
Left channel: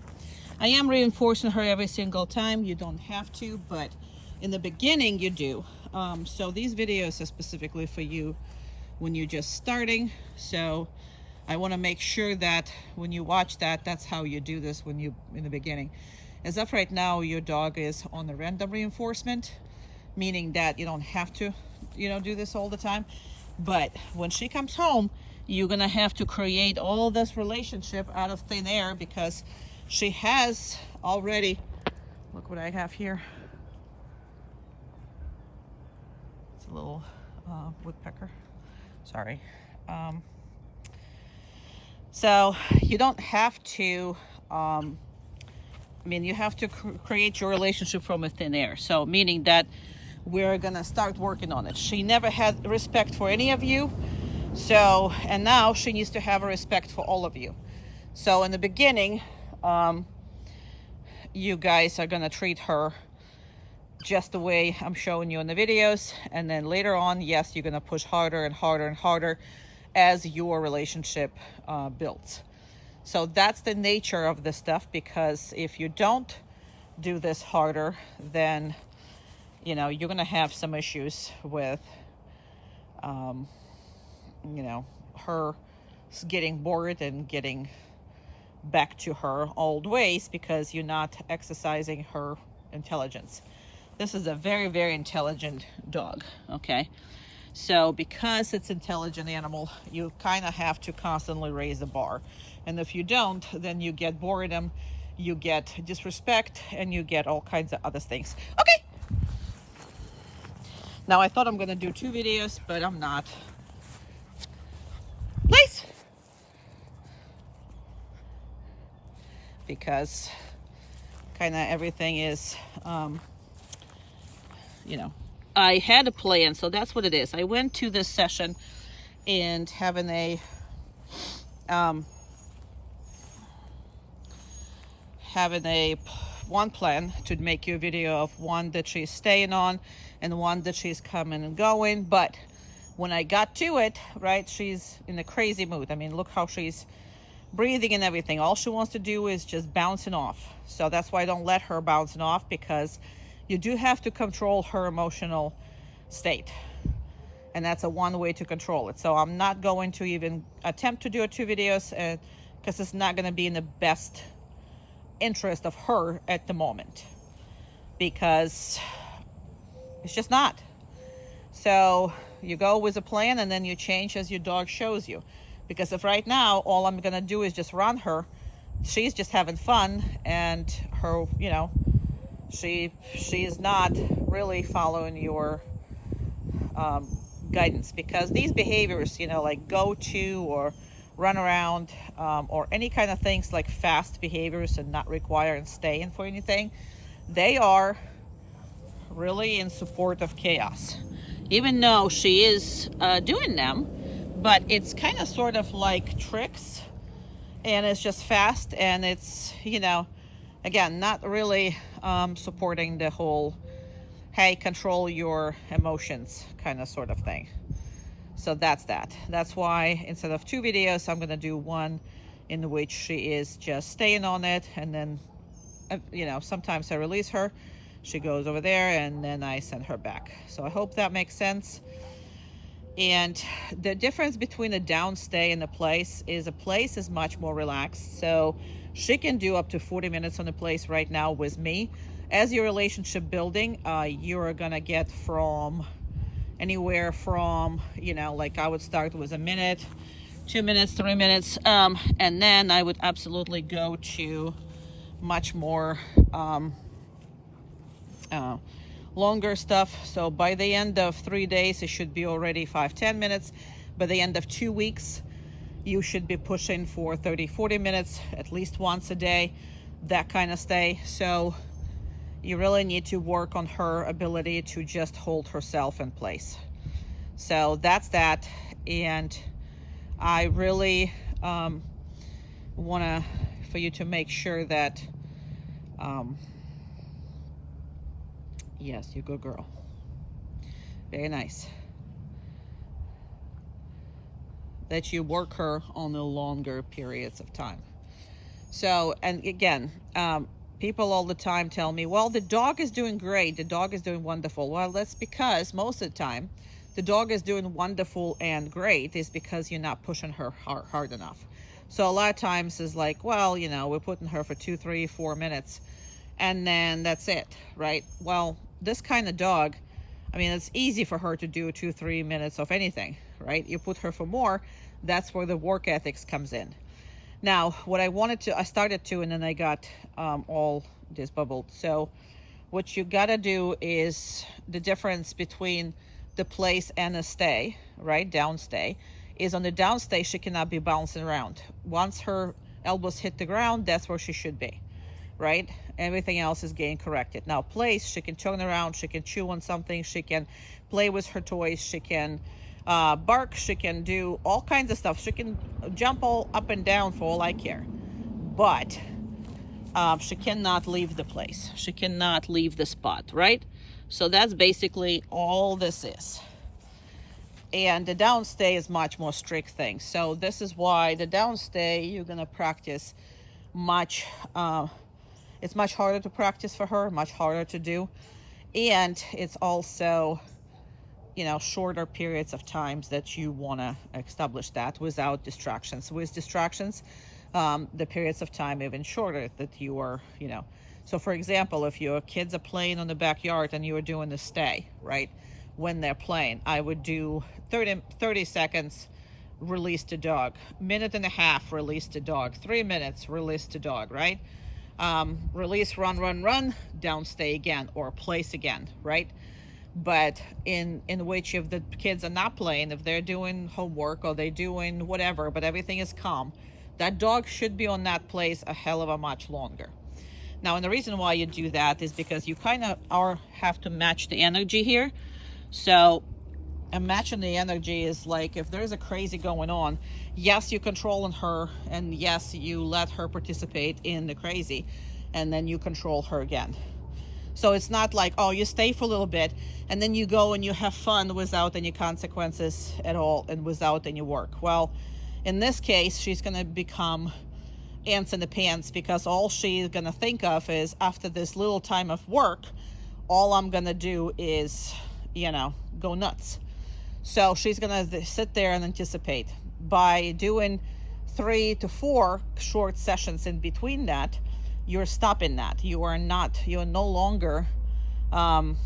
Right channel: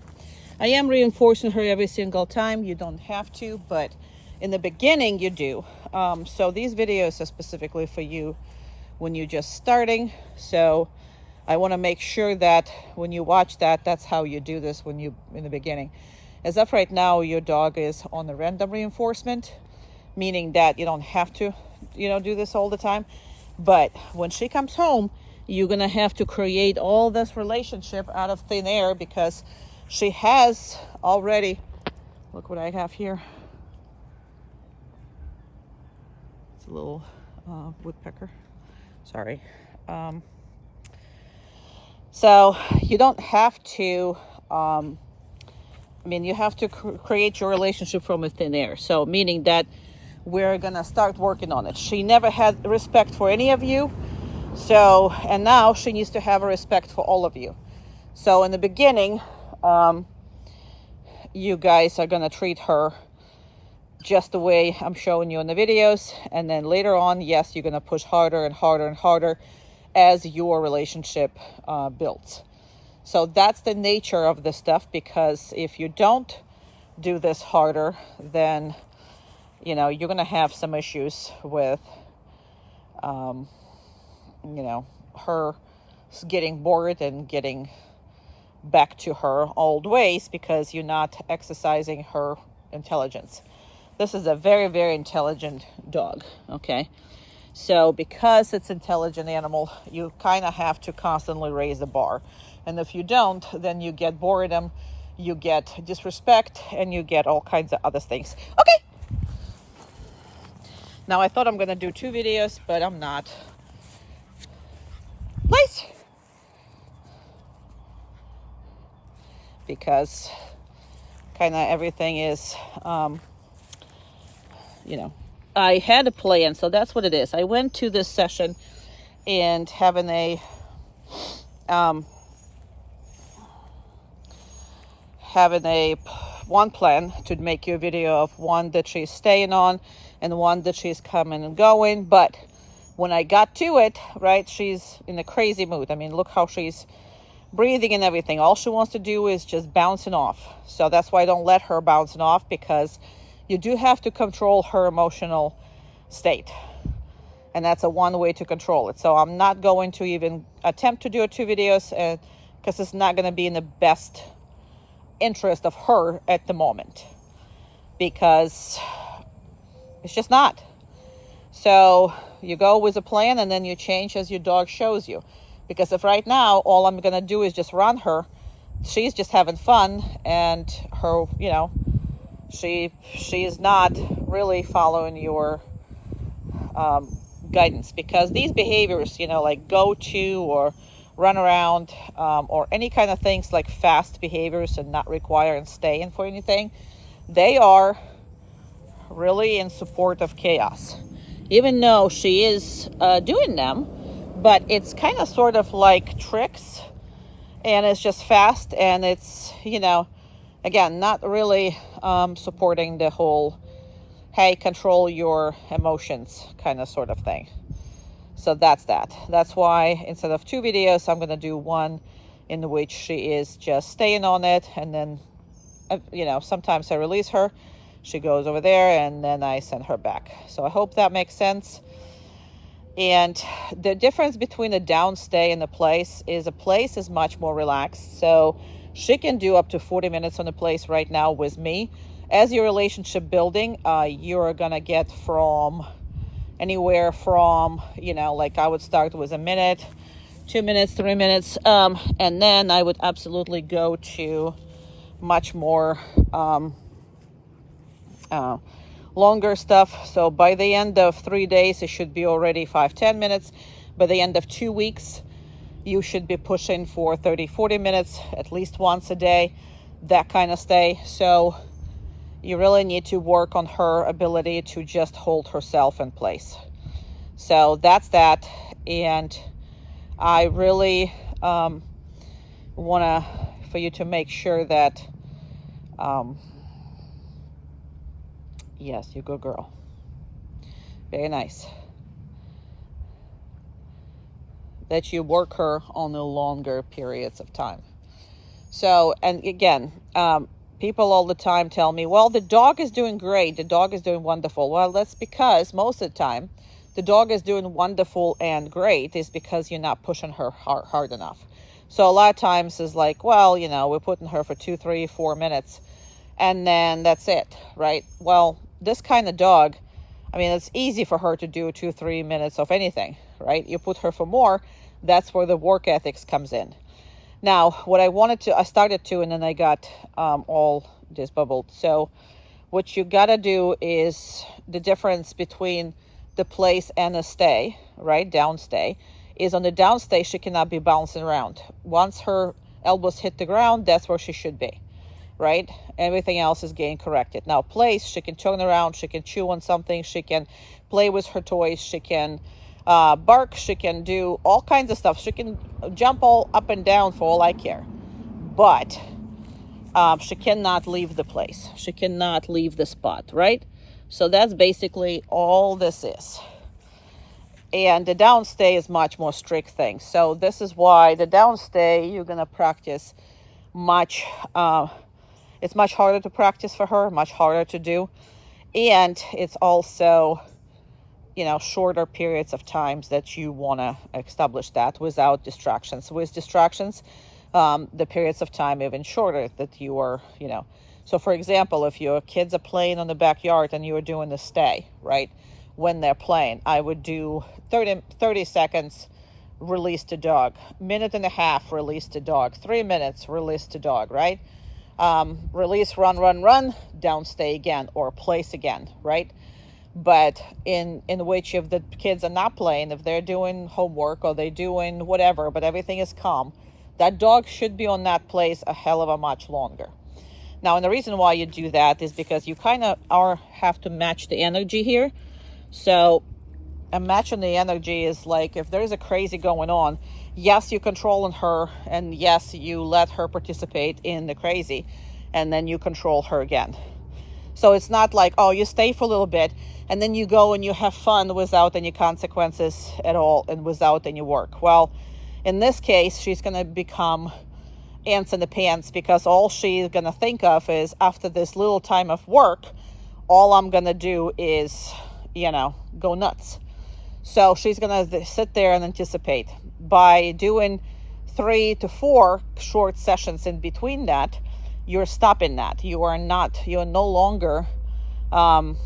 I am reinforcing her every single time. You don't have to, but in the beginning you do. So these videos are specifically for you when you're just starting. So I want to make sure that when you watch that, that's how you do this when you in the beginning. As of right now, your dog is on the random reinforcement, meaning that you don't have to, you know, do this all the time. But when she comes home, you're gonna have to create all this relationship out of thin air, because she has already, look what I have here. It's a little woodpecker. Sorry. So you don't have to, I mean, you have to create your relationship from within air. So meaning that we're gonna start working on it. She never had respect for any of you. So, and now she needs to have a respect for all of you. So in the beginning, you guys are gonna treat her just the way I'm showing you in the videos, and then later on, yes, you're gonna push harder and harder and harder as your relationship builds. So that's the nature of this stuff, because if you don't do this harder, then you know you're gonna have some issues with you know, her getting bored and getting back to her old ways, because you're not exercising her intelligence. This is a very, very intelligent dog, okay? So because it's an intelligent animal, you kind of have to constantly raise the bar. And if you don't, then you get boredom, you get disrespect, and you get all kinds of other things. Okay. Now I thought I'm gonna do 2 videos, but I'm not. Place. Because kind of everything is, you know, I had a plan, so that's what it is. I went to this session and having a having one plan to make you a video of one that she's staying on and one that she's coming and going. But when I got to it, right, she's in a crazy mood. I mean, look how she's breathing and everything. All she wants to do is just bouncing off. So that's why I don't let her bouncing off, because you do have to control her emotional state. And that's a one way to control it. So I'm not going to even attempt to do 2 videos because it's not going to be in the best interest of her at the moment, because it's just not. So you go with a plan and then you change as your dog shows you. Because if right now all I'm going to do is just run her, she's just having fun, and her, you know, she is not really following your guidance. Because these behaviors, you know, like go to or run around, or any kind of things like fast behaviors and not require and staying for anything, they are really in support of chaos. Even though she is doing them, but it's kind of sort of like tricks, and it's just fast, and it's, you know, again, not really supporting the whole, hey, control your emotions kind of sort of thing. So that's that. That's why instead of 2 videos, I'm going to do one in which she is just staying on it. And then, you know, sometimes I release her. She goes over there and then I send her back. So I hope that makes sense. And the difference between a downstay and a place is much more relaxed. So she can do up to 40 minutes on a place right now with me. As your relationship building, you're going to get from anywhere from, you know, like I would start with a minute, 2 minutes, 3 minutes, and then I would absolutely go to much more longer stuff. So by the end of 3 days, it should be already 5-10 minutes. By the end of 2 weeks, you should be pushing for 30-40 minutes at least once a day, that kind of stay. So you really need to work on her ability to just hold herself in place. So that's that. And I really want for you to make sure that, yes, you good girl. Very nice. That you work her on the longer periods of time. So, and again, people all the time tell me, well, the dog is doing great. The dog is doing wonderful. Well, that's because most of the time, the dog is doing wonderful and great is because you're not pushing her hard enough. So a lot of times is like, well, you know, we're putting her for 2, 3, 4 minutes and then that's it, right? Well, this kind of dog, I mean, it's easy for her to do 2, 3 minutes of anything, right? You put her for more, that's where the work ethics comes in. Now, what I started to, and then I got all disbubbled. So what you got to do is the difference between the place and a stay, right? Downstay is on the downstay, she cannot be bouncing around. Once her elbows hit the ground, that's where she should be, right? Everything else is getting corrected. Now, place, she can turn around, she can chew on something, she can play with her toys, she can bark, she can do all kinds of stuff. She can jump all up and down for all I care. But she cannot leave the place. She cannot leave the spot, right? So that's basically all this is. And the downstay is much more strict thing. So this is why the downstay, you're going to practice much, it's much harder to practice for her, much harder to do. And it's also, you know, shorter periods of times that you want to establish that without distractions. With distractions, the periods of time even shorter that you are, you know. So for example, if your kids are playing on the backyard and you are doing the stay, right? When they're playing, I would do 30 seconds, release the dog, 1.5 minutes, release the dog, 3 minutes, release the dog, right? Release, run, downstay again, or place again, right? But in which if the kids are not playing, if they're doing homework or they're doing whatever, but everything is calm, that dog should be on that place a hell of a much longer. Now, and the reason why you do that is because you kind of have to match the energy here. So imagine the energy is like, if there's a crazy going on, yes, you controlling her, and yes, you let her participate in the crazy, and then you control her again. So it's not like, oh, you stay for a little bit and then you go and you have fun without any consequences at all and without any work. Well, in this case, she's going to become ants in the pants, because all she's going to think of is, after this little time of work, all I'm going to do is, go nuts. So she's going to sit there and anticipate. By doing 3 to 4 short sessions in between that, you're stopping that. You're no longer, conveying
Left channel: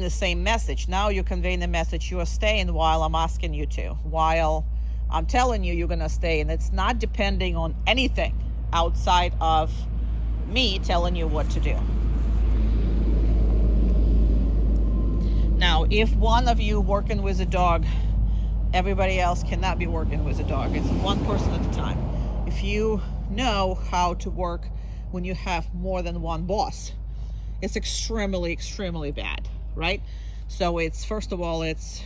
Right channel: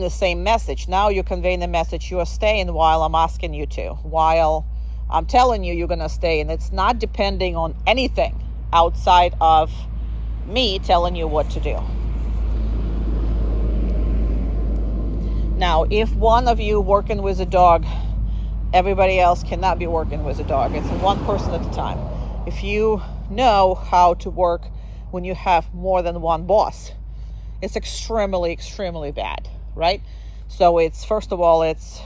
the same message. Now you're conveying the message, you are staying while I'm asking you to, while I'm telling you you're going to stay. And it's not depending on anything outside of me telling you what to do. Now, if one of you working with a dog, everybody else cannot be working with a dog. It's one person at a time. If you know how to work when you have more than one boss, it's extremely bad, right? So it's, first of all, it's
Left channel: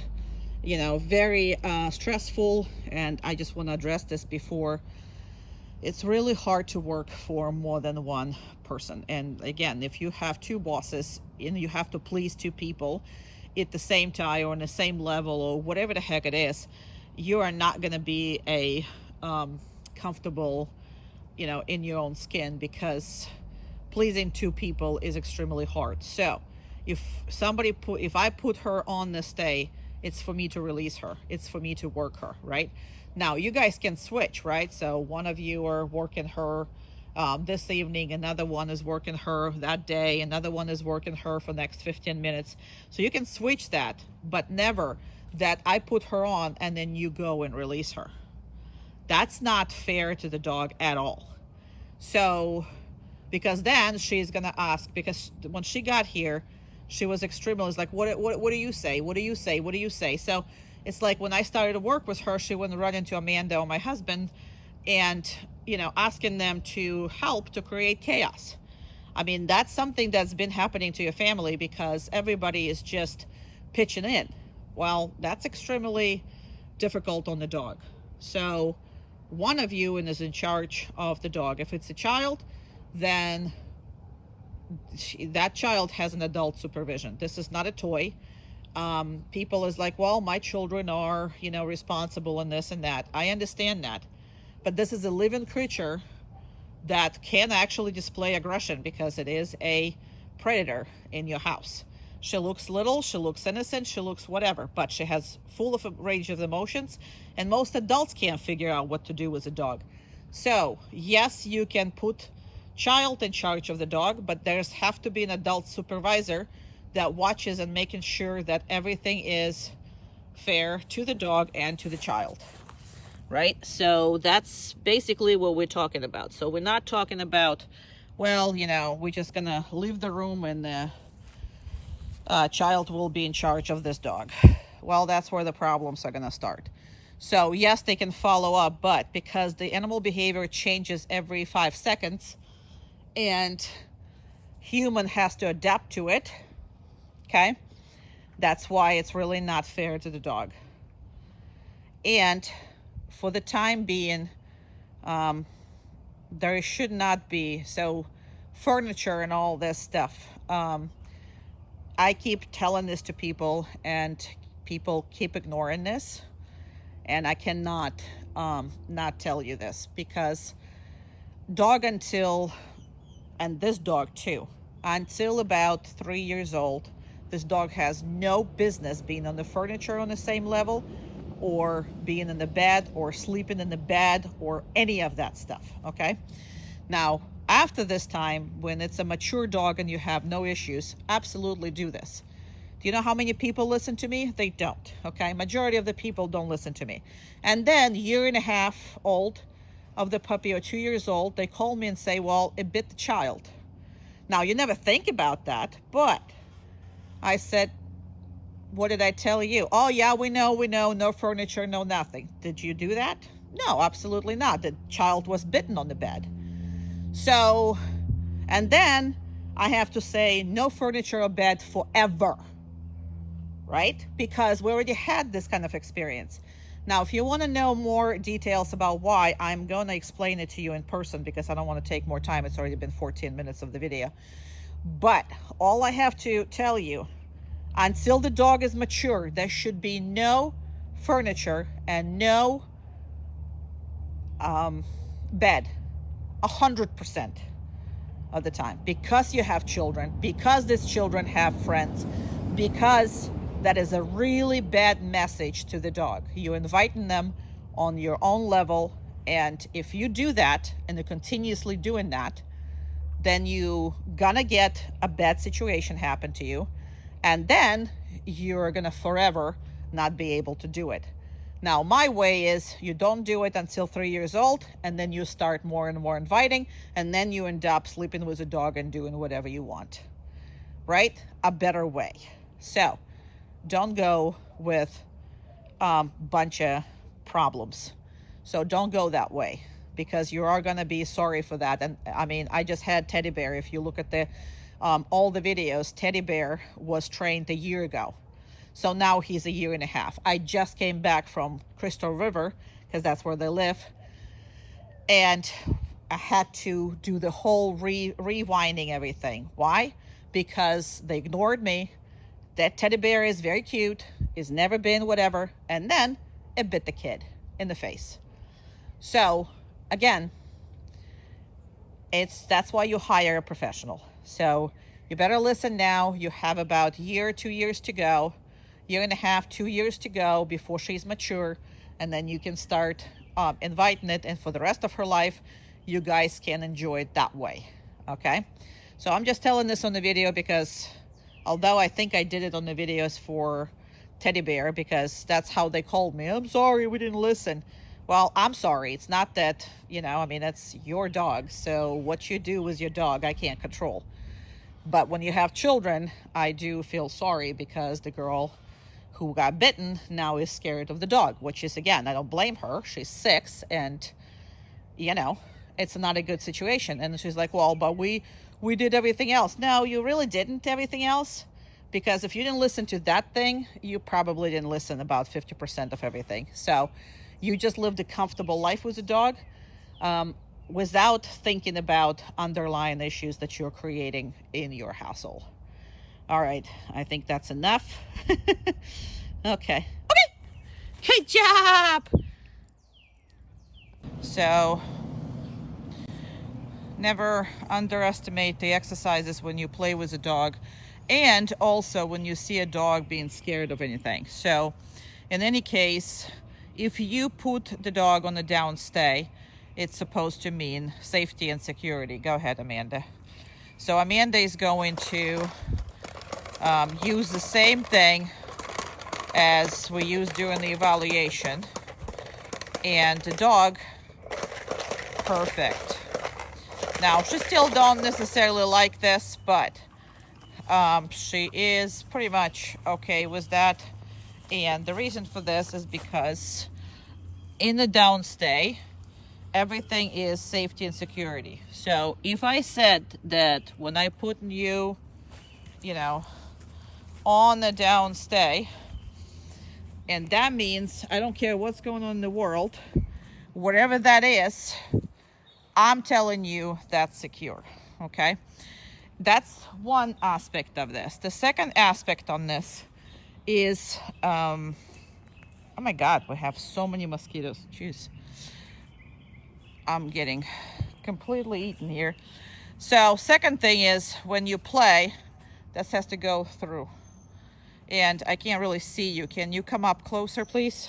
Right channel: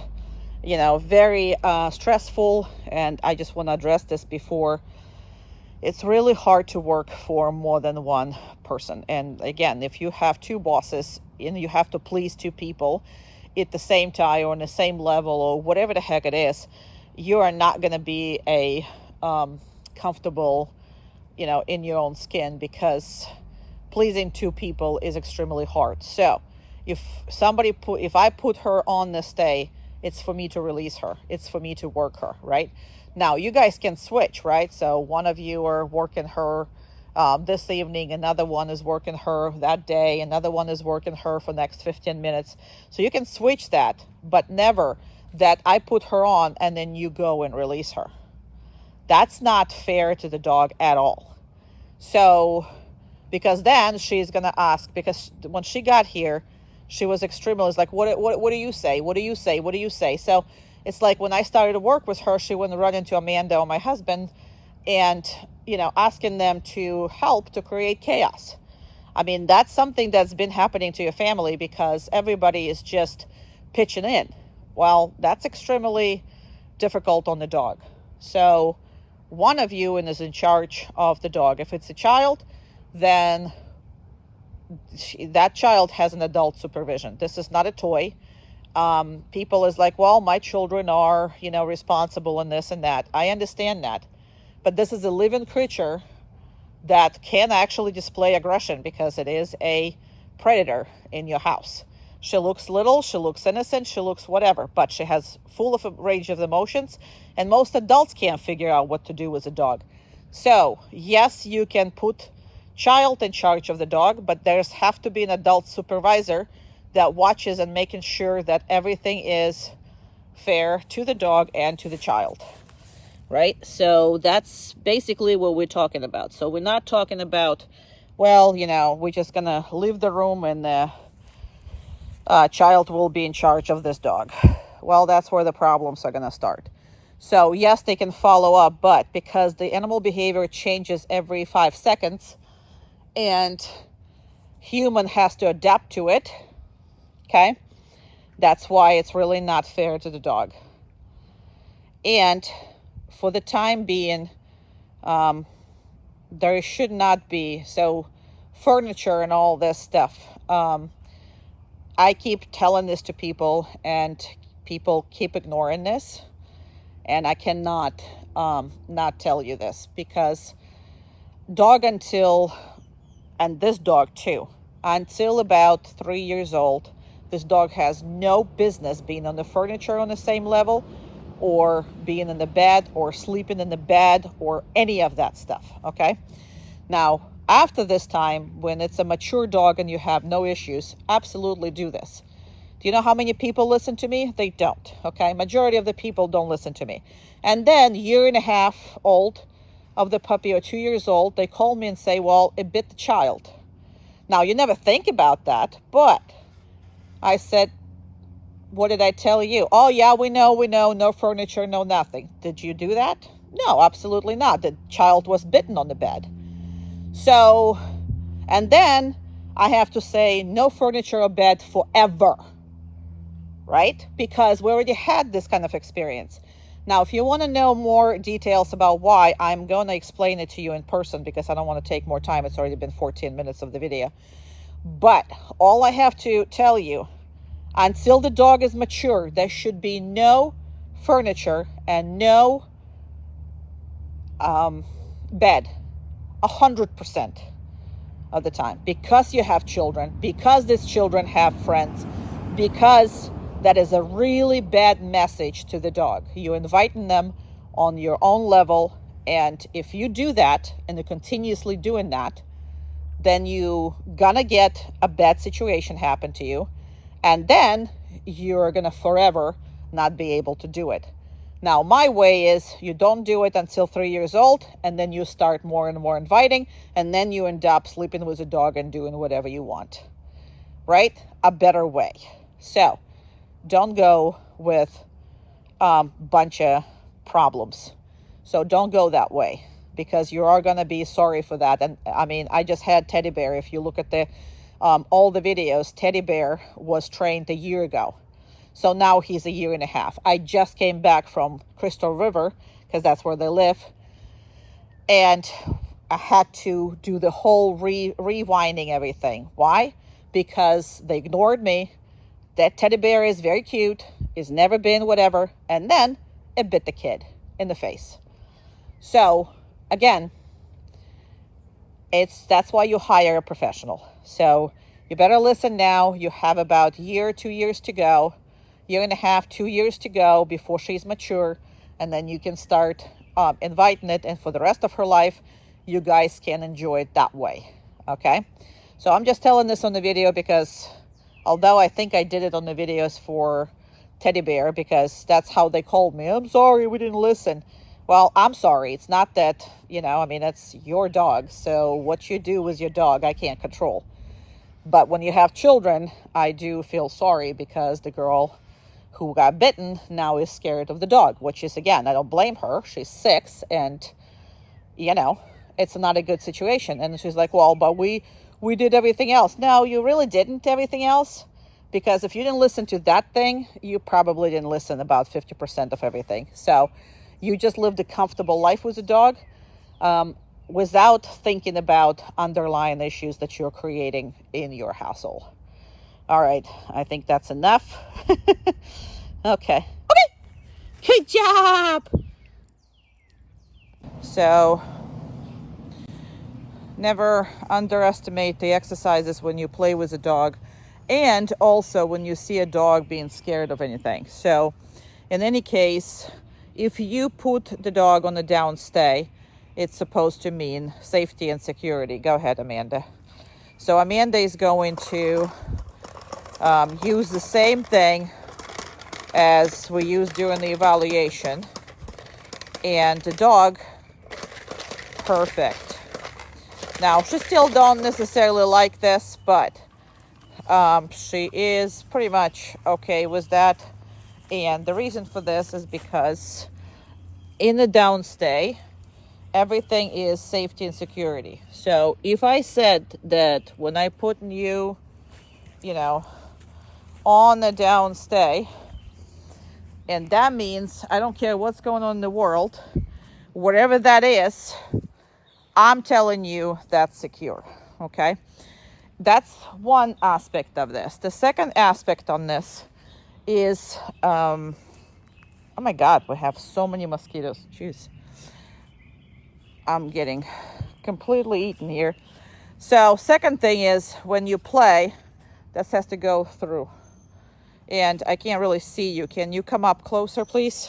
very stressful, and I just want to address this before. It's really hard to work for more than one person. And again, if you have 2 bosses and you have to please 2 people at the same time or on the same level or whatever the heck it is, you are not going to be a comfortable in your own skin, because pleasing 2 people is extremely hard. So if I put her on this day, it's for me to release her. It's for me to work her, right? Now you guys can switch, right? So one of you are working her this evening, another one is working her that day, another one is working her for the next 15 minutes. So you can switch that, but never that I put her on and then you go and release her. That's not fair to the dog at all. So, because then she's going to ask, because when she got here, she was extremely, like, what do you say? What do you say? What do you say? So it's like when I started to work with her, she wouldn't run into Amanda or my husband and, asking them to help to create chaos. I mean, that's something that's been happening to your family because everybody is just pitching in. Well, that's extremely difficult on the dog. So one of you is in charge of the dog. If it's a child, then that child has an adult supervision. This is not a toy. People is like, well, my children are, responsible in this and that. I understand that. But this is a living creature that can actually display aggression because it is a predator in your house. She looks little, she looks innocent, she looks whatever, but she has full of a range of emotions, and most adults can't figure out what to do with a dog. So, yes, you can put child in charge of the dog, but there's have to be an adult supervisor that watches and making sure that everything is fair to the dog and to the child. Right? So that's basically what we're talking about. So we're not talking about, well, we're just going to leave the room and the child will be in charge of this dog. Well, that's where the problems are going to start. So yes, they can follow up, but because the animal behavior changes every 5 seconds and human has to adapt to it, okay? That's why it's really not fair to the dog. And for the time being, there should not be, so furniture and all this stuff. I keep telling this to people and people keep ignoring this. And I cannot not tell you this, because and this dog too, until about 3 years old, this dog has no business being on the furniture on the same level, or being in the bed or sleeping in the bed or any of that stuff. Okay. Now, after this time, when it's a mature dog and you have no issues, absolutely do this. Do you know how many people listen to me? They don't. Okay. Majority of the people don't listen to me. And then 1.5 years old of the puppy, or 2 years old, they call me and say, well, it bit the child. Now, you never think about that, but I said, what did I tell you? Oh, yeah, we know, no furniture, no nothing. Did you do that? No, absolutely not. The child was bitten on the bed. So, and then I have to say no furniture or bed forever. right? Because we already had this kind of experience. Now, if you want to know more details about why, I'm going to explain it to you in person because I don't want to take more time. It's already been 14 minutes of the video. But all I have to tell you, until the dog is mature, there should be no furniture and no bed 100% of the time, because you have children, because these children have friends, because that is a really bad message to the dog. You're inviting them on your own level, and if you do that and you're continuously doing that, then you gonna get a bad situation happen to you, and then you're gonna forever not be able to do it. Now, my way is you don't do it until 3 years old, and then you start more and more inviting, and then you end up sleeping with a dog and doing whatever you want, right? A better way. So don't go with bunch of problems. So don't go that way, because you are going to be sorry for that. And I mean, I just had Teddy Bear. If you look at the all the videos, Teddy Bear was trained a year ago. So now he's a year and a half. I just came back from Crystal River, because that's where they live. And I had to do the whole rewinding everything. Why? Because they ignored me. That teddy bear is very cute, is never been whatever. And then it bit the kid in the face. So again, that's why you hire a professional. So you better listen now. You have about a year, 2 years to go. Year and a half, 2 years to go before she's mature, and then you can start inviting it, and for the rest of her life you guys can enjoy it that way. Okay, so I'm just telling this on the video because although I think I did it on the videos for Teddy Bear, because that's how they called me, I'm sorry we didn't listen. Well, I'm sorry. It's not that, I mean, it's your dog, so what you do with your dog I can't control. But when you have children, I do feel sorry, because the girl who got bitten now is scared of the dog, which is, again, I don't blame her. She's 6, and it's not a good situation. And she's like, well, but we did everything else. No, you really didn't everything else, because if you didn't listen to that thing, you probably didn't listen about 50% of everything. So you just lived a comfortable life with a dog without thinking about underlying issues that you're creating in your household. All right, I think that's enough. Okay. Good job. So never underestimate the exercises when you play with a dog, and also when you see a dog being scared of anything. So in any case, if you put the dog on the downstay, it's supposed to mean safety and security. Go ahead, Amanda. So Amanda is going to use the same thing as we used during the evaluation, and the dog, perfect. Now, she still don't necessarily like this, but she is pretty much okay with that. And the reason for this is because in the downstay, everything is safety and security. So if I said that when I put you, on the downstay, and that means I don't care what's going on in the world, whatever that is, I'm telling you that's secure. Okay, that's one aspect of this. The second aspect on this is oh my god, we have so many mosquitoes. Jeez, I'm getting completely eaten here. So second thing is, when you play, this has to go through, and I can't really see you. Can you come up closer, please?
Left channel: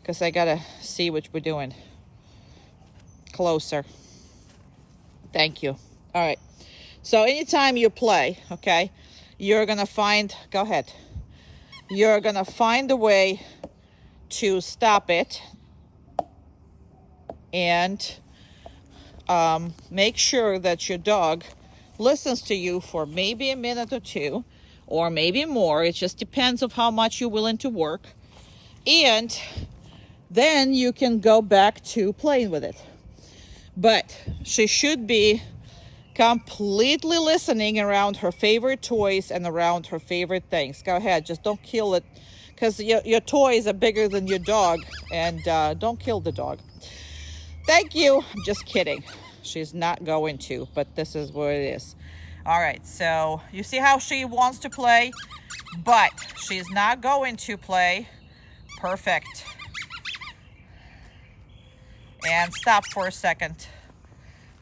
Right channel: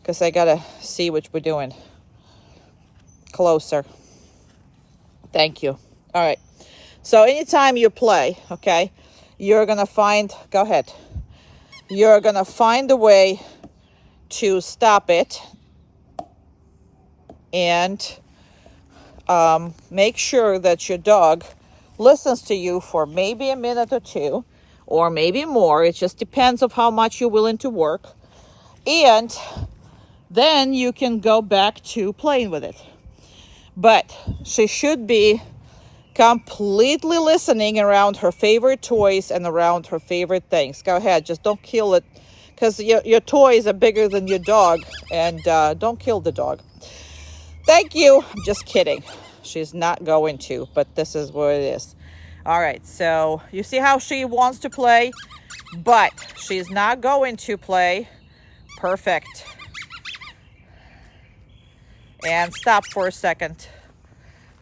Because I gotta see what we're doing. Closer. Thank you. All right, so anytime you play, okay, you're gonna find, go ahead, you're gonna find a way to stop it, and make sure that your dog listens to you for maybe a minute or two, or maybe more. It just depends on how much you're willing to work, and then you can go back to playing with it. But she should be Completely listening around her favorite toys and around her favorite things. Go ahead, just don't kill it, because your toys are bigger than your dog, and don't kill the dog. Thank you. I'm just kidding. She's not going to, but this is what it is. All right, so you see how she wants to play, but she's not going to play. Perfect. And stop for a second.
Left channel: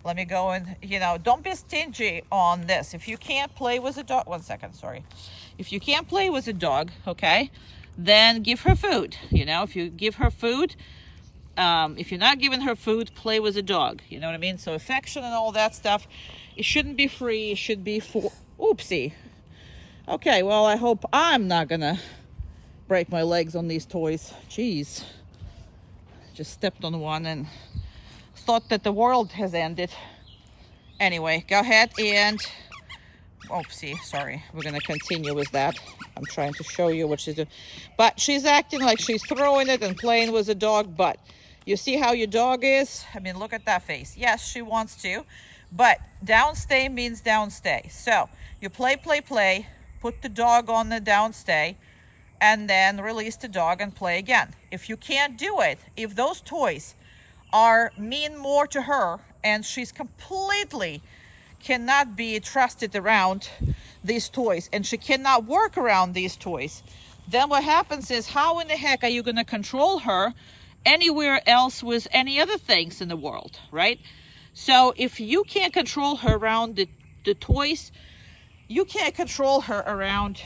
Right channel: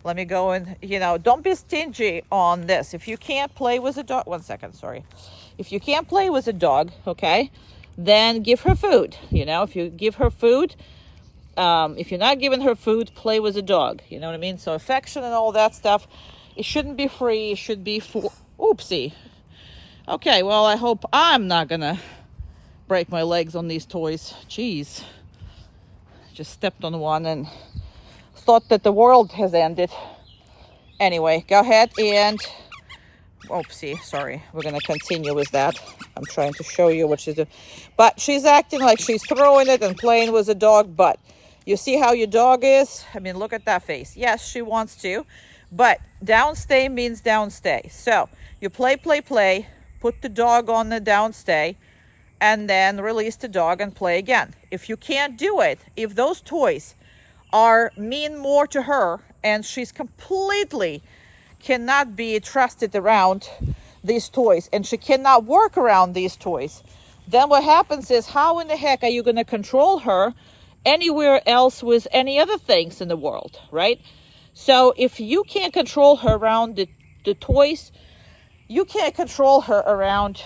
Let me go and, don't be stingy on this. If you can't play with a dog, 1 second, sorry. If you can't play with a dog, okay, then give her food. If you give her food, if you're not giving her food, play with a dog. You know what I mean? So affection and all that stuff, it shouldn't be free. It should be for, oopsie. Okay, well, I hope I'm not gonna break my legs on these toys. Jeez. Just stepped on one and thought that the world has ended. Anyway, go ahead and, oopsie, sorry. We're gonna continue with that. I'm trying to show you what she's doing. But she's acting like she's throwing it and playing with a dog, but you see how your dog is? I mean, look at that face. Yes, she wants to, but downstay means downstay. So you play, put the dog on the downstay, and then release the dog and play again. If you can't do it, if those toys mean more to her and she's completely cannot be trusted around these toys and she cannot work around these toys, then what happens is, how in the heck are you going to control her anywhere else with any other things in the world, right? So if you can't control her around the toys, you can't control her around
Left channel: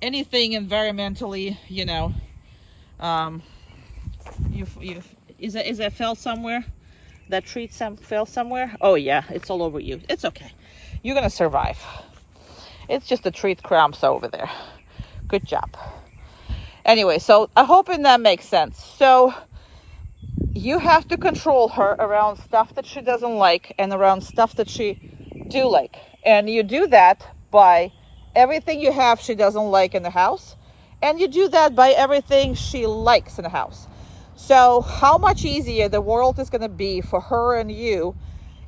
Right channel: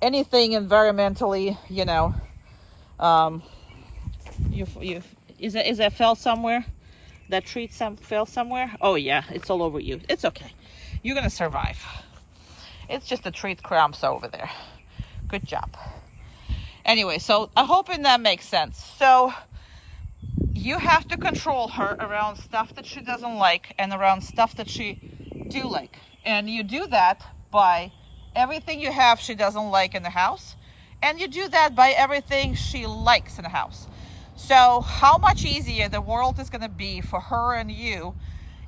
anything environmentally, is that fell somewhere? That treat fell somewhere? Oh yeah, it's all over you. It's okay. You're gonna survive. It's just the treat crumbs over there. Good job. Anyway, so I hope that makes sense. So you have to control her around stuff that she doesn't like and around stuff that she do like. And you do that by everything you have she doesn't like in the house. And you do that by everything she likes in the house. So how much easier the world is going to be for her and you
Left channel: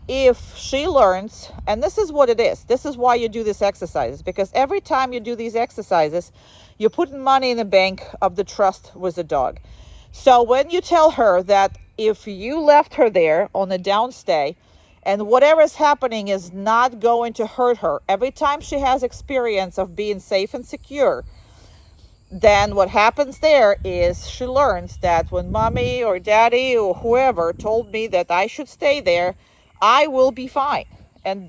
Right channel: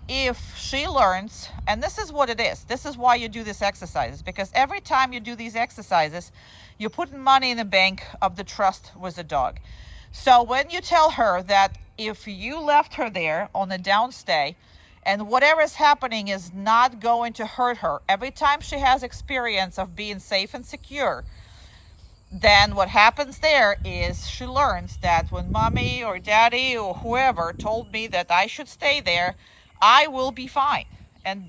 if she learns, and this is what it is. This is why you do these exercises, because every time you do these exercises, you're putting money in the bank of the trust with the dog. So when you tell her that if you left her there on a downstay and whatever is happening is not going to hurt her, every time she has experience of being safe and secure, then what happens there is she learns that when mommy or daddy or whoever told me that I should stay there, I will be fine. And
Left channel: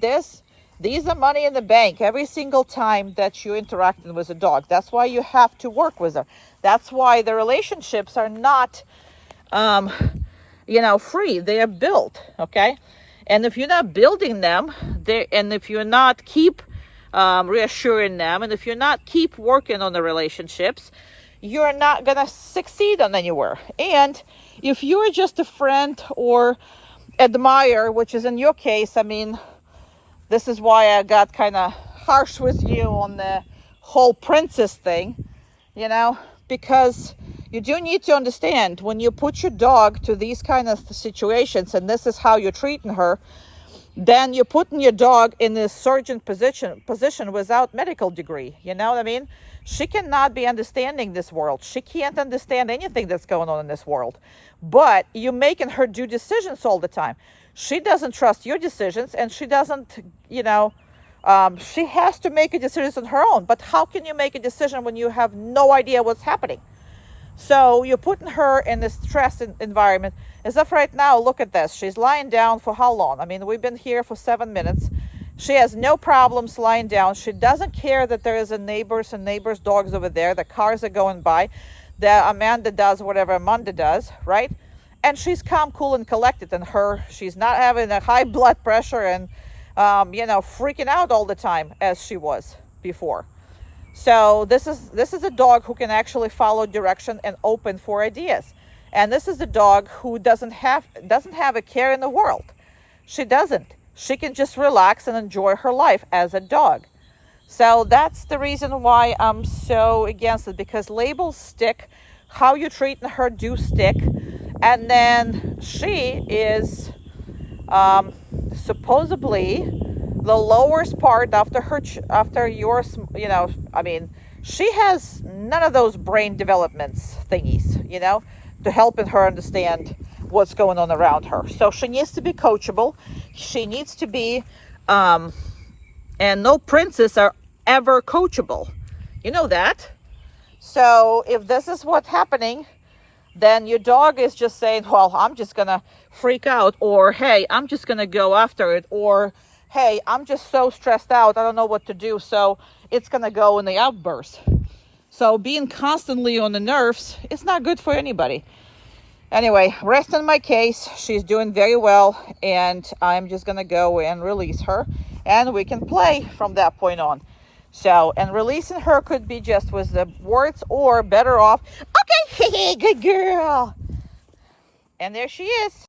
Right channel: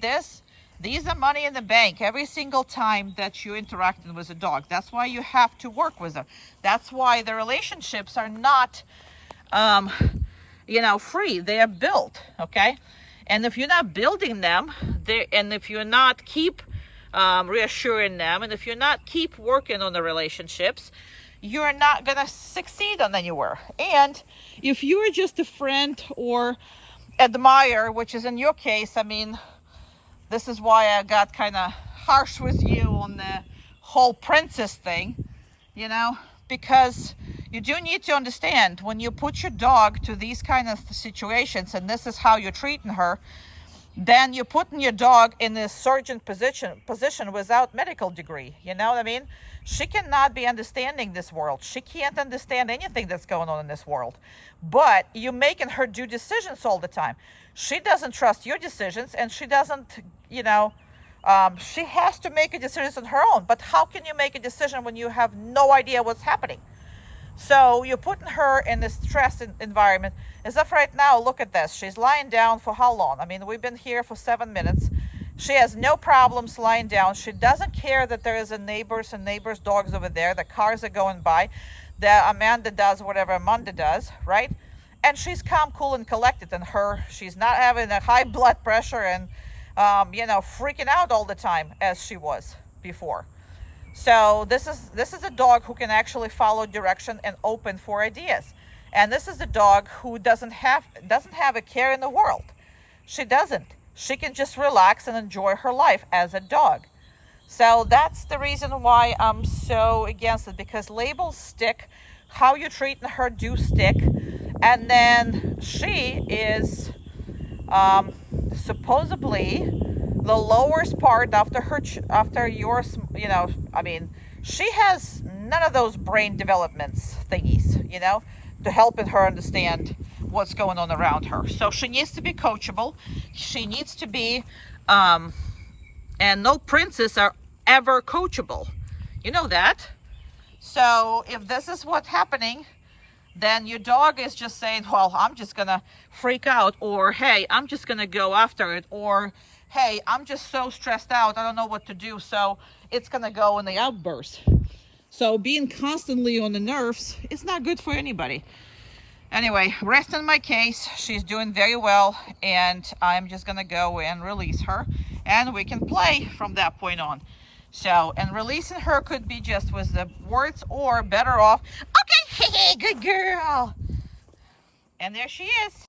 these are money in the bank every single time that you're interacting with a dog. That's why you have to work with them. That's why the relationships are not, free. They are built, okay? And if you're not building them, and if you're not keep reassuring them, and if you're not keep working on the relationships, you're not gonna succeed on anywhere. And if you're just a friend or admire, which is in your case, I mean, this is why I got kind of harsh with you on the whole princess thing, because you do need to understand, when you put your dog to these kind of situations and this is how you're treating her, then you're putting your dog in a surgeon position without medical degree. You know what I mean? She cannot be understanding this world. She can't understand anything that's going on in this world. But you're making her do decisions all the time. She doesn't trust your decisions, and she doesn't, she has to make a decision on her own. But how can you make a decision when you have no idea what's happening? So you're putting her in this stress environment. As of right now, look at this. She's lying down for how long? I mean, we've been here for 7 minutes. She has no problems lying down. She doesn't care that there is a neighbor's dogs over there. The cars are going by. The Amanda does whatever Amanda does, right? And she's calm, cool, and collected. And she's not having a high blood pressure and, freaking out all the time as she was before. So this is a dog who can actually follow direction and open for ideas. And this is a dog who doesn't have a care in the world. She doesn't. She can just relax and enjoy her life as a dog. So that's the reason why I'm so against it, because labels stick. How you're treating her do stick. And then she is supposedly the lowest part after her after yours, I mean, she has none of those brain developments thingies, to helping her understand what's going on around her. So she needs to be coachable. She needs to be and no princess are ever coachable, you know that. So if this is what's happening, then your dog is just saying, well, I'm just gonna freak out, or hey, I'm just gonna go after it, or hey, I'm just so stressed out, I don't know what to do, so it's gonna go in the outburst. So being constantly on the nerves is not good for anybody. Anyway, rest on my case. She's doing very well, and I'm just gonna go and release her, and we can play from that point on. So, and releasing her could be just with the words, or better off, okay, good girl. And there she is.